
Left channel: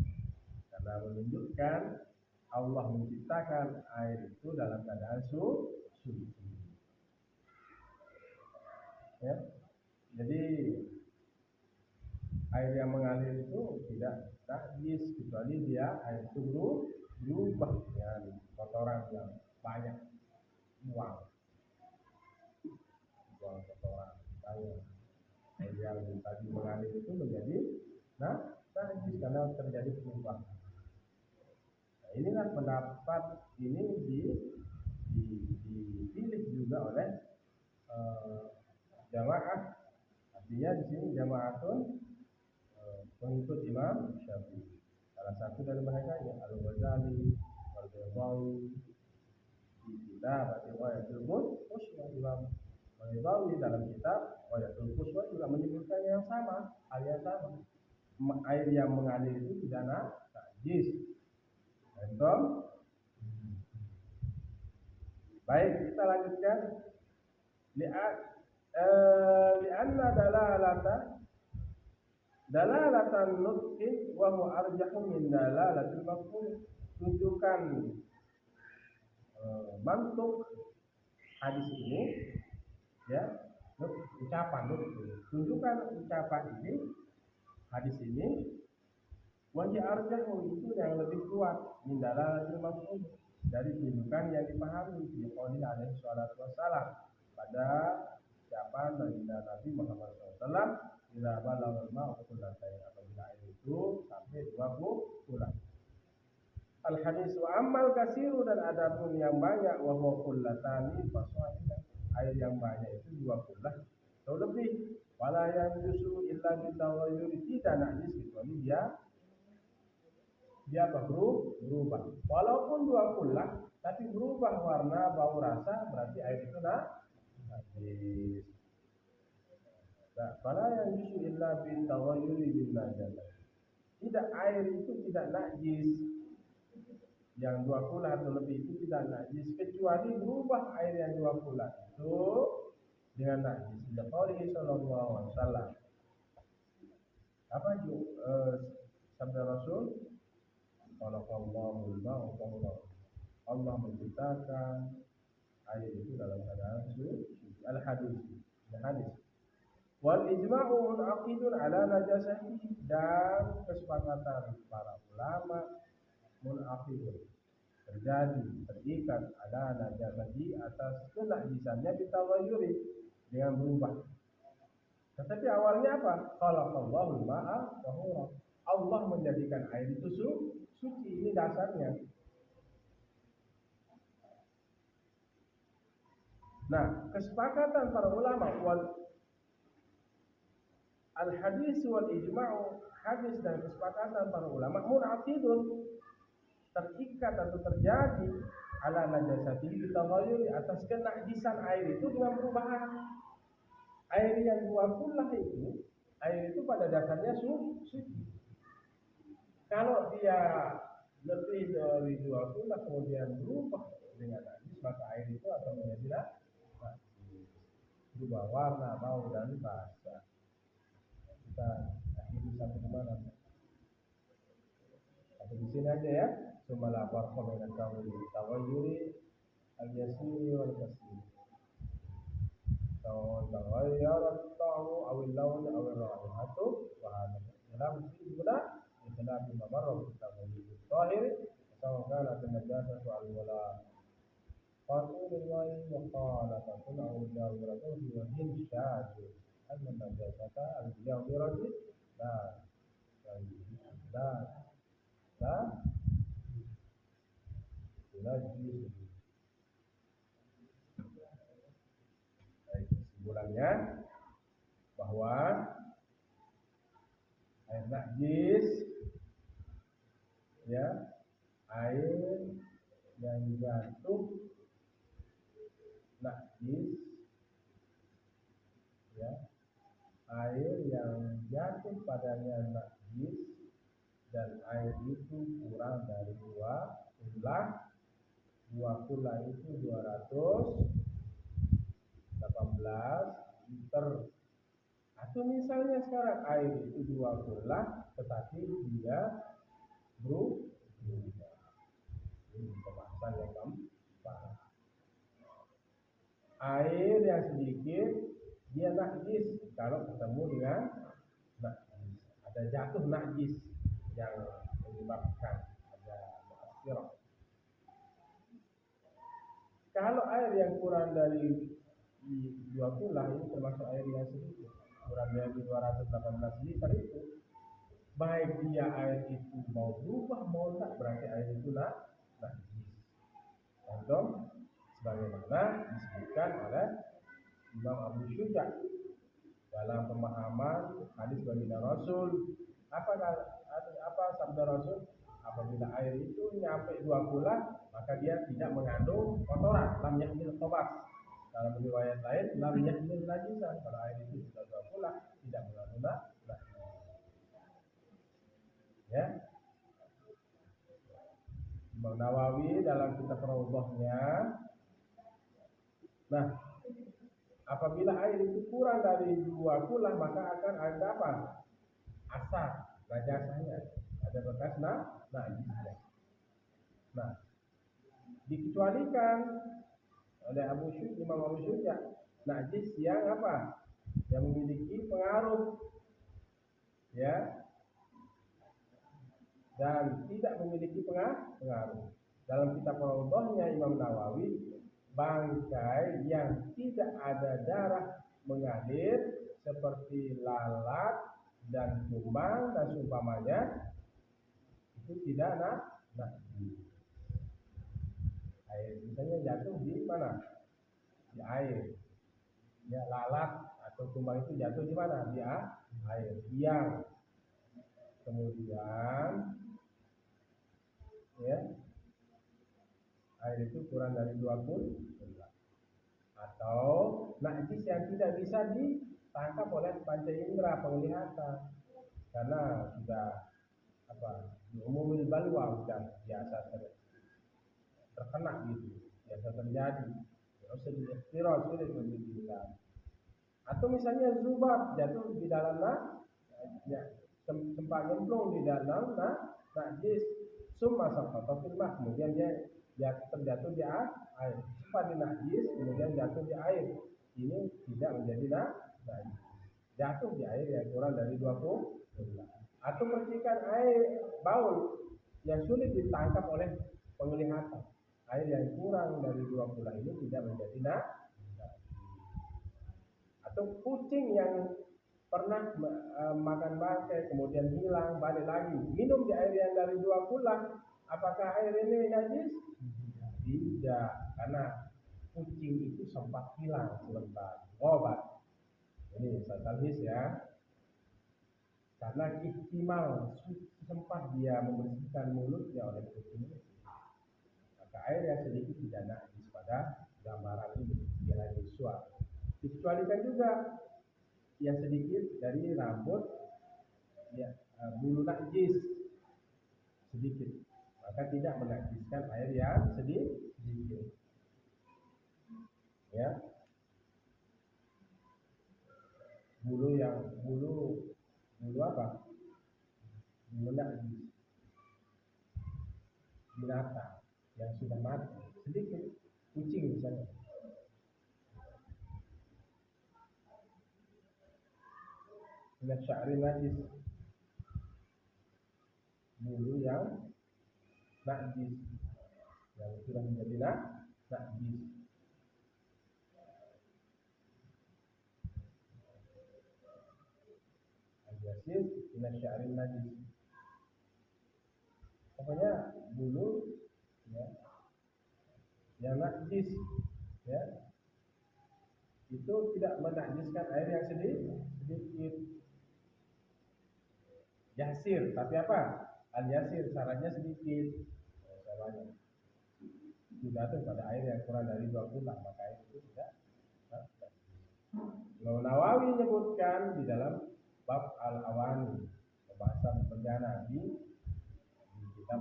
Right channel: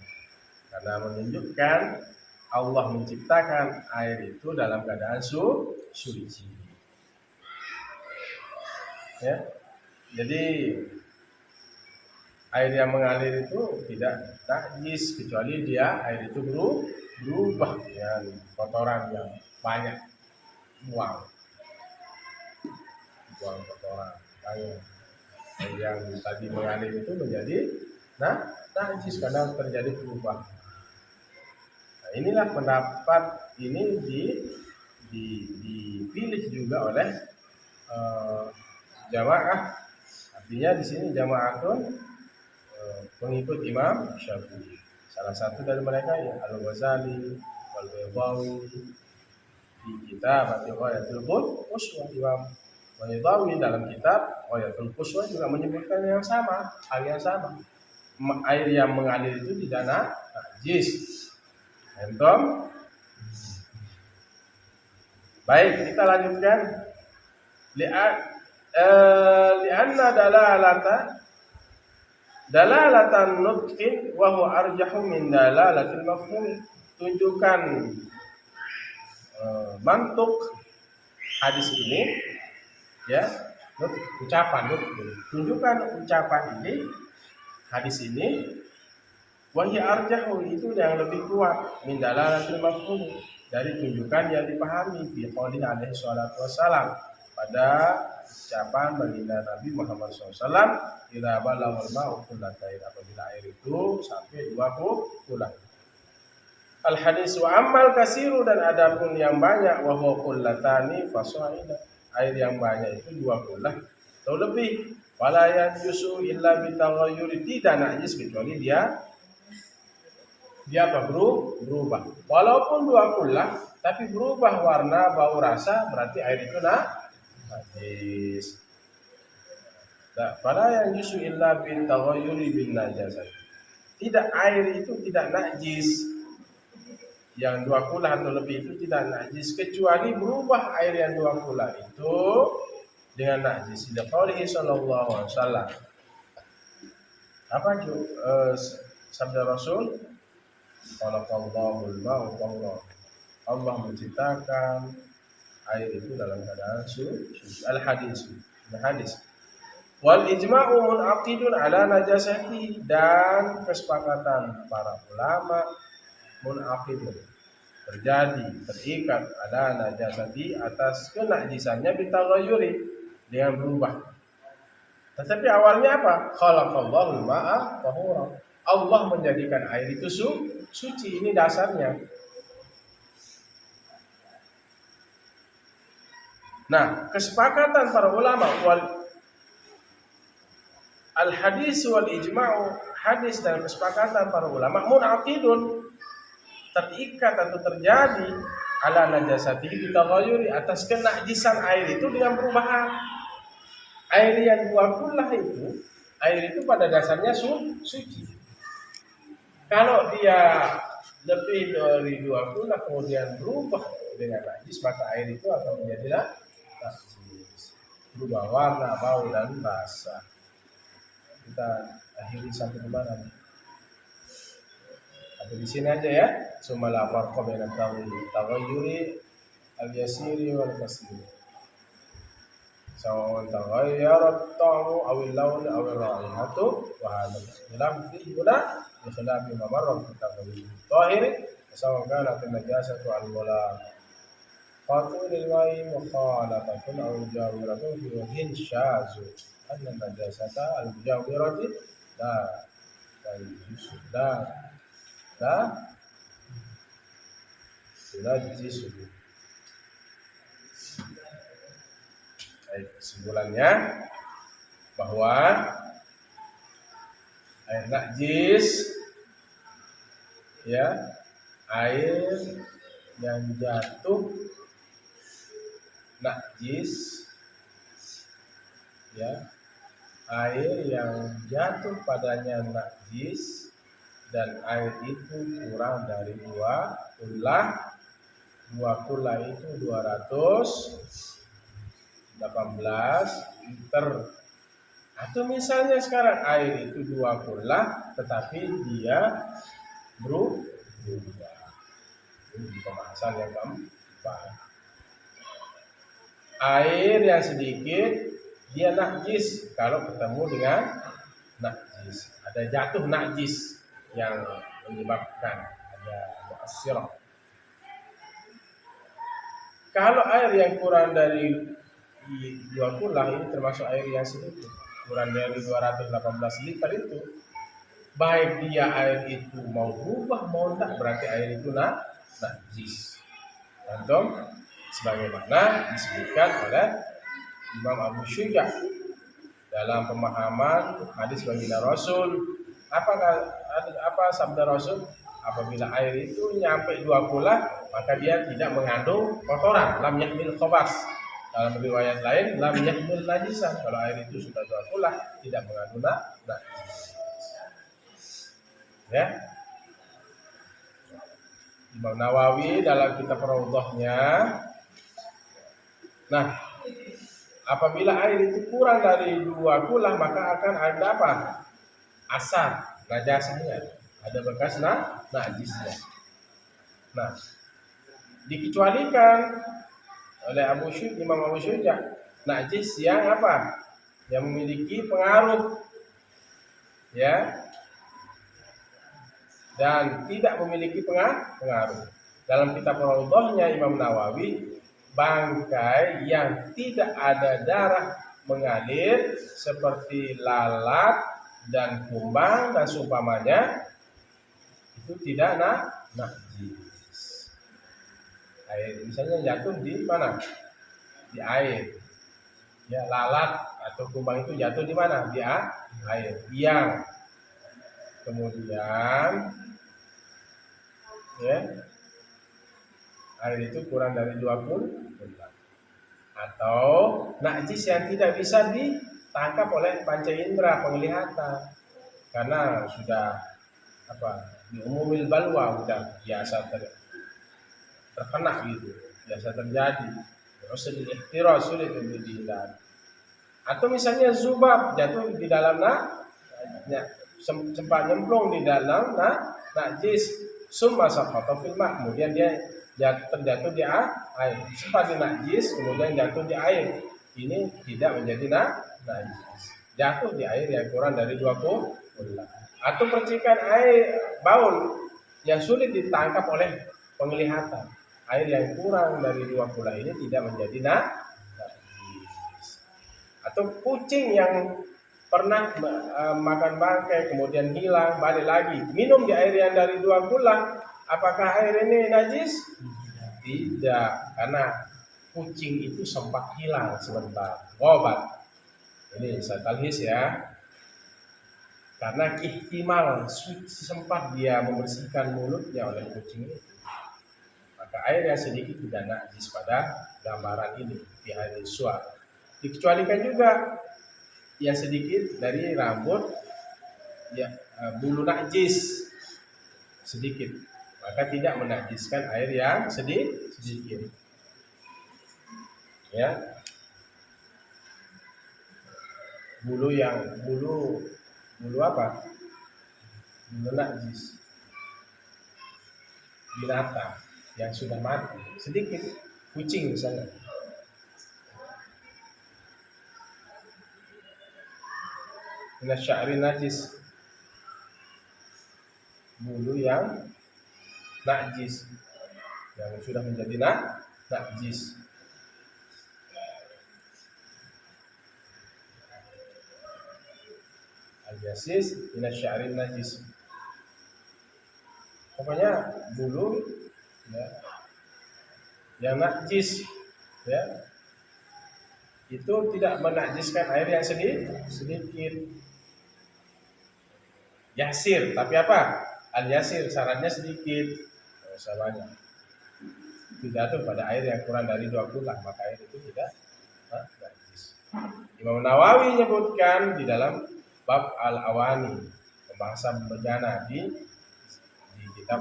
karena menunjukkan Allah menciptakan air itu dalam keadaan suci. Ya. Jadi air yang mengalir itu tidak najis kecuali dia air itu berubah dengan kotoran yang banyak, buang kotoran banyak. Yang tadi mengalir itu menjadi najis karena terjadi perubahan. Nah, inilah pendapat ini dipilih juga oleh jamaah. Artinya di sini jamaatun pengikut Imam Syafi'i. Salah satu dari mereka ya Al-Ghazali, Al-Baydawi, di kitab Ghayatul Quswa. Imam Baydawi dalam kitab Ghayatul Quswa juga menyebutkan hal yang sama. Air yang mengalir itu tidak najis. Entom. Baik, kita lanjutkan. Li'anna dalalatan nutqin wa huwa arjahu min dalalatil mafhum. Tunjukkan mantuk hadis ini, ya, tunjukkan ucapan ini, hadis ini, wa hiya arjahu, itu yang lebih kuat, min dalalatil mafhum, dari tunjukkan yang dipahami, fi qouli alaihi salatu wassalam, pada ucapan baginda Nabi Muhammad SAW, idza balaghal ma'u qullatain, apabila air itu sampai 20 kullah. Al hadis wa ammal kasiru, dan adapun yang banyak, wa huwa qullatani fasaida, air yang banyak itu 2 kullah atau lebih, wala yanjusu illa bitaghayyuri, tidak najis kecuali dia apa? Berubah. Walaupun 2 kullah tapi berubah warna, bau, rasa, berarti air itu najis. Fala yanjusu illa bitaghayyuri bin najasah. Tidak, air itu tidak najis, yang 2 kullah atau lebih itu tidak najis kecuali berubah air yang 2 kullah itu dengan najis. Liqaulihi sallallahu alaihi wasallam. Apa sabda Rasul? Khalaqallahu al-ma'a tahura. Allah menciptakan air itu dalam keadaan suci. Al-hadis. Wal ijma'u munaqidun ala najasati, dan kesepakatan para ulama munaqidun terikat ala najasati atas kenajisannya bitaghayyuri, dengan berubah. Tetapi awalnya apa? Khalaqallahu ma'a tahura. Allah menjadikan air itu suci, ini dasarnya. Nah, kesepakatan para ulama al hadis wal ijma'u, hadis dan kesepakatan para ulama munaqidun, terikat atau terjadi ala najasati bitaghayyuri, atas kenajisan air itu dengan perubahan. Air yang dua kullah itu, air itu pada dasarnya suci. Kalau dia lebih dari dua kullah kemudian berubah dengan najis, maka air itu akan menjadi najis, berubah warna, bau dan rasa. Kita akhiri sampai di mana? Atau di sini aja ya. Summa la farqa baina taghayyuri al-yasiri wal kasir. Sawa taghayyara at-ta'mu aw al-lawn aw ar-ra'ihatu wa hadha ikhtilaf fi huna bi khilafi ma marra fi taghayyur al-tahir, sawa kanat an-najasatu al-mulaqatu lil-ma'i mukhalafatun aw jawiratun fi wajhin shazu. Anna najasata al-mujawirati la tunajjisu. Baik, kesimpulannya bahwa air najis, ya, air yang jatuh najis, ya, air yang jatuh padanya najis, dan air itu kurang dari 2 kullah. 2 kullah itu 218 liter. Atau misalnya sekarang air itu 2 kullah tetapi dia berubah. Ini pembahasan yang keempat. Air yang sedikit dia najis kalau ketemu dengan najis. Ada jatuh najis yang menyebabkan ada mu'assirah. Kalau air yang kurang dari 2 kullah, ini termasuk air yang sedikit, kurang dari 218 liter itu, baik dia air itu mau berubah mau tidak, berarti air itu najis. Antum, sebagaimana disebutkan oleh Imam Abu Syuja dalam pemahaman hadis baginda Rasul. Apa sabda Rasul? Apabila air itu nyampe 2 kullah, maka dia tidak mengandung kotoran, lam yahmil khabas. Dalam riwayat lain, lam yahmil najisan. Kalau air itu sudah 2 kullah, tidak mengandung najis. Ya. Imam Nawawi dalam kitab Raudhahnya, nah, apabila air itu kurang dari 2 kullah, maka akan ada apa? Asar, najasahnya, ada bekas najisnya. Nah, dikecualikan oleh Imam Abu Syuja najis yang apa? Yang memiliki pengaruh, ya, dan tidak memiliki pengaruh. Dalam kitab Raudhahnya Imam Nawawi, bangkai yang tidak ada darah mengalir seperti lalat dan kumbang dan seumpamanya itu tidak najis. Air misalnya jatuh di mana? Di air. Ya, lalat atau kumbang itu jatuh di mana? Di air. Yang kemudian, ya, air itu kurang dari 2 kullah, atau najis yang tidak bisa ditangkap oleh panca indera penglihatan karena sudah diumumil balwa, sudah biasa terkena gitu, biasa terjadi, terus ikhtiras sulit untuk dihindari. Atau misalnya zubab jatuh di dalam sempat nyemplung di dalam najis, summa saqata fil ma', kemudian dia terjatuh di air, sempat di najis kemudian jatuh di air, ini tidak menjadi najis. jatuh di air yang kurang dari 2 kula. Atau percikan air baul yang sulit ditangkap oleh penglihatan. Air yang kurang dari 2 kula ini tidak menjadi najis. Atau kucing yang pernah makan bangkai kemudian hilang balik lagi minum di air yang dari 2 kula, apakah air ini najis? Tidak, karena kucing itu sempat hilang sebentar, obat. Ini saya talhis ya, karena ihtimal sempat dia membersihkan mulutnya oleh kucing itu, maka air yang sedikit tidak najis pada gambaran ini di hadis suar. Dikecualikan juga yang sedikit dari rambut, ya, bulu najis sedikit, maka tidak menajiskan air yang sedikit. Ya, bulu apa? Bulu najis binatang yang sudah mati sedikit, kucing misalnya. Min sya'ri najis, bulu yang najis yang sudah menjadi najis. Al-yasis min sya'ri najis. Pokoknya bulu, ya, yang najis, ya, itu tidak menajiskan air yang sedikit. Yasir, tapi apa? Al-yasir, syaratnya sedikit, tidak usah banyak. Tidak tuh pada air yang kurang dari 2 kula, maka air itu tidak najis. Imam Nawawi menyebutkan di dalam bab Al-Awani, pembahasan bejana di kitab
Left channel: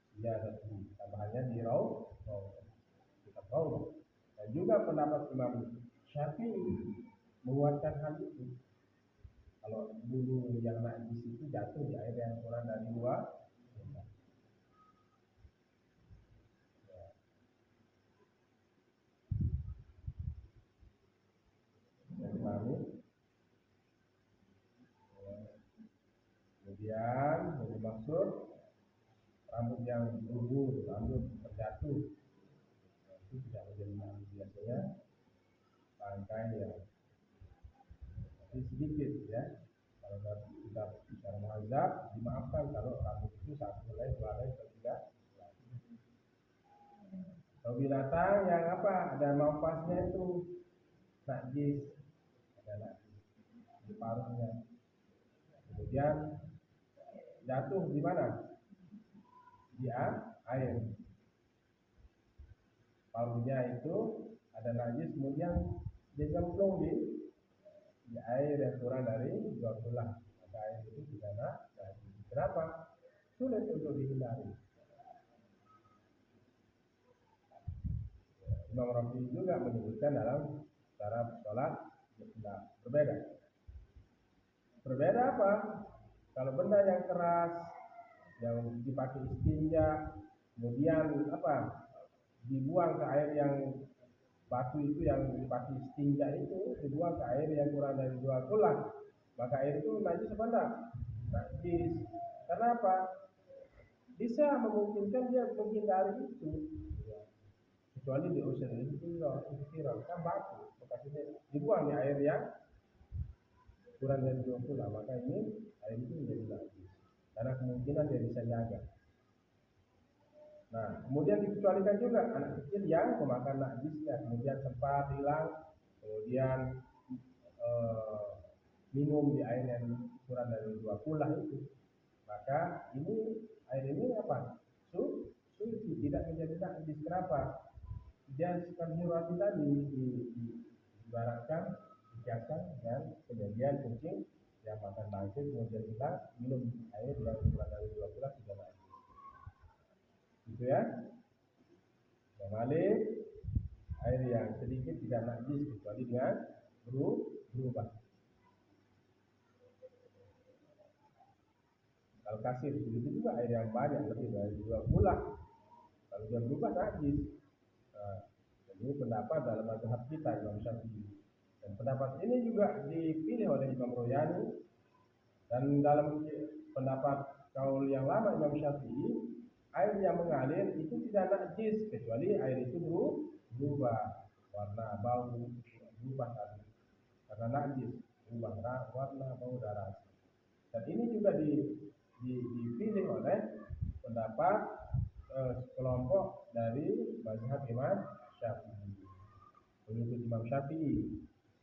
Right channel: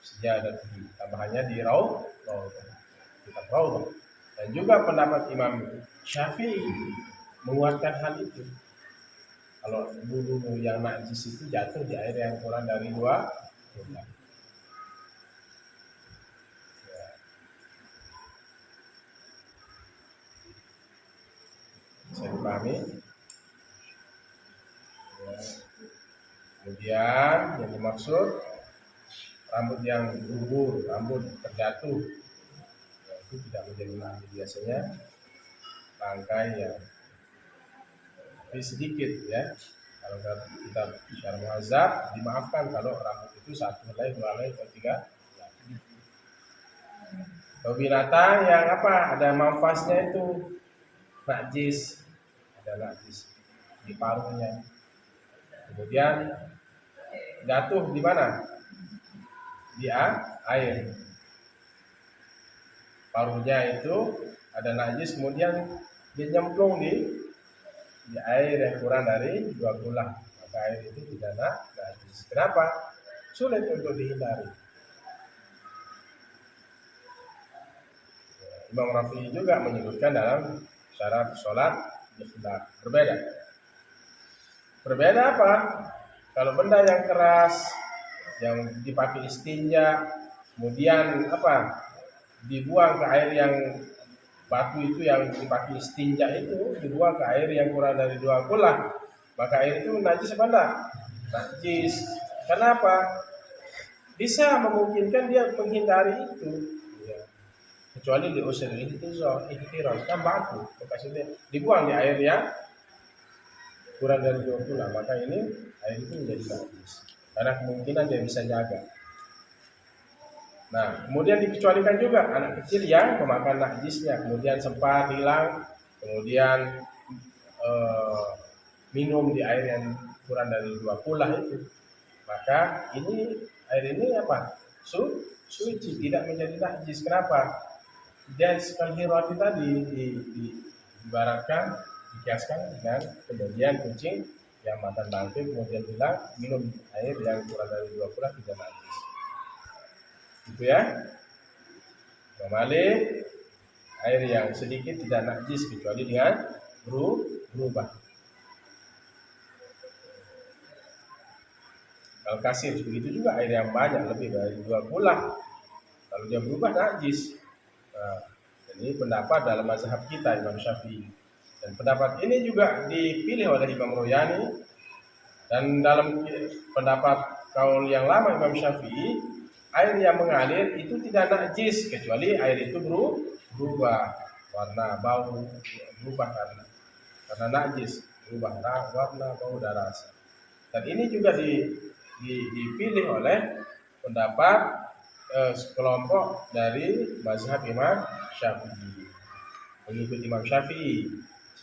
Sejadah, tambahannya di kitab Rawdah. Dan juga pendapat Imam Syafi'i menguatkan hal itu. Kalau bulu yang najis itu jatuh di air yang kurang dari 2 kula. Ya. Bisa dipahami? Ya. Kemudian yang dimaksud rambut yang gugur, rambut terjatuh, ya, itu tidak menjadi najis. Biasanya bangkai yang sedikit, ya. Kalau kita secara muhazab dimaafkan kalau rambut itu 1 helai, 2 helai, atau 3. Kalau binatang yang apa, ada manfaatnya itu najis, ada najis di paruhnya. Kemudian jatuh di mana? Di air. Paruhnya itu ada najis, kemudian dia nyemplung di air yang kurang dari 2 kula, maka air itu tidak najis. Kenapa? Sulit untuk dihindari. Imam Rafi'i juga menyebutkan dalam syarat sholat berbeda. Berbeda apa? Kalau benda yang keras yang dipakai istinja, kemudian apa? Dibuang ke air yang batu itu yang dipakai istinja itu, dibuang ke air yang kurang dari 2 kula, maka air itu najis apa enggak? Najis. Kenapa? Bisa memungkinkan dia menghindari itu, ya. Kecuali di usul ini ihtiraz, kan batu bekasnya dibuang di air yang kurang dari 2 kula, maka ini air itu menjadi najis karena kemungkinan dia bisa jaga. Nah, kemudian dikecualikan juga anak kecil yang memakan najisnya, kemudian sempat hilang, kemudian minum di air yang kurang dari 2 kula itu, maka air ini apa? Suci, tidak menjadi najis. Kenapa? Dia sekali roti tadi diibaratkan, dikiaskan dengan kemudian kucing yang makan bangkai kemudian hilang, minum air yang kurang dari 2 kula tidak najis. Gitu ya. Kembali, air yang sedikit tidak najis kecuali dengan berubah. Kalau kasir begitu juga, air yang banyak lebih dari 2 kula, kalau dia berubah najis. Nah, ini pendapat dalam mazhab kita Imam Syafi'i. Dan pendapat ini juga dipilih oleh Imam Royani, dan dalam pendapat kaul yang lama Imam Syafi'i, air yang mengalir itu tidak najis kecuali air itu berubah warna, bau, berubah karena najis, berubah warna, bau, dan rasa. Dan ini juga dipilih oleh pendapat sekelompok dari mazhab Imam Syafi'i, pengikut Imam Syafi'i,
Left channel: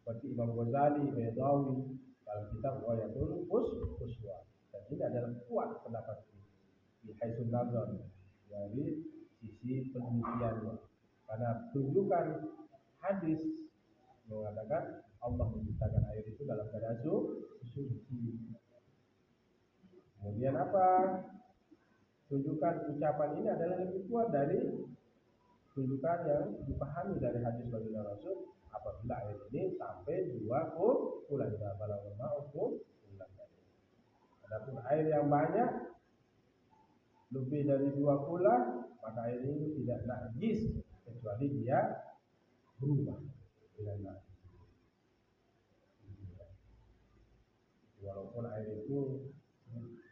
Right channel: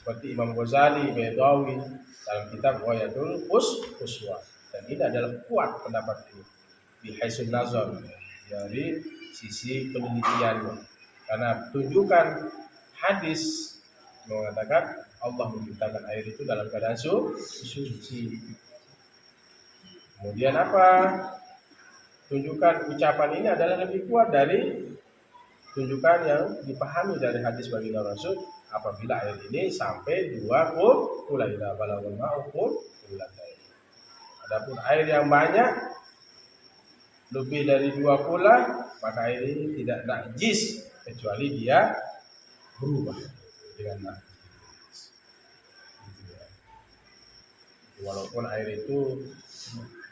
seperti Imam Ghazali, Baydawi dalam kitab Ghayatul Uswa. Dan ini adalah kuat pendapat ini di haisun nazar, dari sisi penelitiannya, karena tunjukkan hadis mengatakan Allah menciptakan air itu dalam keadaan suci. Kemudian apa? Tunjukkan ucapan ini adalah lebih kuat dari tunjukkan yang dipahami dari hadis baginda Rasul, apabila air ini sampai 2 kula ila balagul ma'u kulatain. Adapun air yang banyak lebih dari 2 kula, maka air ini tidak najis kecuali dia berubah dengan najis. Walaupun air itu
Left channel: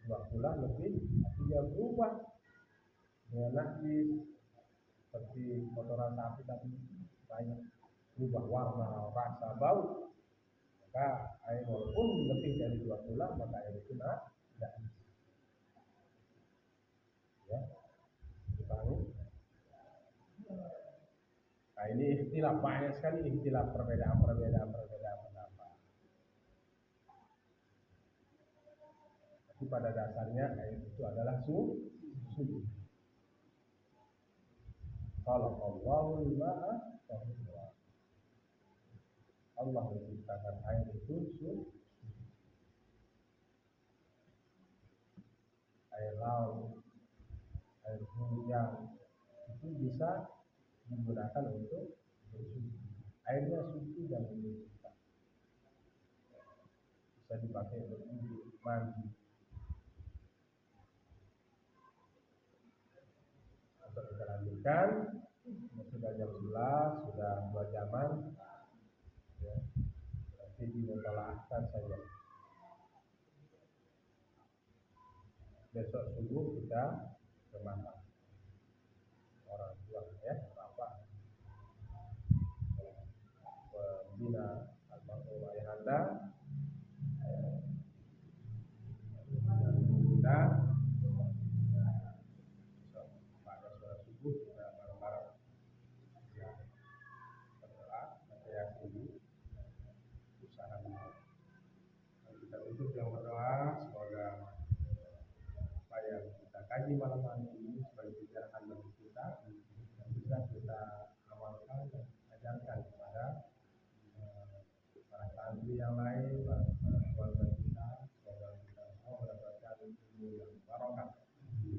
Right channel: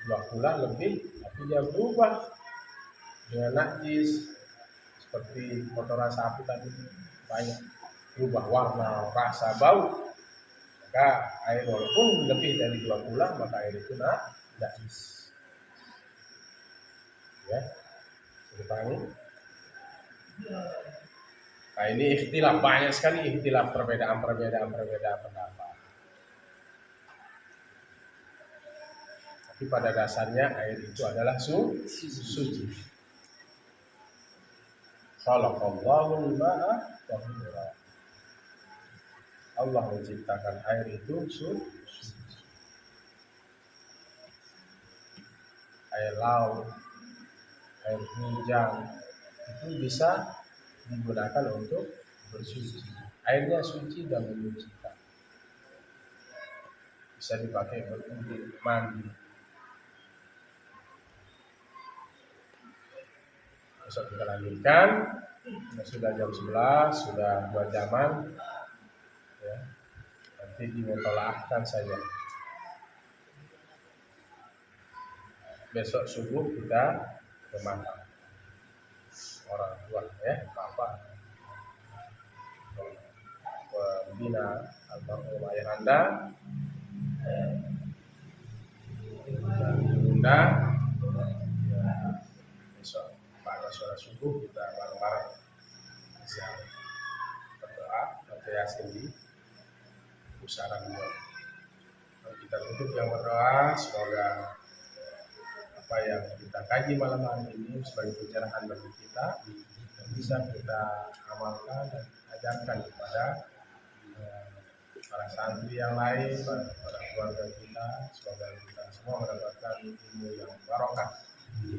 2 kula lebih, tapi dia berubah dengan najis, seperti kotoran sapi tadi banyak, berubah warna, rasa, bau, maka air walaupun lebih dari 2 kula, maka air itu najis. Ya, dipahami? Nah, ini ikhtilaf, banyak sekali ikhtilaf, perbedaan pendapat. Tapi pada dasarnya air itu adalah suci. Khalaqallahu al-ma'a tahura. Allah menciptakan air itu suci. Air laut, air hujan itu bisa digunakan untuk bersuci. Airnya suci dan menyucikan. Bisa dipakai berwudu, mandi. Besok kita lanjutkan. Sudah jam 11, sudah 2 jaman. Ya. Nanti dimutolaahkan saja. Besok subuh kita ke makam orang tua, ya, bapak, pembina almarhum ayah Anda, dan bunda. Ya, besok pada sholat subuh kita bareng-bareng bisa berdoa, baca yasin di pusaran dua. Kita tutup yang berdoa, semoga apa yang kita kaji malam hari ini sebagai pencerahan bagi kita dan bisa kita amalkan dan ajarkan kepada para santri yang lain, para keluarga kita. Semoga kita semua mendapatkan ilmu yang barokah.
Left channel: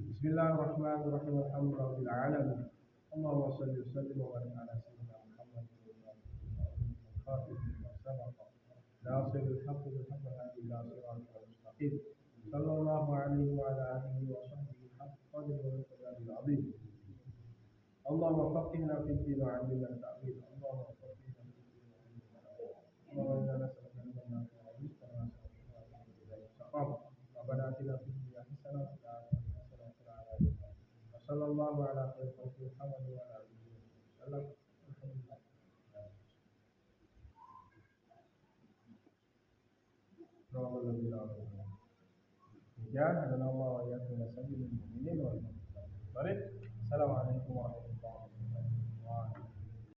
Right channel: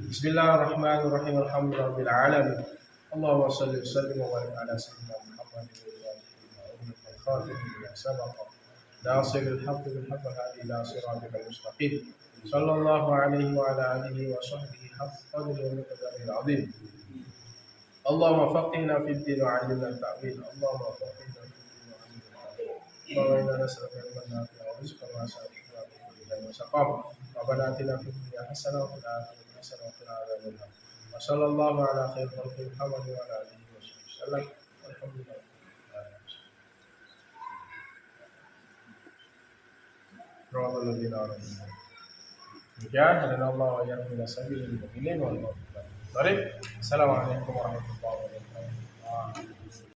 Bismillahirrahmanirrahim. Alhamdulillahirabbil alamin. Allahumma shalli wa sallim wa barik ala sayyidina Muhammadin wa alihi wa sahbihi sabaqa nasiril haqqi bil haqqi hadi ila siratal mustaqim. Sallallahu alaihi wa ala alihi wa sahbihi haqqa qadri wa miqdaril azim. Allahumma faqihna fid din wa 'allimna at-ta'wil. Allahumma faqihna fid din wa 'allimna at-ta'wil. Allahumma inna nas'aluka ilman nafi'an wa rizqan wasi'an wa rizqan wasaqam. Rabbana atina fid dunya hasanah wa fil akhirati hasanah wa qina adzaban nar. Wa sallallahu ala khairil khalqi Muhammad wa ala alihi wa sahbihi wasallam. Alhamdulillah. Demikian, hadanallahu wa iyyakum ila sabilil mu'minin wal mu'minat. Assalamualaikum warahmatullahi wabarakatuh.